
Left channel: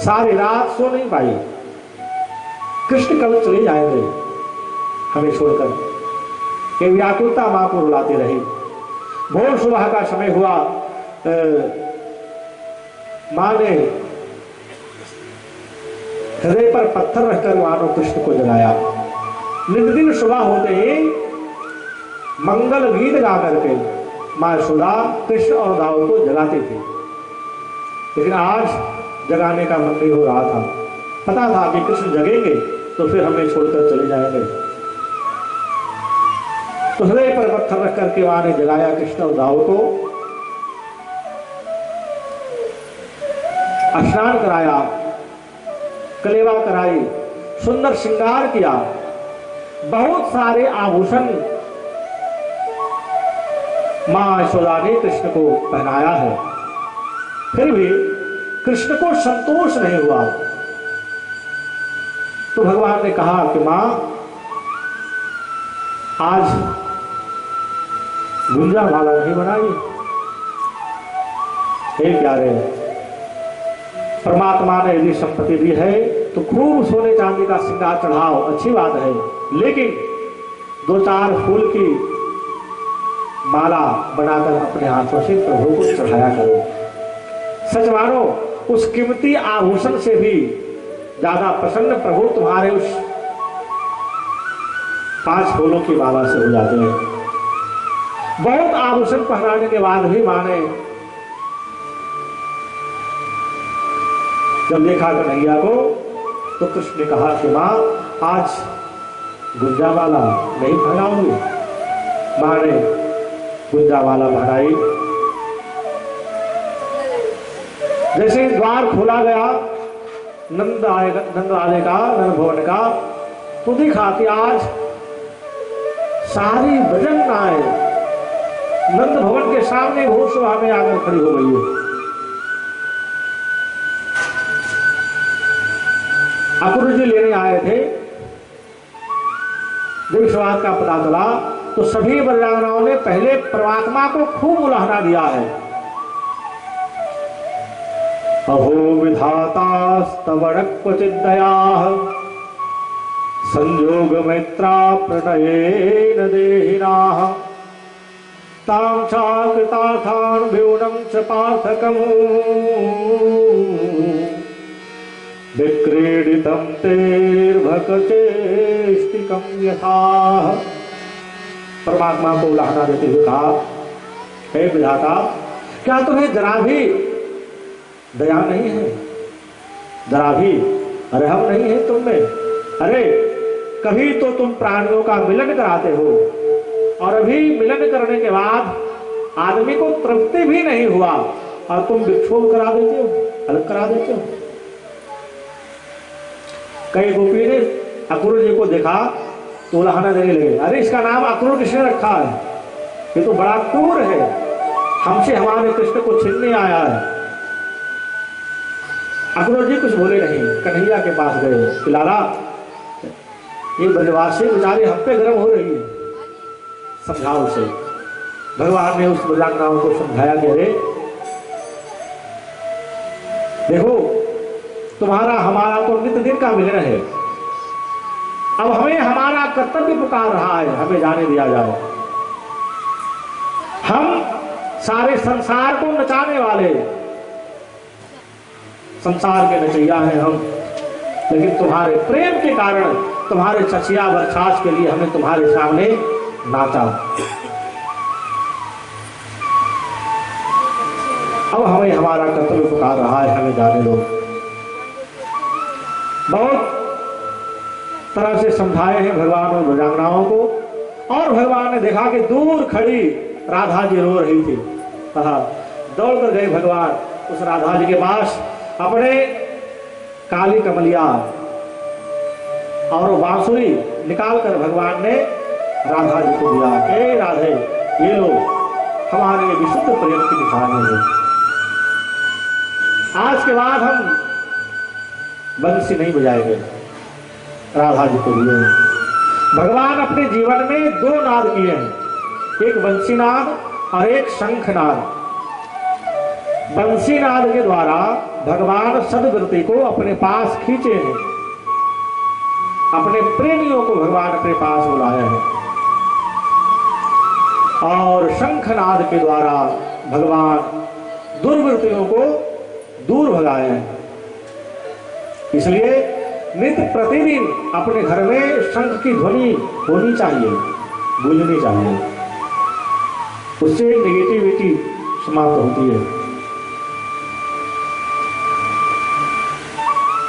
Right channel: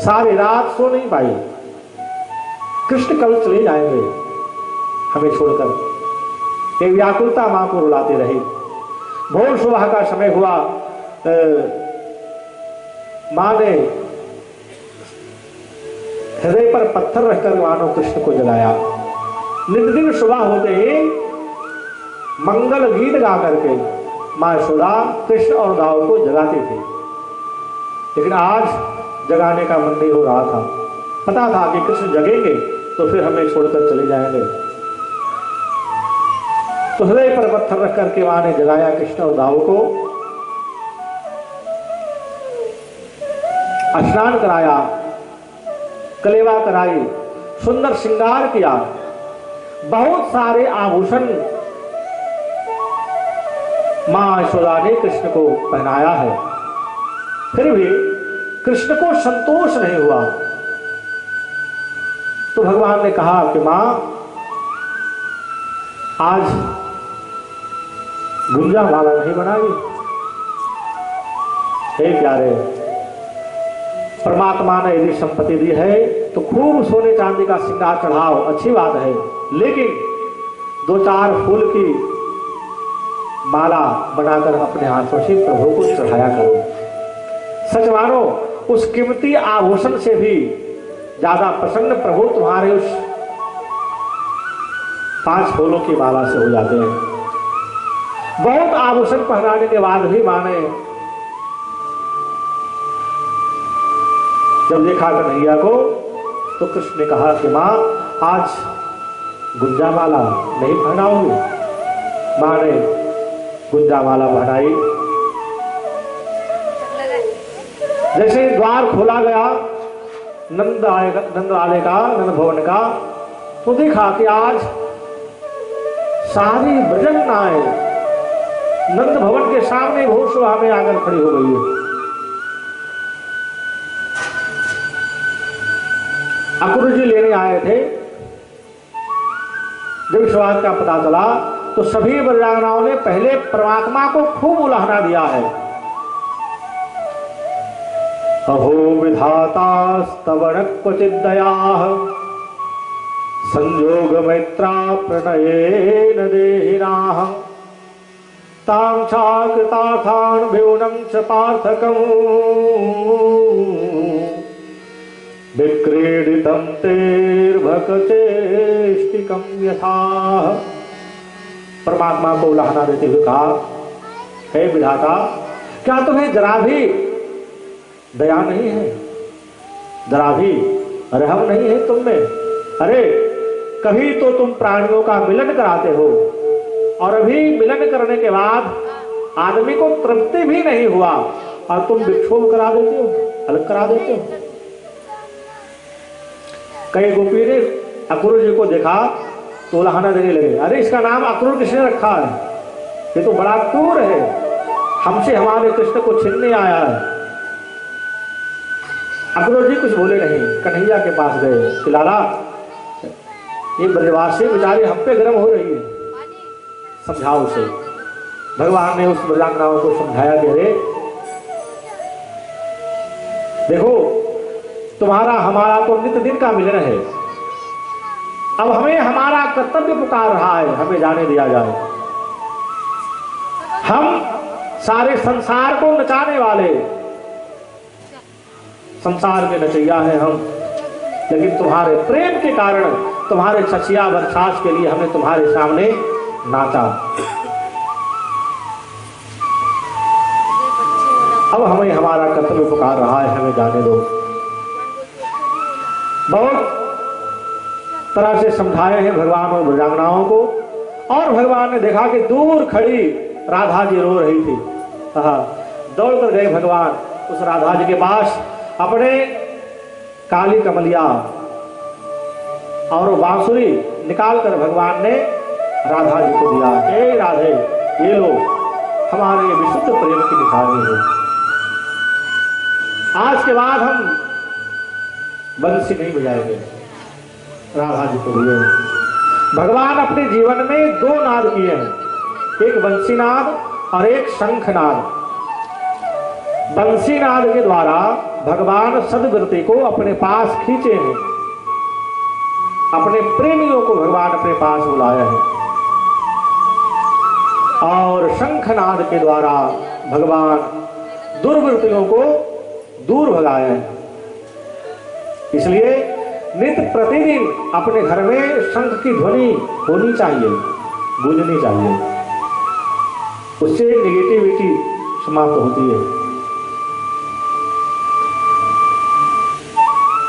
सारी रात सो नहीं पाई। कृष्ण कल चले जाएंगे हमें छोड़कर, ये व्याकुलता मां को रुलाती रही। भोर सुबह का समय हुआ, मां ने हृदय पर पत्थर रखकर मानो कृष्ण को जगाया। नित दिन सुबह होते ही मंगल गीत गा करके मां यशोदा कृष्ण और दाऊ को जगाती थी। लेकिन आज जगाने का मन नहीं हो रहा था। पता था कि कृष्ण जगेंगे तो फिर हमें छोड़कर चले जाएंगे। तो हृदय पर पत्थर रख करके मां ने जगाया कृष्ण और दाऊ को, स्नान कराया, कलेवा कराई, सुंदर श्रृंगार किया, बहुत सारे आभूषण मां यशोदा ने कृष्ण को पहनाया है। फिर भी कृष्ण को संतोष नहीं हुआ। तो भगवान ने कहा कि मां, आज गुंजा माला नहीं बनाई। हे प्यारे, परमात्मा ने यदि संपत्ति दी है तो खूब सोने चांदी का श्रृंगार चढ़ाओ, अच्छी बात है, लेकिन 2-4 फूल की माला बनाकर अपने हाथों से प्रभु को चढ़ाया करो। सच मानो, उस कीमती आभूषण से भी ज्यादा प्रसन्न प्रभु तुम्हारे उस 5 फूलों की माला से हो जाते हैं। बहुत आभूषण पहनाने के बाद भी मां ने जब देखा कन्हैया को तो कृष्ण ने कहा कि मां, आज गुंजा माला नहीं पहनाओगी। मां ने गुंजा माला पहनाई। जैसे द्वार खोला गया नंद आने का, नंद भवन का, तो देखा कि आज सारी भजन आए नंद भवन के सामने घोष सभा में आकर खड़ी हो गई है। अक्रूर जी लेने आए थे। जब इस बात का पता चला तो सभी ब्रजांगनाओं ने पहले परमात्मा को खूब उलाहना दिया है। अहो विधातास्तव क्वचिद्दयाः संयोग मैत्रा प्रणयेन देहिनाः तां चाकृतार्थान् व्योनं च पार्थकम् विक्रीडितं तेर्भकचेष्टिकं यथा। परमात्मा को उलाहना देते हुए कहा, हे विधाता, क्या तुम्हें जरा भी दया नहीं है, जरा भी रहम नहीं है तुम में? अरे कभी तो तुम प्राणियों का मिलन कराते हो और अभी मिलन करने के बाद आदमी को तृप्ति भी नहीं हुआ और तुम विक्षोभ करा देते हो, अलग करा देते हो। कई गोपी ने अक्रूर जी को देखा तो उलाहना देने लगे, अरे इसका नाम अक्रूर किसने रखा है? ये तो बड़ा क्रूर है, हमसे हमारे कृष्ण को छीनने आया है। अक्रूर जी कुछ बोले नहीं, कन्हैया के पास गए कि लाला, ये ब्रजवासी बेचारे हम पे गर्म हो रही है, समझाओ उसे। भगवान ने उस ब्रजांगनाओं को समझाया कि अरे देखो, तुम्हारा हमारा तो नित्य दिन का मिलन है, अब हमें हमारा कर्तव्य पुकार रहा है, हमें जाने दिया जाए। हम सारे संसार को नचाने वाले संसार के नचैया हैं हम, लेकिन तुम्हारे प्रेम के कारण, तुम्हारे चचिया बरसात के लिए हमें तुम्हारे सामने नाचा। अब हमें हमारा कर्तव्य पुकार रहा है, हमें जाने दो। बहुत तरह से समझाए हैं भगवान और ब्रजांगनाओं को, और भगवान ने देखा कि दूर खड़ी राधा जी रो रही थी। दौड़ कर गए भगवान उस राधा जी के पास, अपने काली कमलिया और बांसुरी निकाल कर भगवान ने राधा जी को दिया कि राधे, ये लो, हमारे विशुद्ध प्रेम की निशानी है। आज के बाद हम बंसी नहीं बजाएंगे। राधा जी को दिए। भगवान अपने जीवन में 2 नाद किए हैं, एक बंसी नाद और एक शंख नाद। बंसी नाद के द्वारा भगवान सदगति को अपने पास खींचे हैं, अपने प्रेमियों को भगवान अपने पास बुलाया है, और शंखनाद के द्वारा भगवान दुर्वृत्तियों को दूर भगाया है। इसलिए नित्य प्रतिदिन अपने घर में शंख की ध्वनि होनी चाहिए, गूंजनी चाहिए। उससे नेगेटिविटी समाप्त होती है।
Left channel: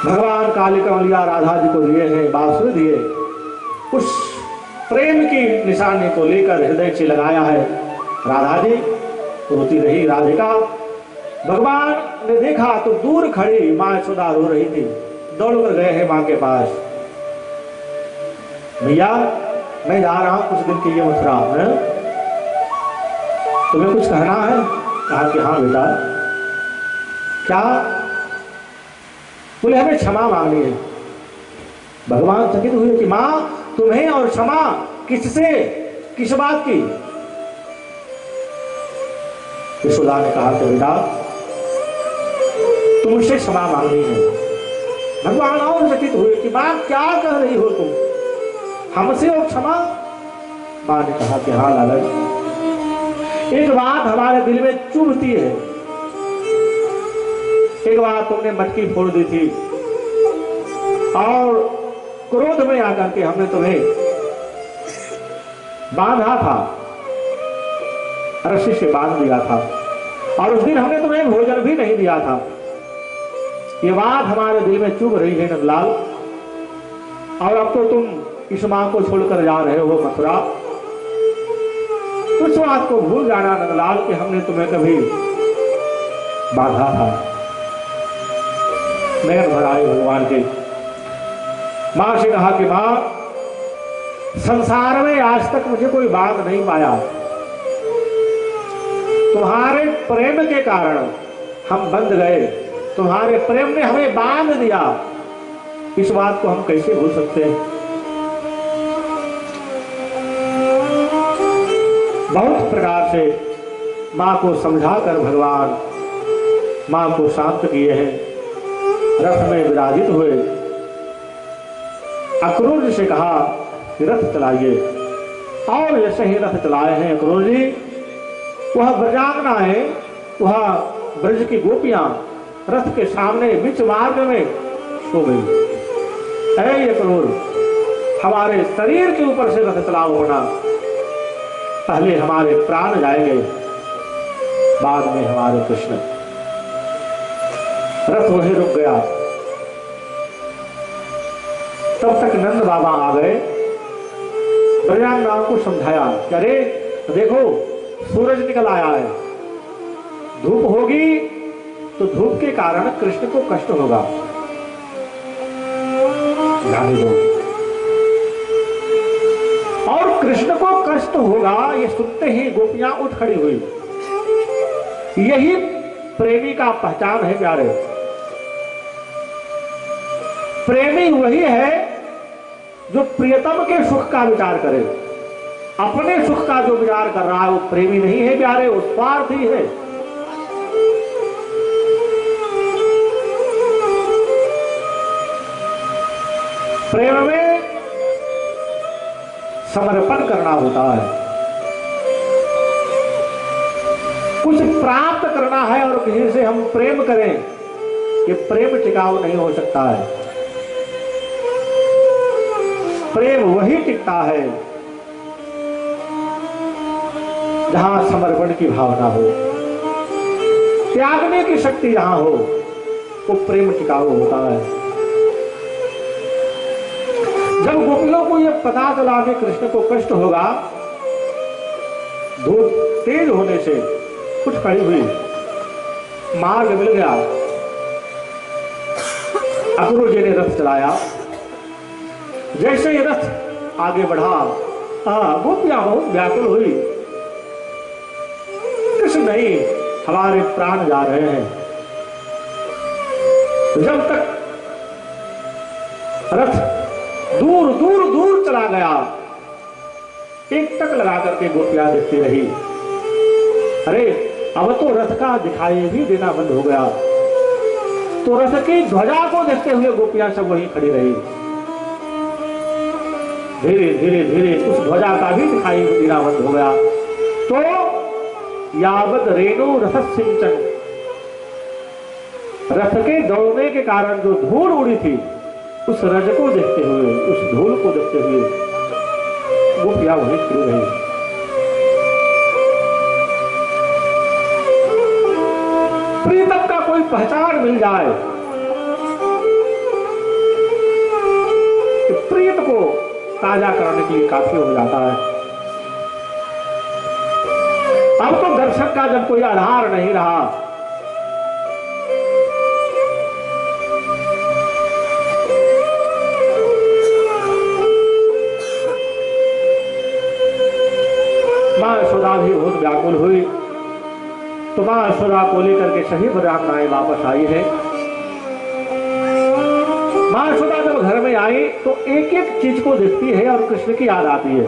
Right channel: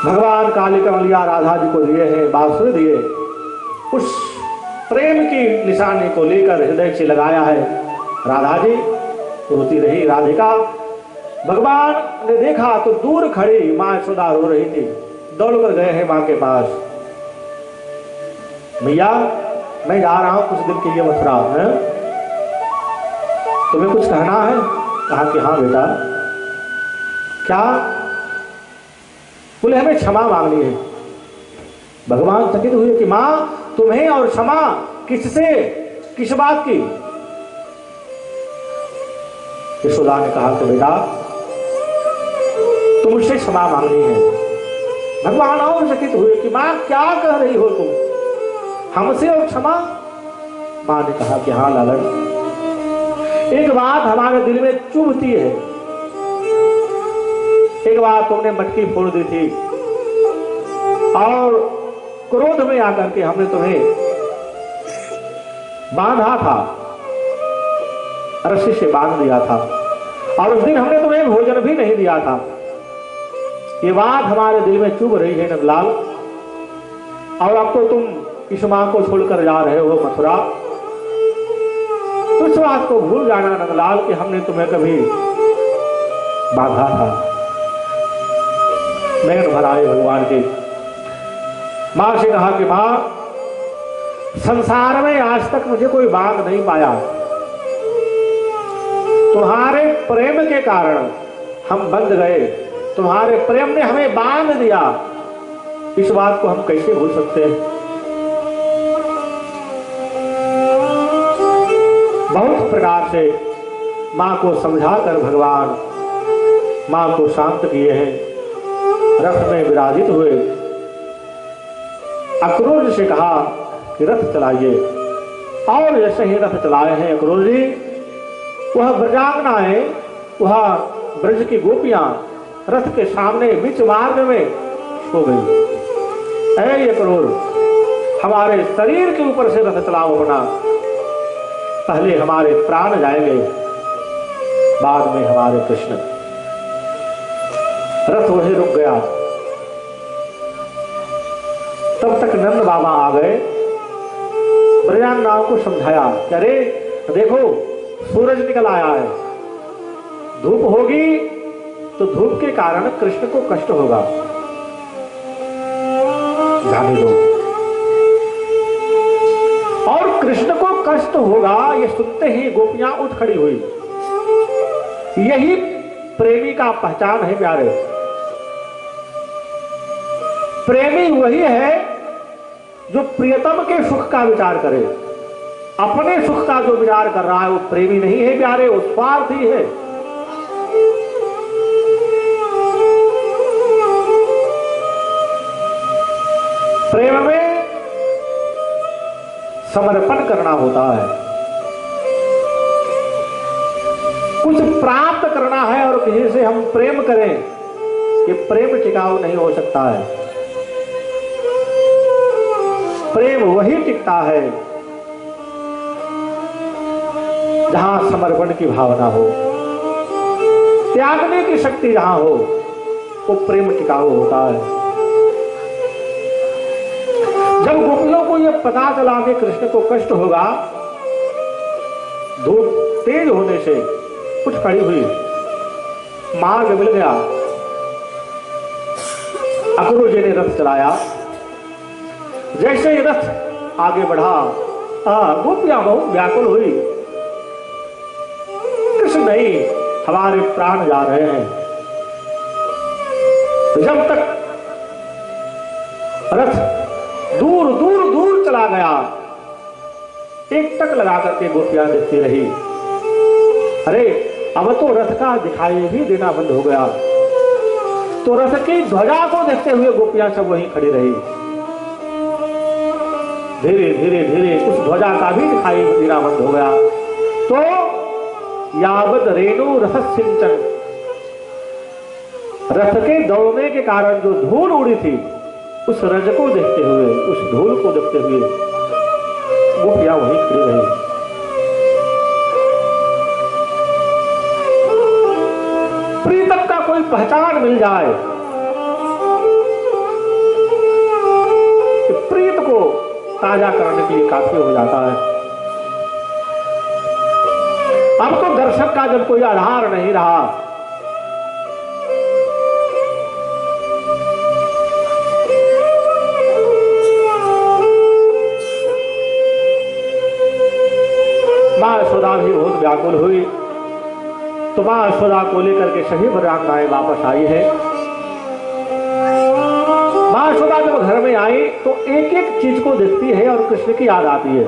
भगवान काली कमलिया राधा जी को दिए हैं, बांसुरी दिए, उस प्रेम की निशानी को लेकर हृदय से लगाया है। राधा जी रोती रही। राधिका भगवान ने देखा तो दूर खड़ी मां यशोदा रो रही थी। दौड़ कर गए हैं मां के पास। भैया मैं जा रहा हूं कुछ दिन के लिए मथुरा है, तुम्हें कुछ कहना है? कहा कि हाँ बेटा। क्या? बोले हमें क्षमा मांगनी है। भगवान चकित हुए कि मां तुम्हें और क्षमा किससे, किस बात की? यशोदा ने कहा कि बेटा तुम मुझसे क्षमा मांगनी है। भगवान और चकित हुए कि मां क्या कह रही हो तुम, हमसे और क्षमा? मां ने कहा कि हाँ लालन, एक बात हमारे दिल में चुभती है। एक बार तुमने मटकी फोड़ दी थी और क्रोध में आकर के हमने तुम्हें बांधा था, रस्सी से बांध दिया था, और उस दिन हमने तुम्हें भोजन भी नहीं दिया था। ये बात हमारे दिल में चुभ रही है नंदलाल, और अब तो तुम इस मां को छोड़कर जा रहे हो मथुरा। तो इस बात को भूल जाना नंदलाल कि हमने तुम्हें कभी बांधा था। नयन भर आए भगवान के। मां से कहा कि मां संसार में आज तक मुझे कोई बांध नहीं पाया, तुम्हारे प्रेम के कारण हम बंध गए, तुम्हारे प्रेम ने हमें बांध दिया। इस बात को हम कैसे भूल सकते हैं? बहुत प्रकार से मां को समझाकर भगवान मां को शांत किए हैं। रथ में विराजित हुए, अक्रूर से कहा कि रथ चलाइए, और जैसे ही रथ चलाए हैं अक्रूर जी, वह ब्रजांगनाएं, वह ब्रज की गोपियां रथ के सामने बीच मार्ग में सो गई। ऐ अक्रूर, हमारे शरीर के ऊपर से रथ चलाओ होना, पहले हमारे प्राण जाएंगे, बाद में हमारे कृष्ण। रथ वहीं रुक गया। तब तक नंद बाबा आ गए, ब्रजांगनाओं को समझाया कि अरे देखो सूरज निकल आया है, धूप होगी तो धूप के कारण कृष्ण को कष्ट होगा, जाने दो। और कृष्ण को कष्ट होगा ये सुनते ही गोपियां उठ खड़ी हुई। यही प्रेमी का पहचान है प्यारे। प्रेमी वही है जो प्रियतम के सुख का विचार करे। अपने सुख का जो विचार कर रहा है वो प्रेमी नहीं है प्यारे, वो स्वार्थी है। प्रेम में समर्पण करना होता है, कुछ प्राप्त करना है, और किसी से हम प्रेम करें, ये प्रेम टिकाऊ नहीं हो सकता है। प्रेम वही टिकता है जहां समर्पण की भावना हो, त्यागने की शक्ति जहां हो, वो प्रेम टिकाऊ होता है। जब गोपियों को यह पता चला कि कृष्ण को कष्ट होगा, धूप तेज होने से कुछ खड़ी हुई, मार्ग मिल गया, अक्रूर जी ने रथ चलाया। जैसे ही रथ आगे बढ़ा, गोपियां बहुत व्याकुल हुई, कृष्ण नहीं, हमारे प्राण जा रहे हैं। जब तक रथ दूर दूर दूर चला गया, एक टक लगा करके गोपियां देखती रही। अरे अब तो रथ का दिखाई भी देना बंद हो गया। तो रथ की ध्वजा को देखते हुए गोपियां सब वहीं खड़ी रही। धीरे धीरे धीरे उस ध्वजा का भी दिखाई देना बंद हो गया। तो यावत रेणु रथ सिंचन, रथ के दौड़ने के कारण जो धूल उड़ी थी उस रज को देखते हुए, उस धूल को देखते हुए गोपियां वहीं खड़ी रही। प्रीतम का कोई पहचान मिल जाए तो प्रीत को ताजा कराने के लिए काफी हो जाता है। अब तो दर्शक का जब कोई आधार नहीं रहा, मां यशोदा भी बहुत व्याकुल हुई। तो मां यशोदा को लेकर के सही बलरामाएं वापस आई है। मां यशोदा जब घर में आई तो एक एक चीज को देखती है और कृष्ण की याद आती है।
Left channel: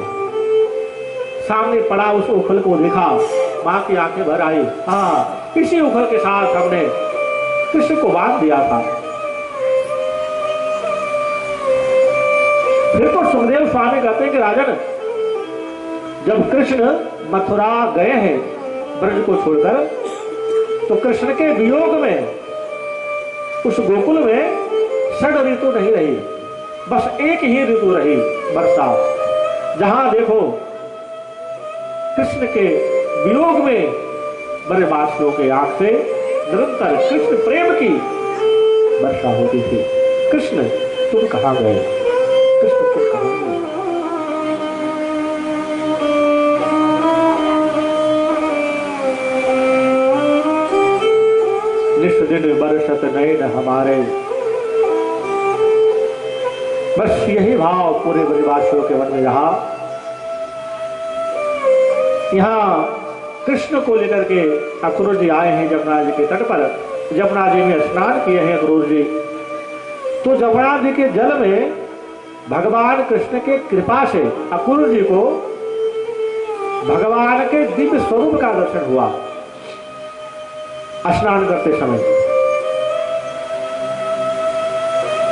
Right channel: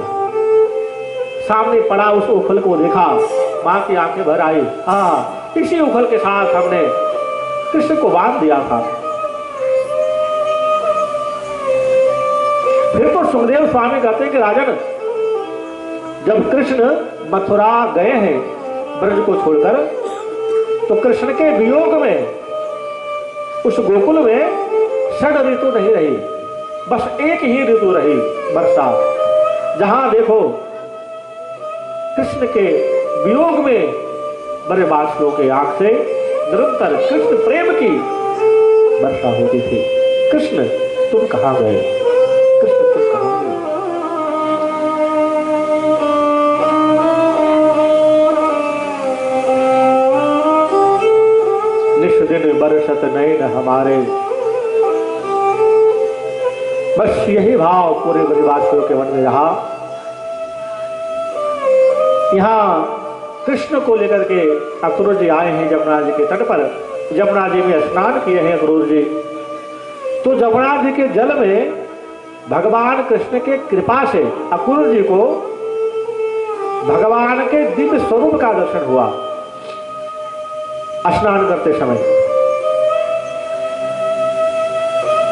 सामने पड़ा उस उखल को देखा, मां की आंखें भर आई। हाँ, इसी उखल के साथ हमने कृष्ण को बांध दिया था। फिर तो सुखदेव स्वामी कहते हैं कि राजन, जब कृष्ण मथुरा गए हैं ब्रज को छोड़कर, तो कृष्ण के वियोग में उस गोकुल में 6 ऋतु नहीं रही, बस एक ही ऋतु रही, वर्षा। जहां देखो कृष्ण के वियोग में बड़े वासियों के आंख से निरंतर कृष्ण प्रेम की वर्षा होती थी। कृष्ण तुम कहां गए? कृष्ण तुम कहां गए? दिन बरसत नैन हमारे, बस यही भाव पूरे ब्रजवासियों के मन में रहा। यहाँ कृष्ण को लेकर के अक्रूर जी आए हैं जमुना जी के तट पर। जमुना जी में स्नान किए हैं अक्रूर जी। तो जमुना जी के जल में भगवान कृष्ण के कृपा से अक्रूर जी को भगवान के दिव्य स्वरूप का दर्शन हुआ स्नान करते समय।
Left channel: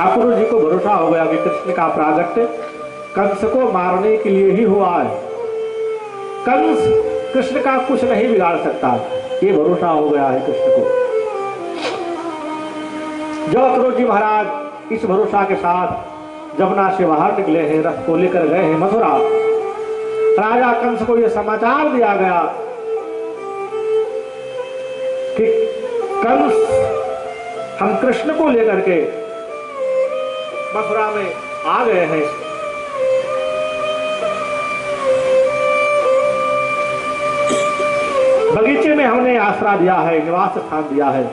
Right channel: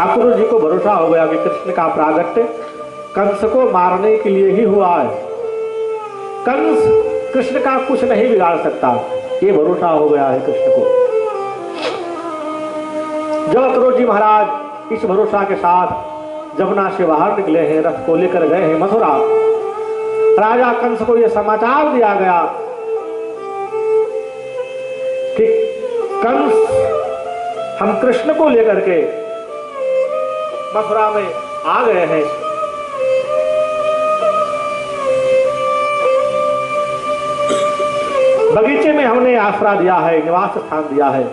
अक्रूर जी को भरोसा हो गया कि कृष्ण का प्रागट्य कंस को मारने के लिए ही हुआ है। कंस कृष्ण का कुछ नहीं बिगाड़ सकता, ये भरोसा हो गया है कृष्ण को। जब अक्रूर जी महाराज इस भरोसा के साथ जमुना से बाहर निकले हैं, रथ को लेकर गए हैं मथुरा, राजा कंस को यह समाचार दिया गया कि कंस हम कृष्ण को लेकर के मथुरा में आ गए हैं। बगीचे में हमने आसरा दिया है, निवास स्थान दिया है।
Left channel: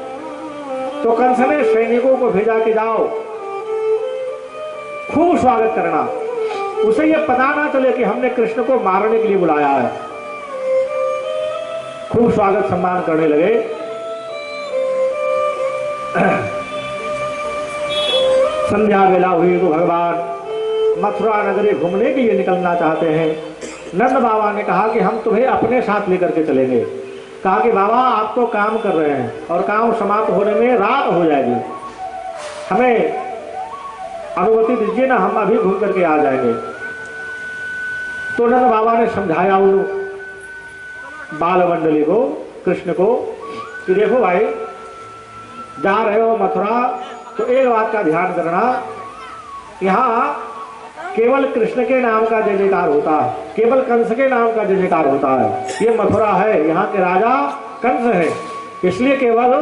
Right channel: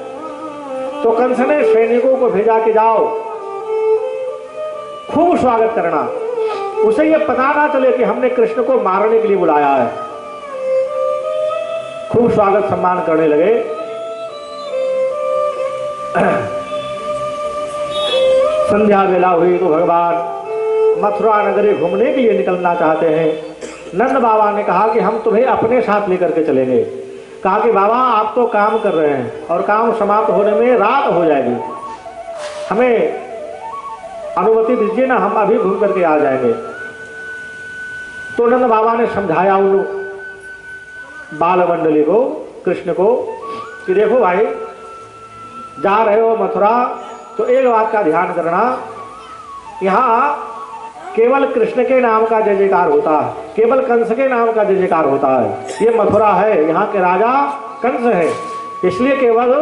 तो कंस ने सैनिकों को भेजा कि जाओ खूब स्वागत करना, उसे यह पता ना चले कि हमने कृष्ण को मारने के लिए बुलाया है। खूब स्वागत सम्मान करने लगे। संध्या बेला हुई तो भगवान मथुरा नगरी घूमने के लिए निकलना चाहते हैं। नंद बाबा ने कहा कि हम तुम्हें अपने साथ लेकर के चलेंगे। कहा कि बाबा आप तो काम कर रहे हैं और काम समाप्त होने में रात हो जाएगी, हमें अनुमति दीजिए ना, हम अभी घूम करके आ जाएंगे। तो नंद बाबा ने समझाया उन बाल मंडली को, कृष्ण को, कि देखो भाई जा रहे हो मथुरा तो एक बात का ध्यान करना, यहाँ केवल कृष्ण के नाम का जय जयकार होता है, केवल कंस के नाम का जय जयकार होता है। ये मथुरा है, यहाँ के राजा कंस है, इसलिए केवल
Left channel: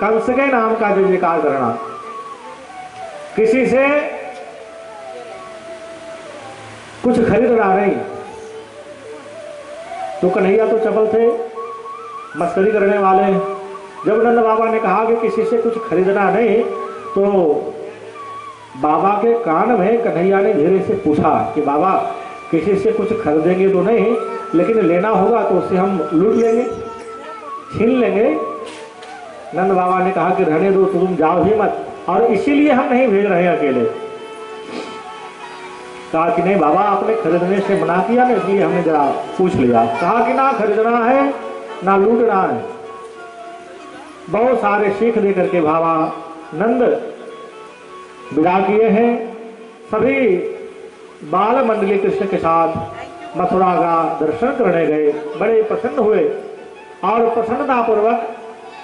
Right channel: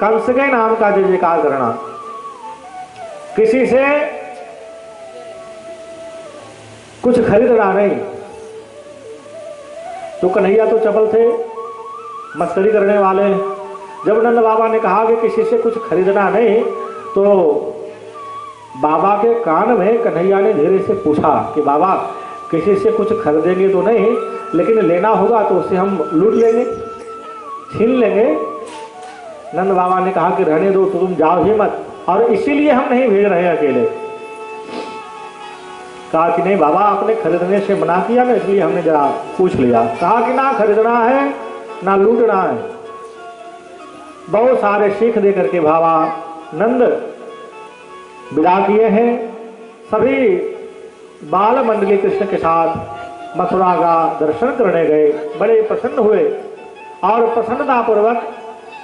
कंस के नाम का जय जयकार करना। किसी से कुछ खरीदना नहीं। तो कन्हैया तो चपल थे, मस्करी करने वाले। जब नंद बाबा ने कहा कि किसी से कुछ खरीदना नहीं, तो बाबा के कान में कन्हैया ने धीरे से पूछा कि बाबा किसी से कुछ खरीदेंगे तो नहीं, लेकिन लेना होगा तो उसे हम लूट लेंगे, छीन लेंगे। नंद बाबा ने कहा कि रहने दो, तुम जाओ ही मत, और इसीलिए हम नहीं भेज रहे अकेले। कहा कि नहीं बाबा आपने खरीदने से मना किया ना, इसलिए हमने जरा पूछ लिया। कहा कि ना खरीदना है ना लूटना है। बहुत सारे सीख दे करके बाबा नंद विदा किए हैं। सभी बाल मंडली कृष्ण के साथ मथुरा का दर्शन करने गए, बड़े प्रसन्न हुए और प्रसन्नता पूर्वक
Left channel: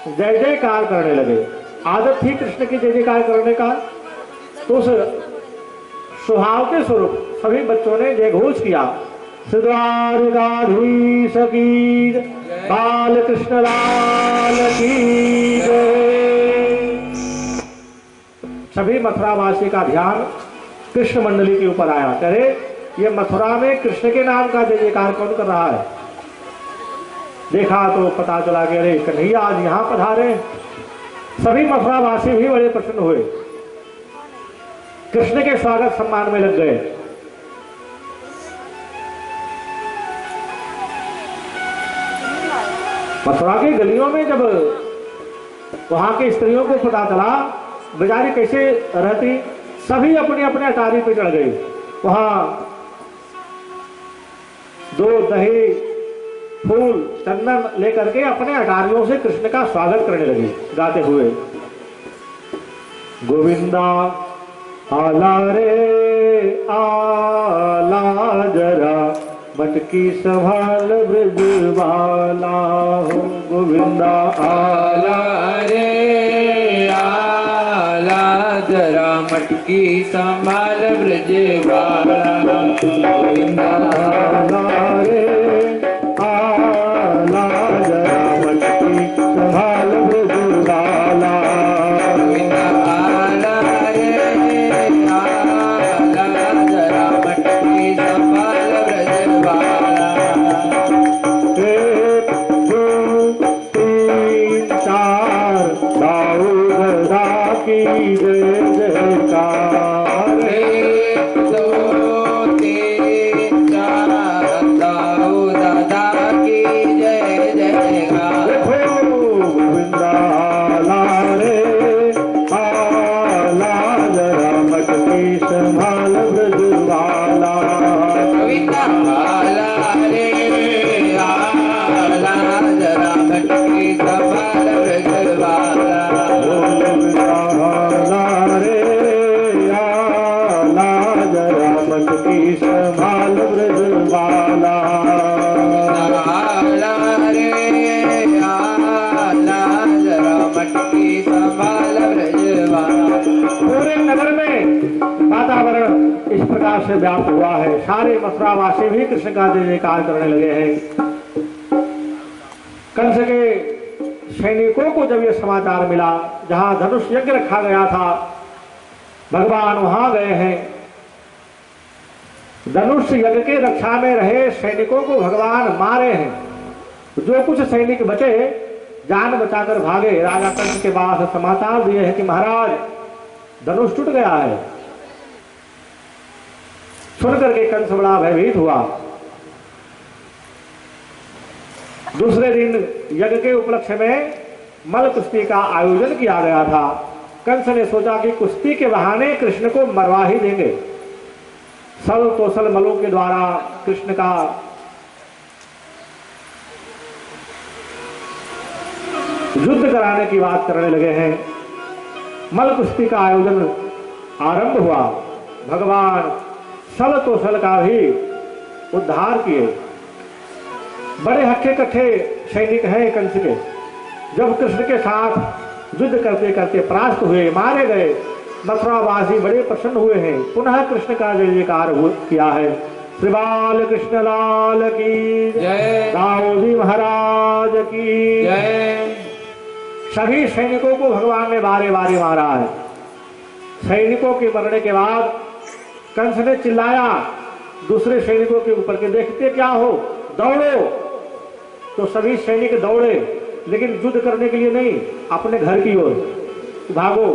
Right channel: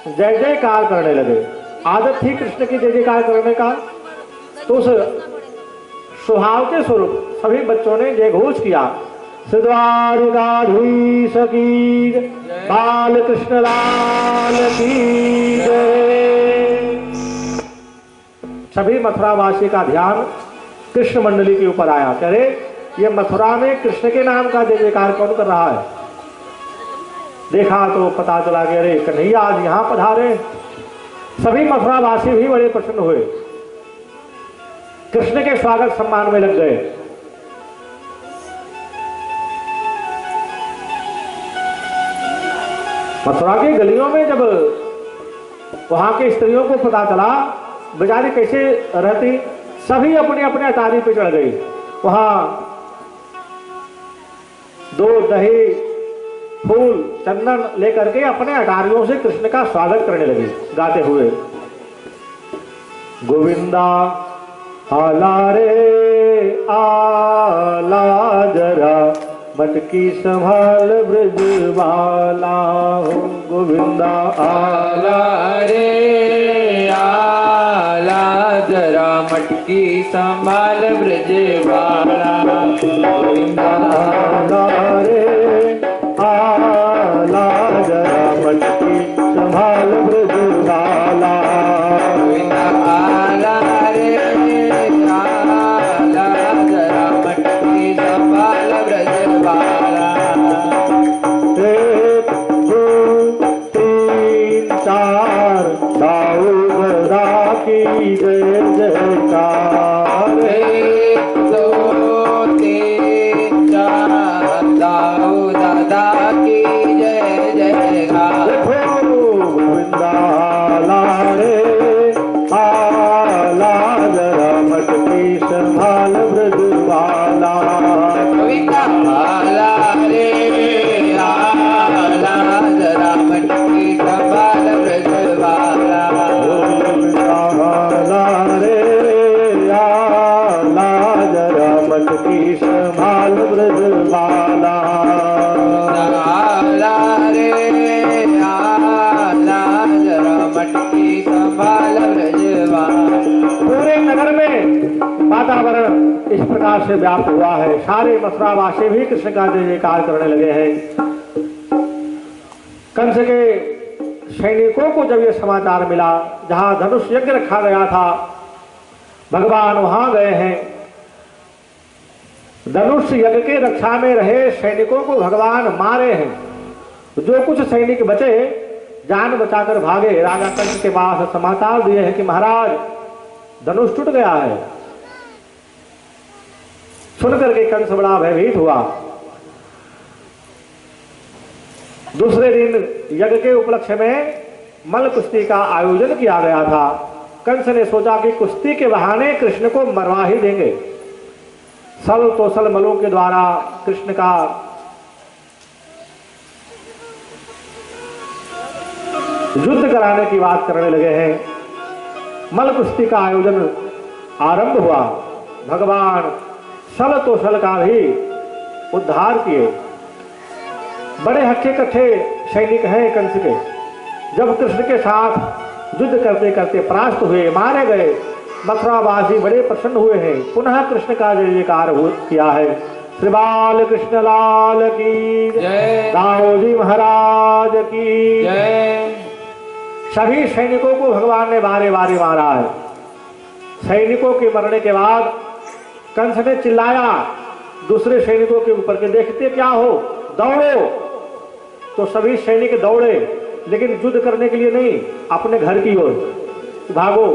जय जयकार करने लगे। आदत थी कृष्ण की जय जयकार करने का। तो उस स्वभाव के स्वरूप सभी बच्चों ने जयघोष किया, श्रीद्वारकाधीश की जय, बाल कृष्ण लाल की जय। सभी मथुरावासी का ध्यान कृष्ण मंडली के ऊपर आया। कह रहे ये मथुरा में कृष्ण के नाम का जय जयकार कौन कर रहा है? देखा तो पता चला कि अरे कन्हैया आज यहां पधारे। सभी मथुरावासी भी बड़े प्रसन्न हुए, कृष्ण के स्वागत सम्मान में लग गए। मथुरा की गलियों में जब वहां के स्त्रियों को पता चला बेचारी कैसे रहती, सभी अपने अपने अटारी पे चढ़ गई। वहां दूध दही फूल चंदन लेकर के अपने अटारियों से कृष्ण का स्वागत करने लगे, गाते हुए गोविंदा आला रे आला जरा मटकी संभाल ब्रजवाला हो। गोविंदा आला रे आला जरा मटकी संभाल ब्रजवाला। गोविंदा आला रे आला जरा मटकी संभाल ब्रजवाला। गोविंदा आला रे आला जरा मटकी संभाल ब्रजवाला। एक दो तीन चार दाऊद दा की जय जयकार। एक दो तीन चार दाऊ दादा की जय जयकार। गोविंदा आला रे आला जरा मटकी संभाल ब्रजवाला। गोविंदा आला रे आला जरा मटकी संभाल ब्रजवाला। गोविंदा आला रे आला जरा मटकी संभाल ब्रजवाला। आला रे आला जरा मटकी संभाल ब्रजवाला। पूरे नगर में वातावरण इस प्रकार से व्याप्त हुआ है। सारे मथुरावासी भी कृष्ण का जय जयकार करने लगे हैं। कंस के सैनिकों को जब यह समाचार मिला, जहां धनुष यज्ञ रखा गया था भगवान वहां गए हैं। धनुष यज्ञ के रक्षा में रहे सैनिकों को भगवान मारे हैं। जो कुछ सैनिक बचे जान बचाकर भागे। राजा कंस के पास समाचार दिए हैं कि महाराज धनुष टूट गया है। सुनकर के कंस बड़ा भयभीत हुआ। दूसरे दिन यज्ञ के उपलक्ष्य में मल कुश्ती का आयोजन किया गया था। कंस ने सोचा कि कुश्ती के बहाने कृष्ण को मरवा ही देंगे। सल तोसल मलों के द्वारा कृष्ण का युद्ध कराने की बात करने लगे हैं। मल कुश्ती का आयोजन आरंभ हुआ। भगवान सल तोसल का भी उद्धार किए। बड़े हट्टे कट्ठे सैनिक हैं कंस के। जब कृष्ण के साथ युद्ध करते करते परास्त हुए, मारे गए, मथुरावासी बड़े प्रसन्न हुए हैं। पुनः कृष्ण का जय जयकार किया है। श्री बाल कृष्ण लाल की जय। दाऊदी महाराज की जय। सभी सैनिकों को भगवान ने बारे बारे मारा है। सैनिकों के मरने के बाद कंस ने चिल्लाया दूसरे सैनिकों के ऊपर के, देखते क्या हो, दौड़ो। तो सभी सैनिक दौड़े, लेकिन युद्ध करने के लिए नहीं, अपने घर की ओर भागो।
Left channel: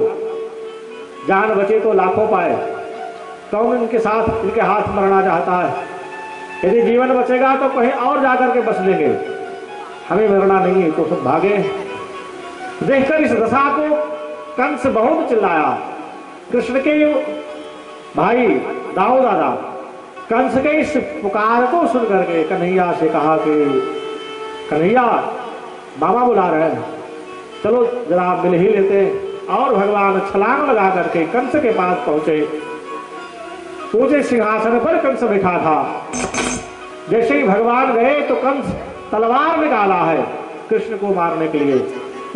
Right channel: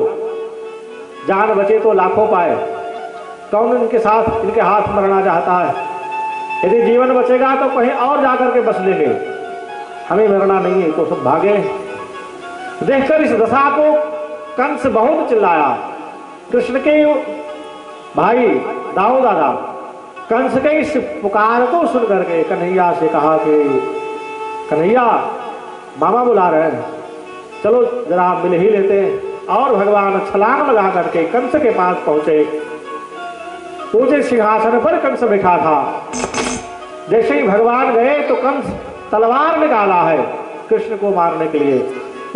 जान बचे तो लाखों पाए। कौन इनके साथ इनके हाथ मरना चाहता है? यदि जीवन बचेगा तो कहीं और जाकर के बस लेंगे, हमें मरना नहीं है। तो सब भागे। देखकर इस दशा को कंस बहुत चिल्लाया। कृष्ण के भाई दाऊ दादा कंस के इस पुकार को सुनकर के कन्हैया से कहा कि कन्हैया मामा बुला रहे हैं, चलो जरा मिल ही लेते। और भगवान छलांग लगा करके कंस के पास पहुंचे। ऊंचे सिंहासन पर कंस बैठा था। जैसे ही भगवान गए तो कंस तलवार निकाला है कृष्ण को मारने के लिए।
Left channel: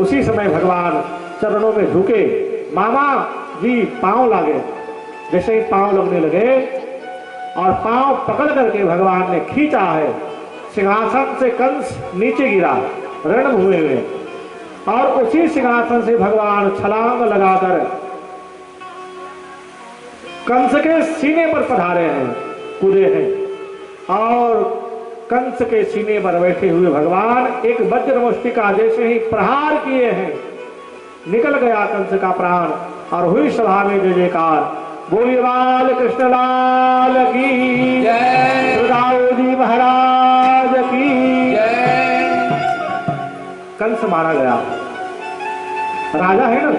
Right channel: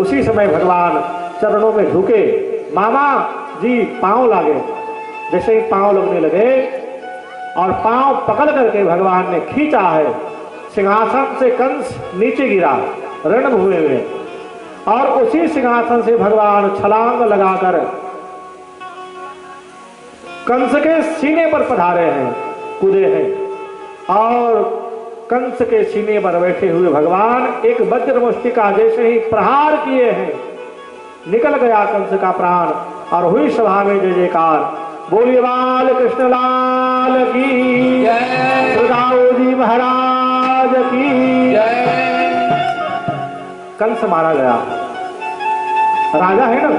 उसी समय भगवान चरणों में झुके, मामा जी पांव लागे। जैसे ही पांव लगने लगे और पांव पकड़ करके भगवान ने खींचा है, सिंहासन से कंस नीचे गिरा रणभूमि में, और उसी सिंहासन से भगवान छलांग लगाकर कंस के सीने पर पधारे हैं, कूदे हैं, और कंस के सीने पर बैठे हुए भगवान एक वज्र मुष्टिका जैसे ही प्रहार किए हैं, निकल गया कंस का प्राण, और हुई सभा में जय जयकार, बोलिए बाल कृष्ण लाल की जय, सुदाऊ जी महाराज की जय। कंस मारा गया। राजा है ना,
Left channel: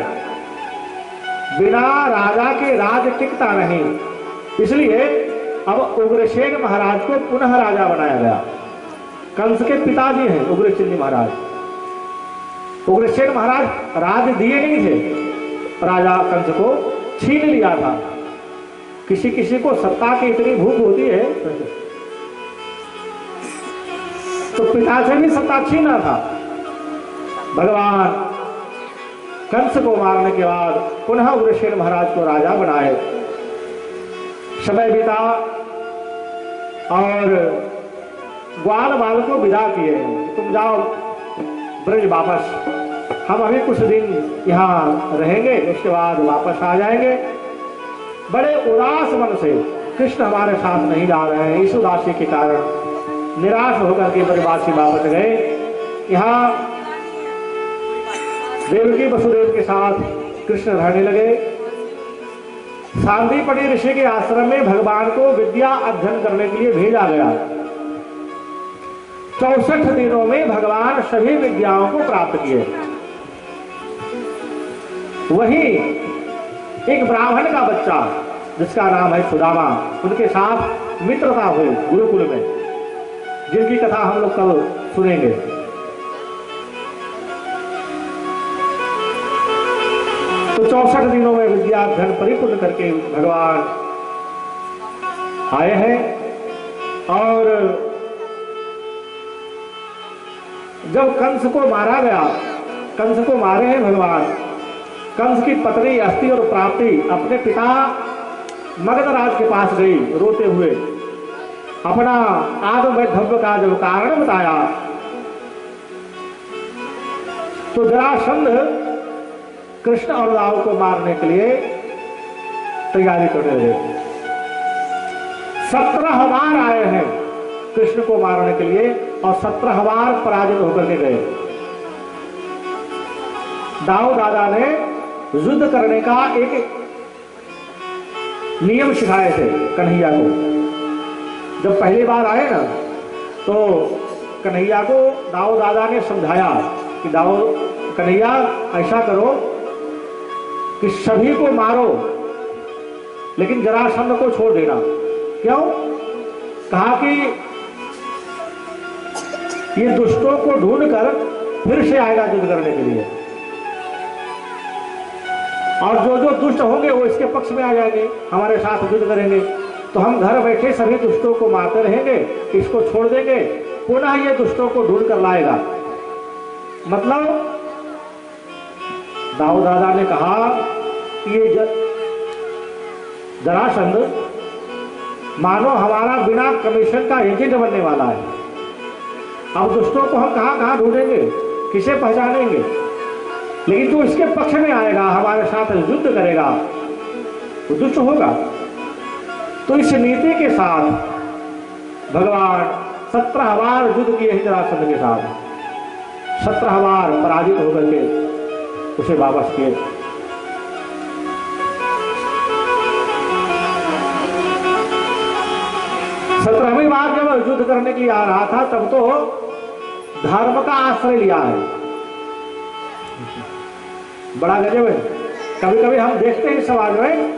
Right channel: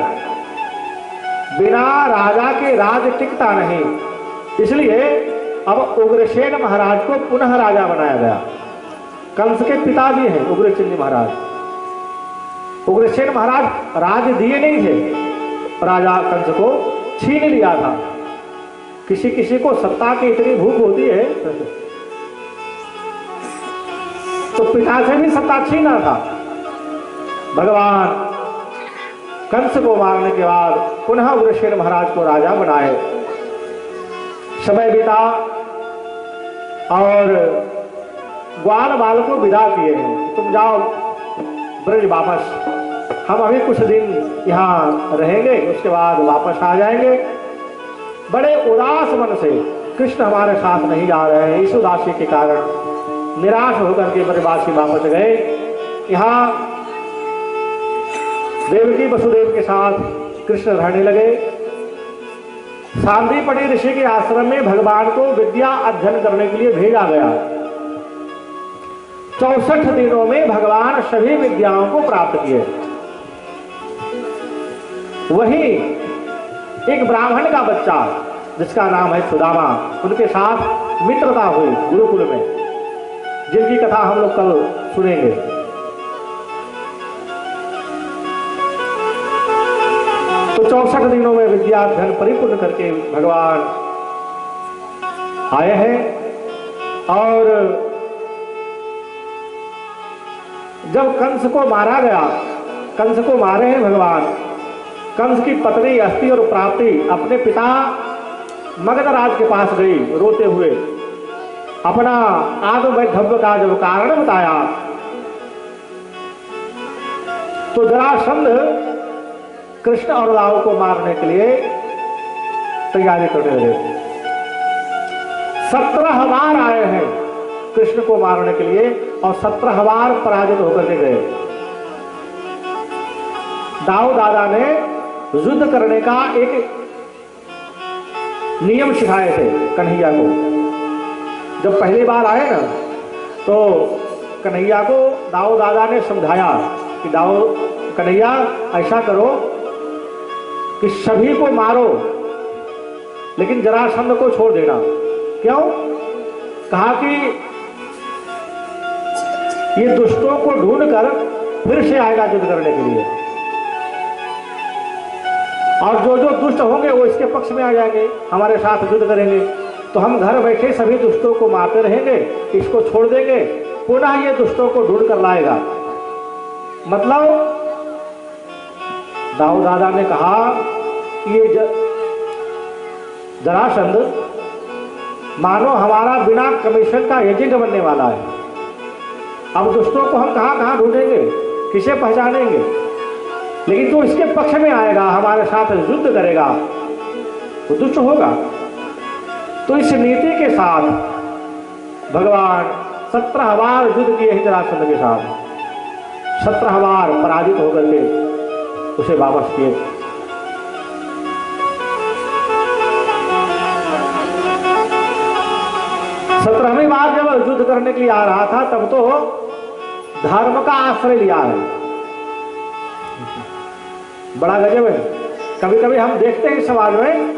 बिना राजा के राज टिकता नहीं, इसलिए अब उग्रसेन महाराज को पुनः राजा बनाया गया। कंस के पिताजी हैं उग्रसेन जी महाराज। उग्रसेन महाराज राज दिए नहीं थे, राजा कंस को छीन लिया था। किसी किसी को सत्ता की इतनी भूख होती है तो पिता से भी सत्ता छीना था। भगवान कंस को मारने के बाद पुनः उग्रसेन महाराज को राजा बनाए। समय बीता और ग्वाल बाल को विदा किए, तुम जाओ ब्रज वापस, हम अभी कुछ दिन यहाँ रहेंगे, उसके बाद वापस आ जाएंगे। बड़े उदास मन से कृष्ण हमारे साथ नहीं जा रहे हैं, इस उदासी के कारण निराश होकर के ब्रजवासी वापस गए। यहाँ देवकी वसुदेव के साथ कृष्ण रहने लगे। सांदीपनि ऋषि के आश्रम में भगवान को विद्या अध्ययन करने के लिए भेजा गया। 64 दिनों में भगवान सभी विद्याओं को प्राप्त किए। वहीं एक ब्राह्मण का बच्चा जिसका नाम है सुदामा, उनके साथ मित्रता हुई गुरुकुल में, जिनकी कथा हम लोग कल सुनेंगे। तो 64 दिनों में विद्या अध्ययन परिपूर्ण करके भगवान आए हैं। और जब कंस को मारा गया, कंस को मारे हैं भगवान, कंस की पत्नी अस्थि और प्राप्ति अपने पिता मगधराज के पास गई रोते हुए, अपना आत्मवैधव्य का जो कारण बताया, तो जरासंध कृष्ण और राव को मारने के लिए तैयारी करने लगे। 17 बार आए हैं कृष्ण को मारने के लिए और 17 बार पराजित होकर के गए। दाऊ दादा ने युद्ध करने का एक नियम सिखाए थे कन्हैया को। जब पहली बार आए ना तो कन्हैया को दाऊ दादा ने समझाया कि दाऊ कन्हैया ऐसा करो कि सभी को मारो लेकिन जरासंध को छोड़ देना। क्यों? कहा कि ये दुष्टों को ढूंढकर फिर से आएगा युद्ध करने के लिए, और जो जो दुष्ट होंगे वो इसके पक्ष में आ जाएंगे, हमारे साथ युद्ध करेंगे। तो हम घर बैठे सभी दुष्टों को मारते रहेंगे, इसको छोड़ देंगे, पुनः ये दुष्टों को ढूंढ कर लाएगा। मतलब दाऊ दादा ने कहा ये जरासंध मानो हमारा बिना कमीशन का एजेंट बनने वाला है। अब दुष्टों को हम कहां कहां ढूंढेंगे, किसे पहचानेंगे, लेकिन तो इसके पक्ष में आएगा, हमारे साथ युद्ध करेगा, तो दुष्ट होगा। तो इस नीति के साथ भगवान 17 बार युद्ध किए हैं जरासंध के साथ, 17 बार पराजित होकर के उसे वापस किए। सत्रहवीं बार जब युद्ध करने के लिए आ रहा था तब तो धर्म का आश्रय लिया है। बड़ा गजब है। कभी कभी हम देखते हैं समाज में,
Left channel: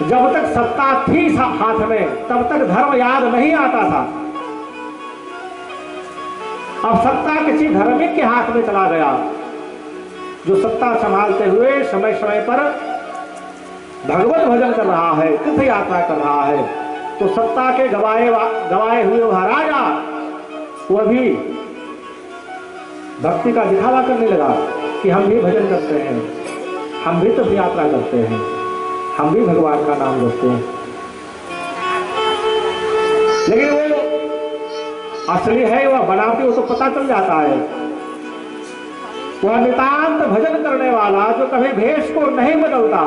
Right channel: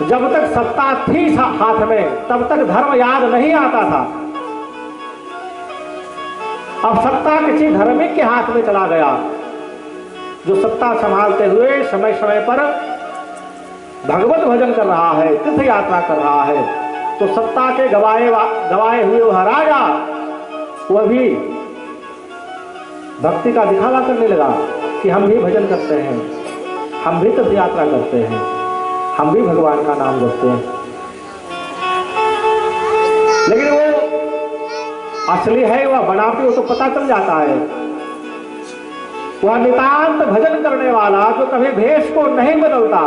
जब तक सत्ता थी हाथ में तब तक धर्म याद नहीं आता था। अब सत्ता किसी धार्मिक के हाथ में चला गया, जो सत्ता संभालते हुए समय समय पर भगवत भजन कर रहा है, तीर्थ यात्रा कर रहा है, तो सत्ता के गवाए हुए वह राजा वह भी भक्ति का दिखावा करने लगा कि हम भी भजन करते हैं, हम भी तीर्थ यात्रा करते हैं, हम भी भगवान का नाम जपते हैं, लेकिन वो असली है वह बनावटी, वो तो पता चल जाता है। वह नितांत भजन करने वाला जो कभी भेष को नहीं बदलता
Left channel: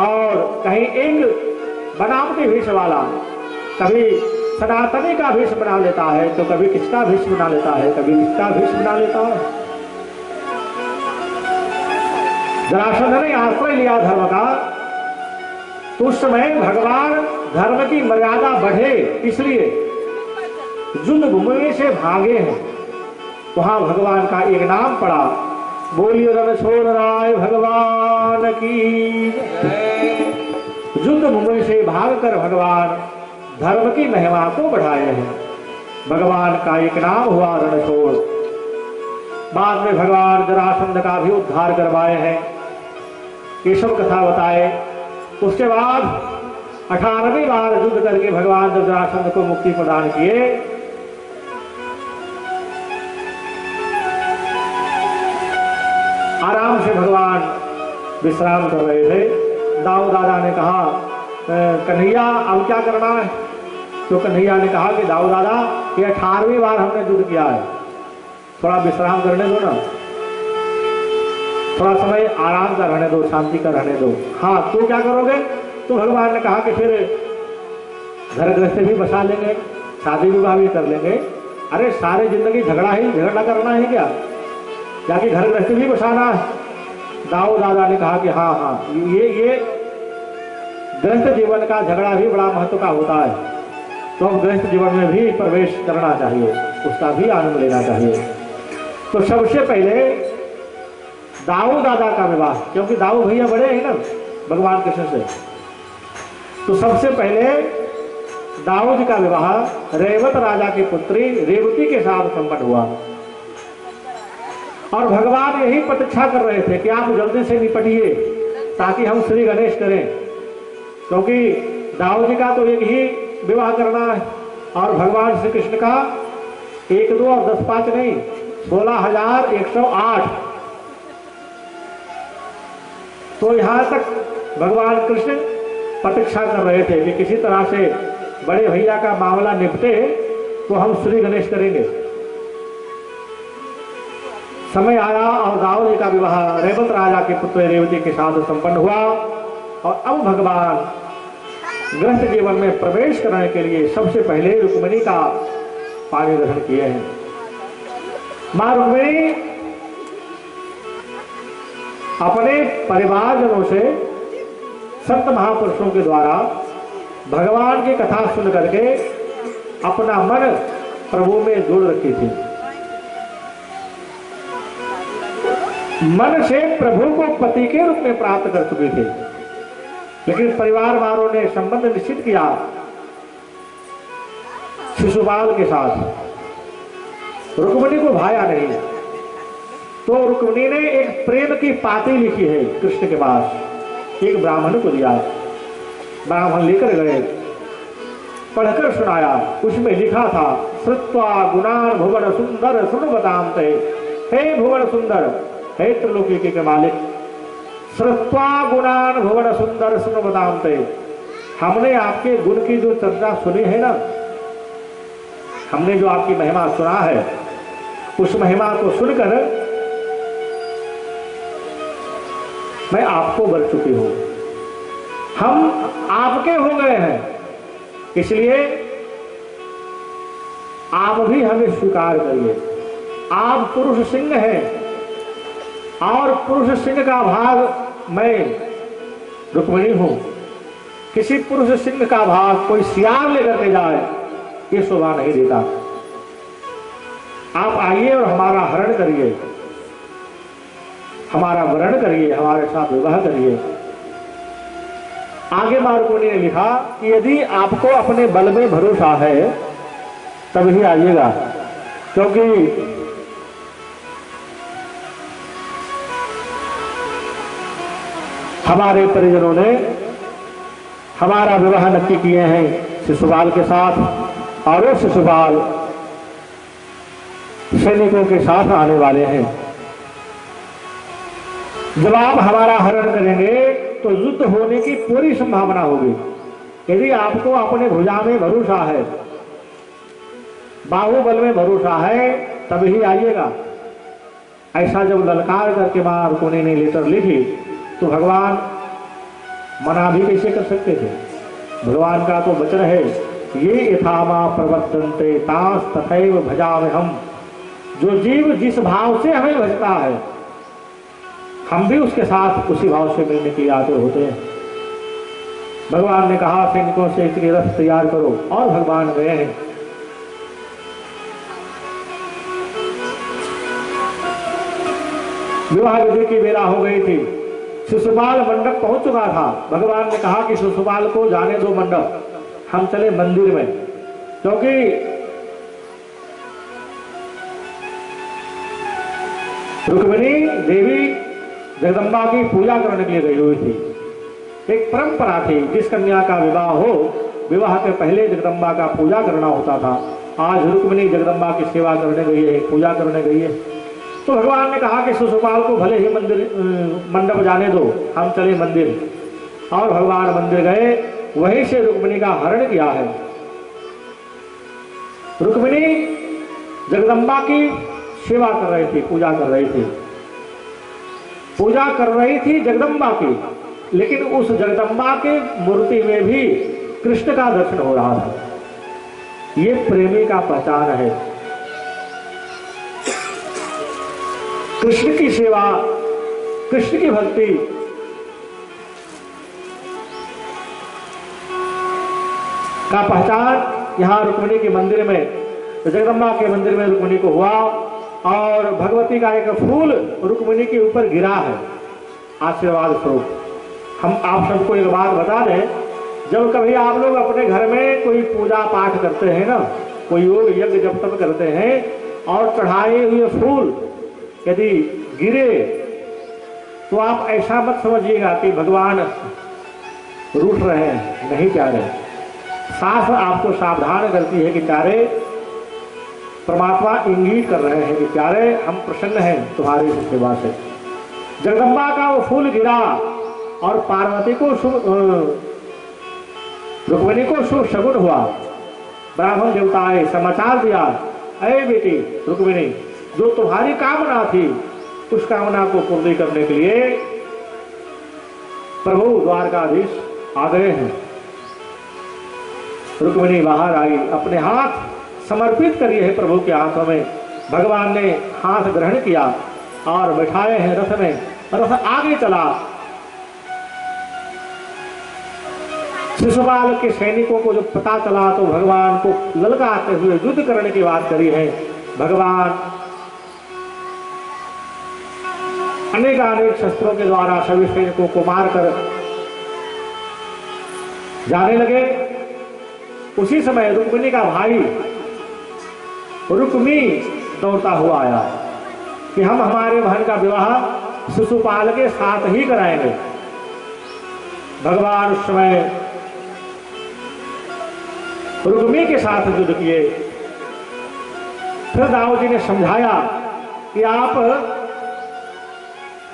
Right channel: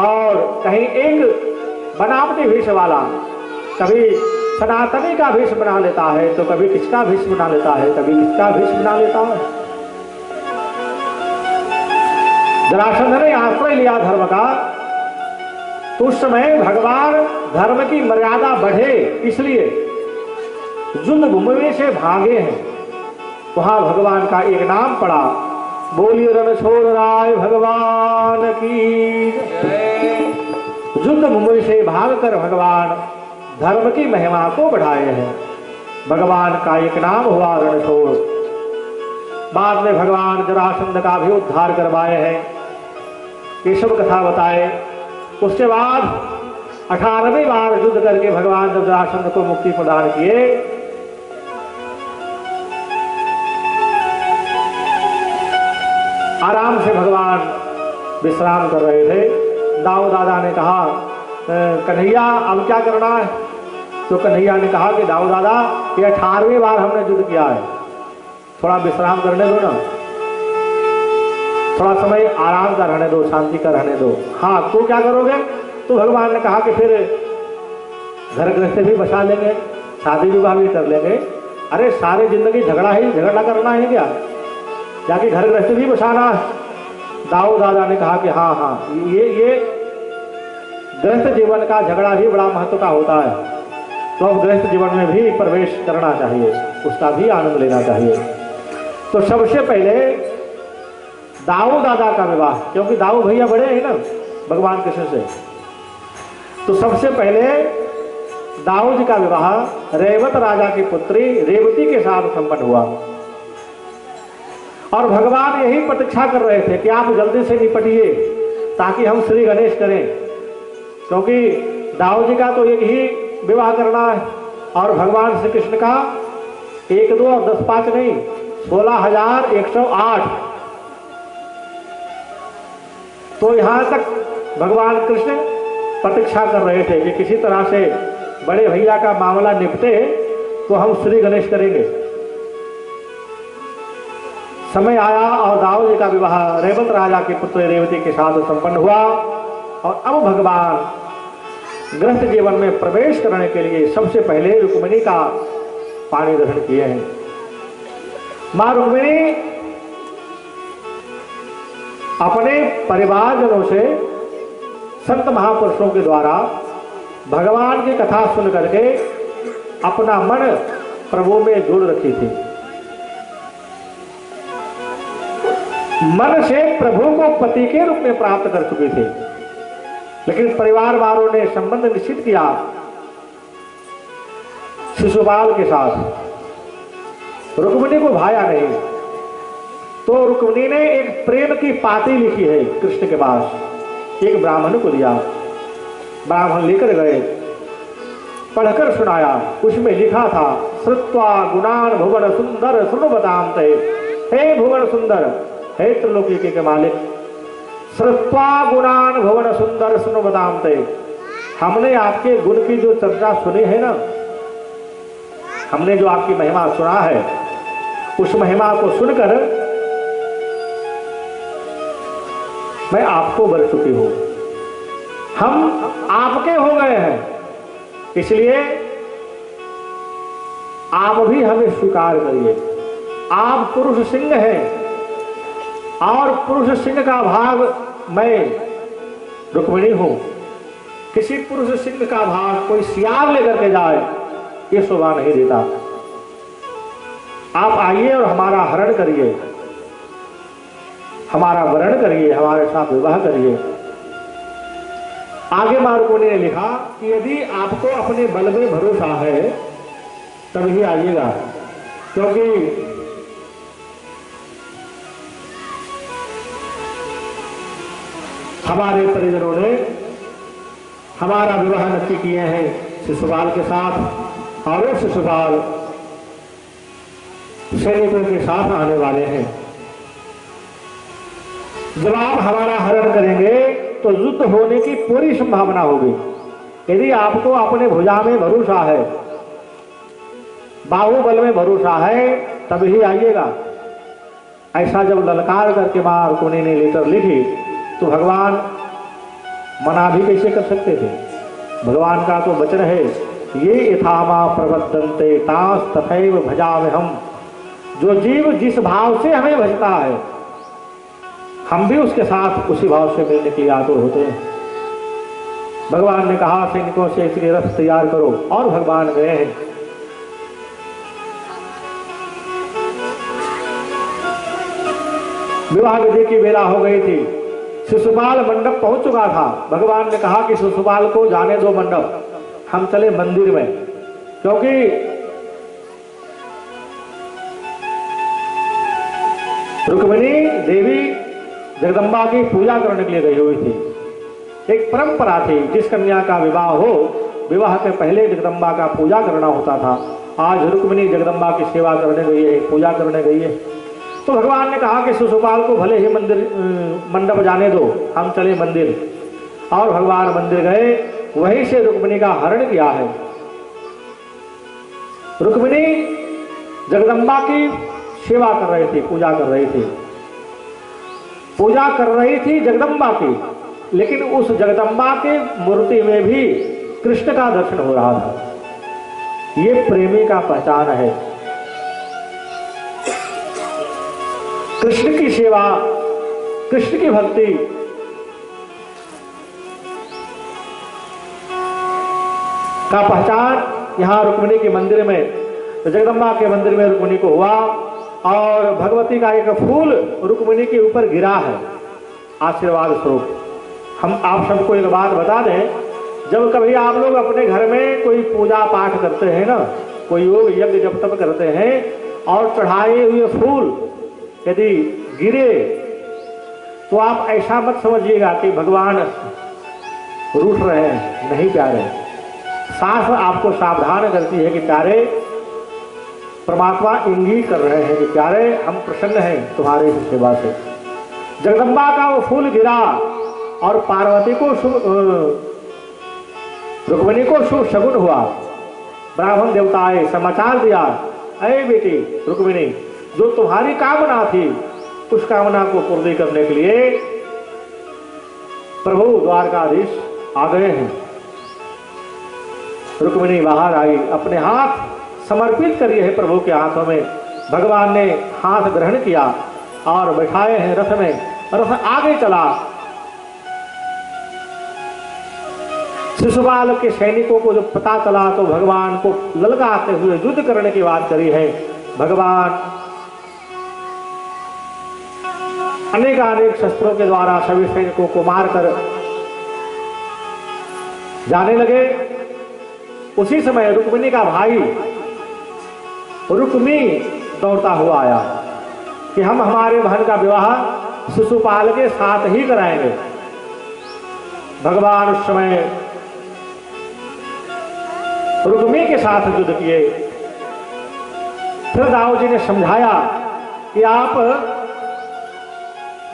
और कहीं एक बनावटी भेष वाला कभी सनातनी का भेष बना लेता है तो कभी किसका भेष बना लेता है, कभी किसका भेष बना लेता है। जरासंध ने आश्रय लिया धर्म का, उस समय भगवान धर्म की मर्यादा बढ़े इसलिए युद्ध भूमि से भागे हैं। वहां भगवान का एक नाम पड़ा, बोलिए रणछोड़ राय भगवान की। युद्ध भूमि से भागकर भगवान धर्म की महिमा को बढ़ाए हैं। भगवान का एक नाम हुआ रणछोड़। बाद में भगवान जरासंध का भी उद्धार करवाए हैं, ये सब कथा बताए। उसके बाद 18वीं बार युद्ध करके भगवान जब जरासंध को मुक्ति प्रदान किए, आराम से भगवान विश्राम कर रहे थे। दाऊ दादा ने कहा कन्हैया अब क्या करना है? तो कन्हैया ने कहा कि दाऊ दादा ये 18वीं बार हमने युद्ध किया है, थोड़ा विश्राम करने दो ना, थोड़ा समय आराम का रहने दो, शांति का रहने दो। हाँ तो क्या करोगे? तो भगवान ने कहा कि फिर घर गृहस्थ भी बसा लेंगे, शादी विवाह भी कर लेंगे। अरे सारी जिंदगी झगड़ा करना है क्या? जाके घर गृहस्थ भी बसाना है? दाऊ दादा ने कहा कि हाँ हाँ ये गृहस्थ जीवन का झगड़ा भी बड़ा महत्व का होता है, तो अब गृहस्थ जीवन में भी प्रवेश करना चाहिए, उसका भी आनंद लेना चाहिए। तो सबसे पहले दाऊ दादा का विवाह, क्योंकि दाऊ भैया बड़े हैं ना भगवान कृष्ण से, तो सबसे पहले दाऊ जी का विवाह रेवत राजा की पुत्री रेवती के साथ संपन्न हुआ। और भगवान यही प्रतीक्षा कर रहे थे कि आप जल्दी से निपटिए ताकि हम श्री गणेश करें, क्योंकि दाऊ जी का तो एक ही विवाह करना है और भगवान श्री कृष्ण का 1, 2 और 10, 5 नहीं 16,108। तो यहां तक भगवान कृष्ण प्रतीक्षा कर रहे थे कि किसी तरह से बड़े भैया का मामला निपटे तो हम श्री गणेश करेंगे। समय आया और दाऊ जी का विवाह रेवत राजा के पुत्र रेवती के साथ संपन्न हुआ। और अब भगवान गृहस्थ जीवन में प्रवेश करने के लिए सबसे पहले रुक्मिणी का पानी ग्रहण किए हैं। मां रुक्मिणी अपने परिवारजनों से संत महापुरुषों के द्वारा भगवान की कथा सुन करके अपना मन प्रभु में जोड़ रखी थी। मन से प्रभु को पति के रूप में प्राप्त कर चुके थे, लेकिन परिवार वालों ने संबंध निश्चित किया शिशुपाल के साथ। रुक्मिणी को भाया नहीं, तो रुक्मिणी ने एक प्रेम की पाती लिखी है कृष्ण के पास, एक ब्राह्मण को दिया। ब्राह्मण लेकर गए, पढ़कर सुनाया। उसमें लिखा था श्रुत्वा गुणान भुवन सुंदर सुनबताम ते। हे भुवन सुंदर, हे त्रिलोकी के मालिक, श्रुत्वा गुणान भुवन सुंदर सुनबताम ते। हमने आपके गुण की जो चर्चा सुनी है ना, हमने जो आपकी महिमा सुना है, उस महिमा को सुनकर मैं आपको बर चुकी हूं, हम आपके हो गए हैं, इसलिए आप भी हमें स्वीकार करिए। आप पुरुष सिंह हैं और पुरुष सिंह का भाग मैं रुक्मिणी हूं। किसी पुरुष सिंह का भाग कोई सियार लेकर के जाए, ये शोभा नहीं देता। आप आइए और हमारा हरण करिए, हमारा वरण करिए, हमारे साथ विवाह करिए। आगे मां रुक्मिणी ने लिखा कि यदि आपको अपने बल में भरोसा है तभी आइएगा, क्योंकि हमारे परिजनों ने हमारा विवाह नक्की किए हैं शिशुपाल के साथ, और वो शिशुपाल सैनिकों के साथ आने वाले हैं। जब आप हमारा हरण करेंगे तो युद्ध होने की पूरी संभावना होगी। यदि आपको अपने भुजा में भरोसा है, बाहुबल में भरोसा है, तभी आइएगा। ऐसा जब ललकार करके मां रुक्मिणी ने लेटर लिखी तो भगवान मना भी कैसे कर सकते थे। भगवान का तो वचन है, ये यथामा प्रवर्तन्ते तास तथैव भजामि हम। जो जीव जिस भाव से हमें भजता है, हम भी उसके साथ उसी भाव से मिलने के लिए आतुर होते हैं। भगवान ने कहा सैनिकों से इसके रथ तैयार करो, और भगवान गए हैं। विवाह विधि की बेला हो गई थी, शिशुपाल मंडप पहुंच चुका था। भगवान ने कहा कि शिशुपाल को जाने दो मंडप, हम चले मंदिर में, क्योंकि रुक्मिणी देवी जगदम्बा की पूजा करने के लिए गई हुई थी। एक परंपरा थी, जिस कन्या का विवाह हो, विवाह के पहले जगदम्बा का पूजा करना होता था। आज रुक्मिणी जगदम्बा की सेवा करने गई है, पूजा करने गई है। तो भगवान ने कहा कि शिशुपाल को भले ही मंदिर मंडप जाने दो, हम चले मंदिर। और भगवान मंदिर गए, वहीं से रुक्मिणी का हरण किया है। रुक्मिणी जगदम्बा की सेवा कर रही थी, पूजा कर रही थी, पूजा कर रही थी जगदम्बा की, लेकिन उस जगदम्बा की मूर्ति में भी कृष्ण का दर्शन हो रहा था। ये प्रेमी का पहचान है। कृष्ण की सेवा, कृष्ण की भक्ति, का पहचान यहाँ रुक्मिणी के मंदिर में, जगदम्बा के मंदिर में रुक्मिणी को हुआ। और भगवती का एक फूल रुक्मिणी के ऊपर गिरा है आशीर्वाद स्वरूप। हम आप सबको एक बात बता दें, जब कभी आप लोग अपने घर में कोई पूजा पाठ करते हैं ना, कोई योग यज्ञ जब तब करते हैं, और चढ़ाए हुए फूल यदि गिरे, तो आप ऐसा मत समझिएगा कि भगवान रूठ रहे हैं, नहीं प्यारे। शास्त्र आपको सावधान करती है कि प्यारे, परमात्मा इंगित कर रहे हैं कि प्यारे, हम प्रसन्न हैं तुम्हारी सेवा से। जगदम्बा का वो फूल गिरा और पार्वती को रुक्मिणी को शुभ शगुन हुआ। ब्राह्मण देवताएं समाचार दिया, अरे बेटी रुक्मिणी, जो तुम्हारी कामना थी, उस कामना को पूर्ण करने के लिए प्रभु द्वारकाधीश आ गए हैं। रुक्मिणी बाहर आई, अपने हाथ समर्पित करिए है प्रभु के हाथों में। भगवान ने हाथ ग्रहण किया और बैठाए हैं रथ में, रथ आगे चला। शिशुपाल के सैनिकों को जब पता चला तो भगवान को ललकारते हुए युद्ध करने की बात करी है। भगवान अनेक शस्त्रों के द्वारा सभी सैनिकों को मारकर जाने लगे। उसी समय रुक्मिणी का भाई रुक्मी दौड़ता हुआ आया कि हम हमारे बहन का विवाह शिशुपाल के साथ ही कराएंगे। भगवान उस समय रुक्मी के साथ युद्ध किए। फिर राव जी ने समझाया कि आप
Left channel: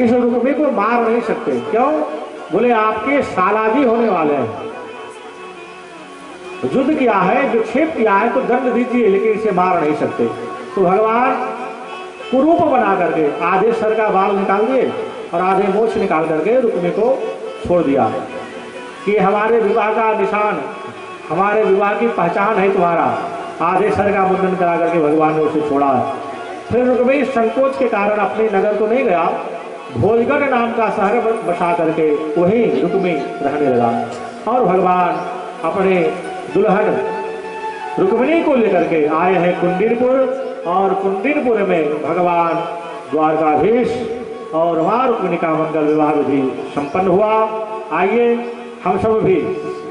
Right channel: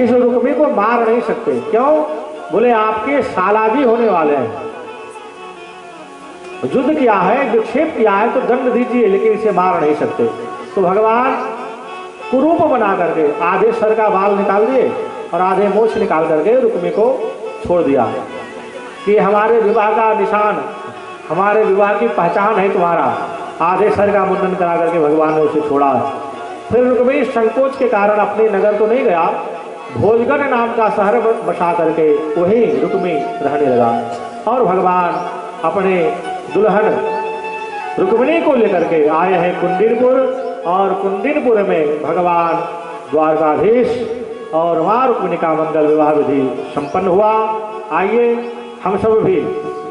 इस रुक्मी को मार नहीं सकते। क्यों? बोले आपके सालाजी होने वाले हैं, युद्ध किया है, विक्षेप किया है, तो दंड दीजिए, लेकिन इसे मार नहीं सकते। तो भगवान कुरूप बना करके आधे सर का बाल निकाल दिए और आधे मोछ निकाल करके रुक्मी को छोड़ दिया कि हमारे विवाह का निशान, हमारे विवाह की पहचान है तुम्हारा। आधे सर का मुंडन करा करके भगवान ने उसे छोड़ा। फिर रुक्मी संकोच के कारण अपने नगर तो नहीं गया, भोजगढ़ नाम का शहर बसा करके वहीं रुक्मी रहने लगा। और भगवान अपने दुल्हन रुक्मिणी को लेकर के आए हैं कुंदिनपुर, और कुंदिनपुर में भगवान द्वारकाधीश और वहाँ रुक्मिणी का मंगल विवाह विधि संपन्न हुआ। आइए हम सब भी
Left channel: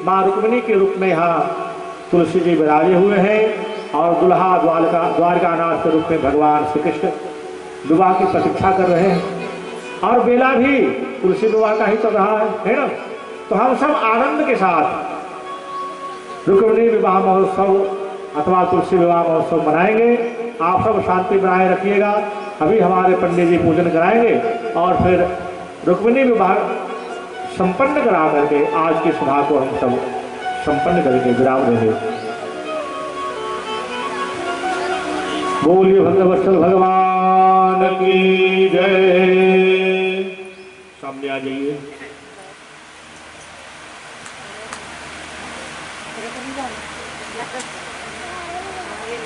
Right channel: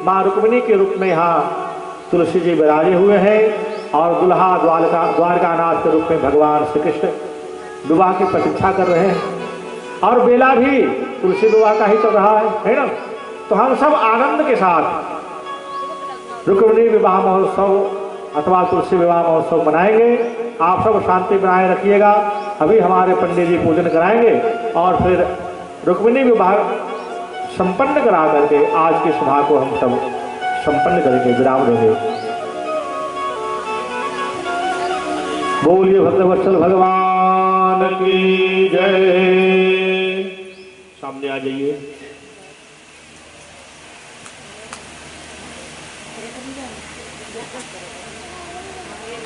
माँ रुक्मिणी के रूप में यहाँ तुलसी जी विराजे हुए हैं और दुल्हा द्वारकानाथ के रूप में भगवान श्री कृष्ण विवाह की प्रतीक्षा कर रहे हैं। और बेला भी तुलसी विवाह का ही चल रहा है ना। तो हम सब आनंद के साथ रुक्मिणी विवाह महोत्सव अथवा तुलसी विवाह महोत्सव मनाएंगे। आप सब शांति बनाए रखिएगा। अभी हमारे पंडित जी पूजन कराएंगे और फिर रुक्मिणी विवाह संपन्न करा करके आज की सभा को हम सब संपन्न करके विराम देंगे। बोलिए भक्तवत्सल भगवान की जय। सामने आ जाइए। ये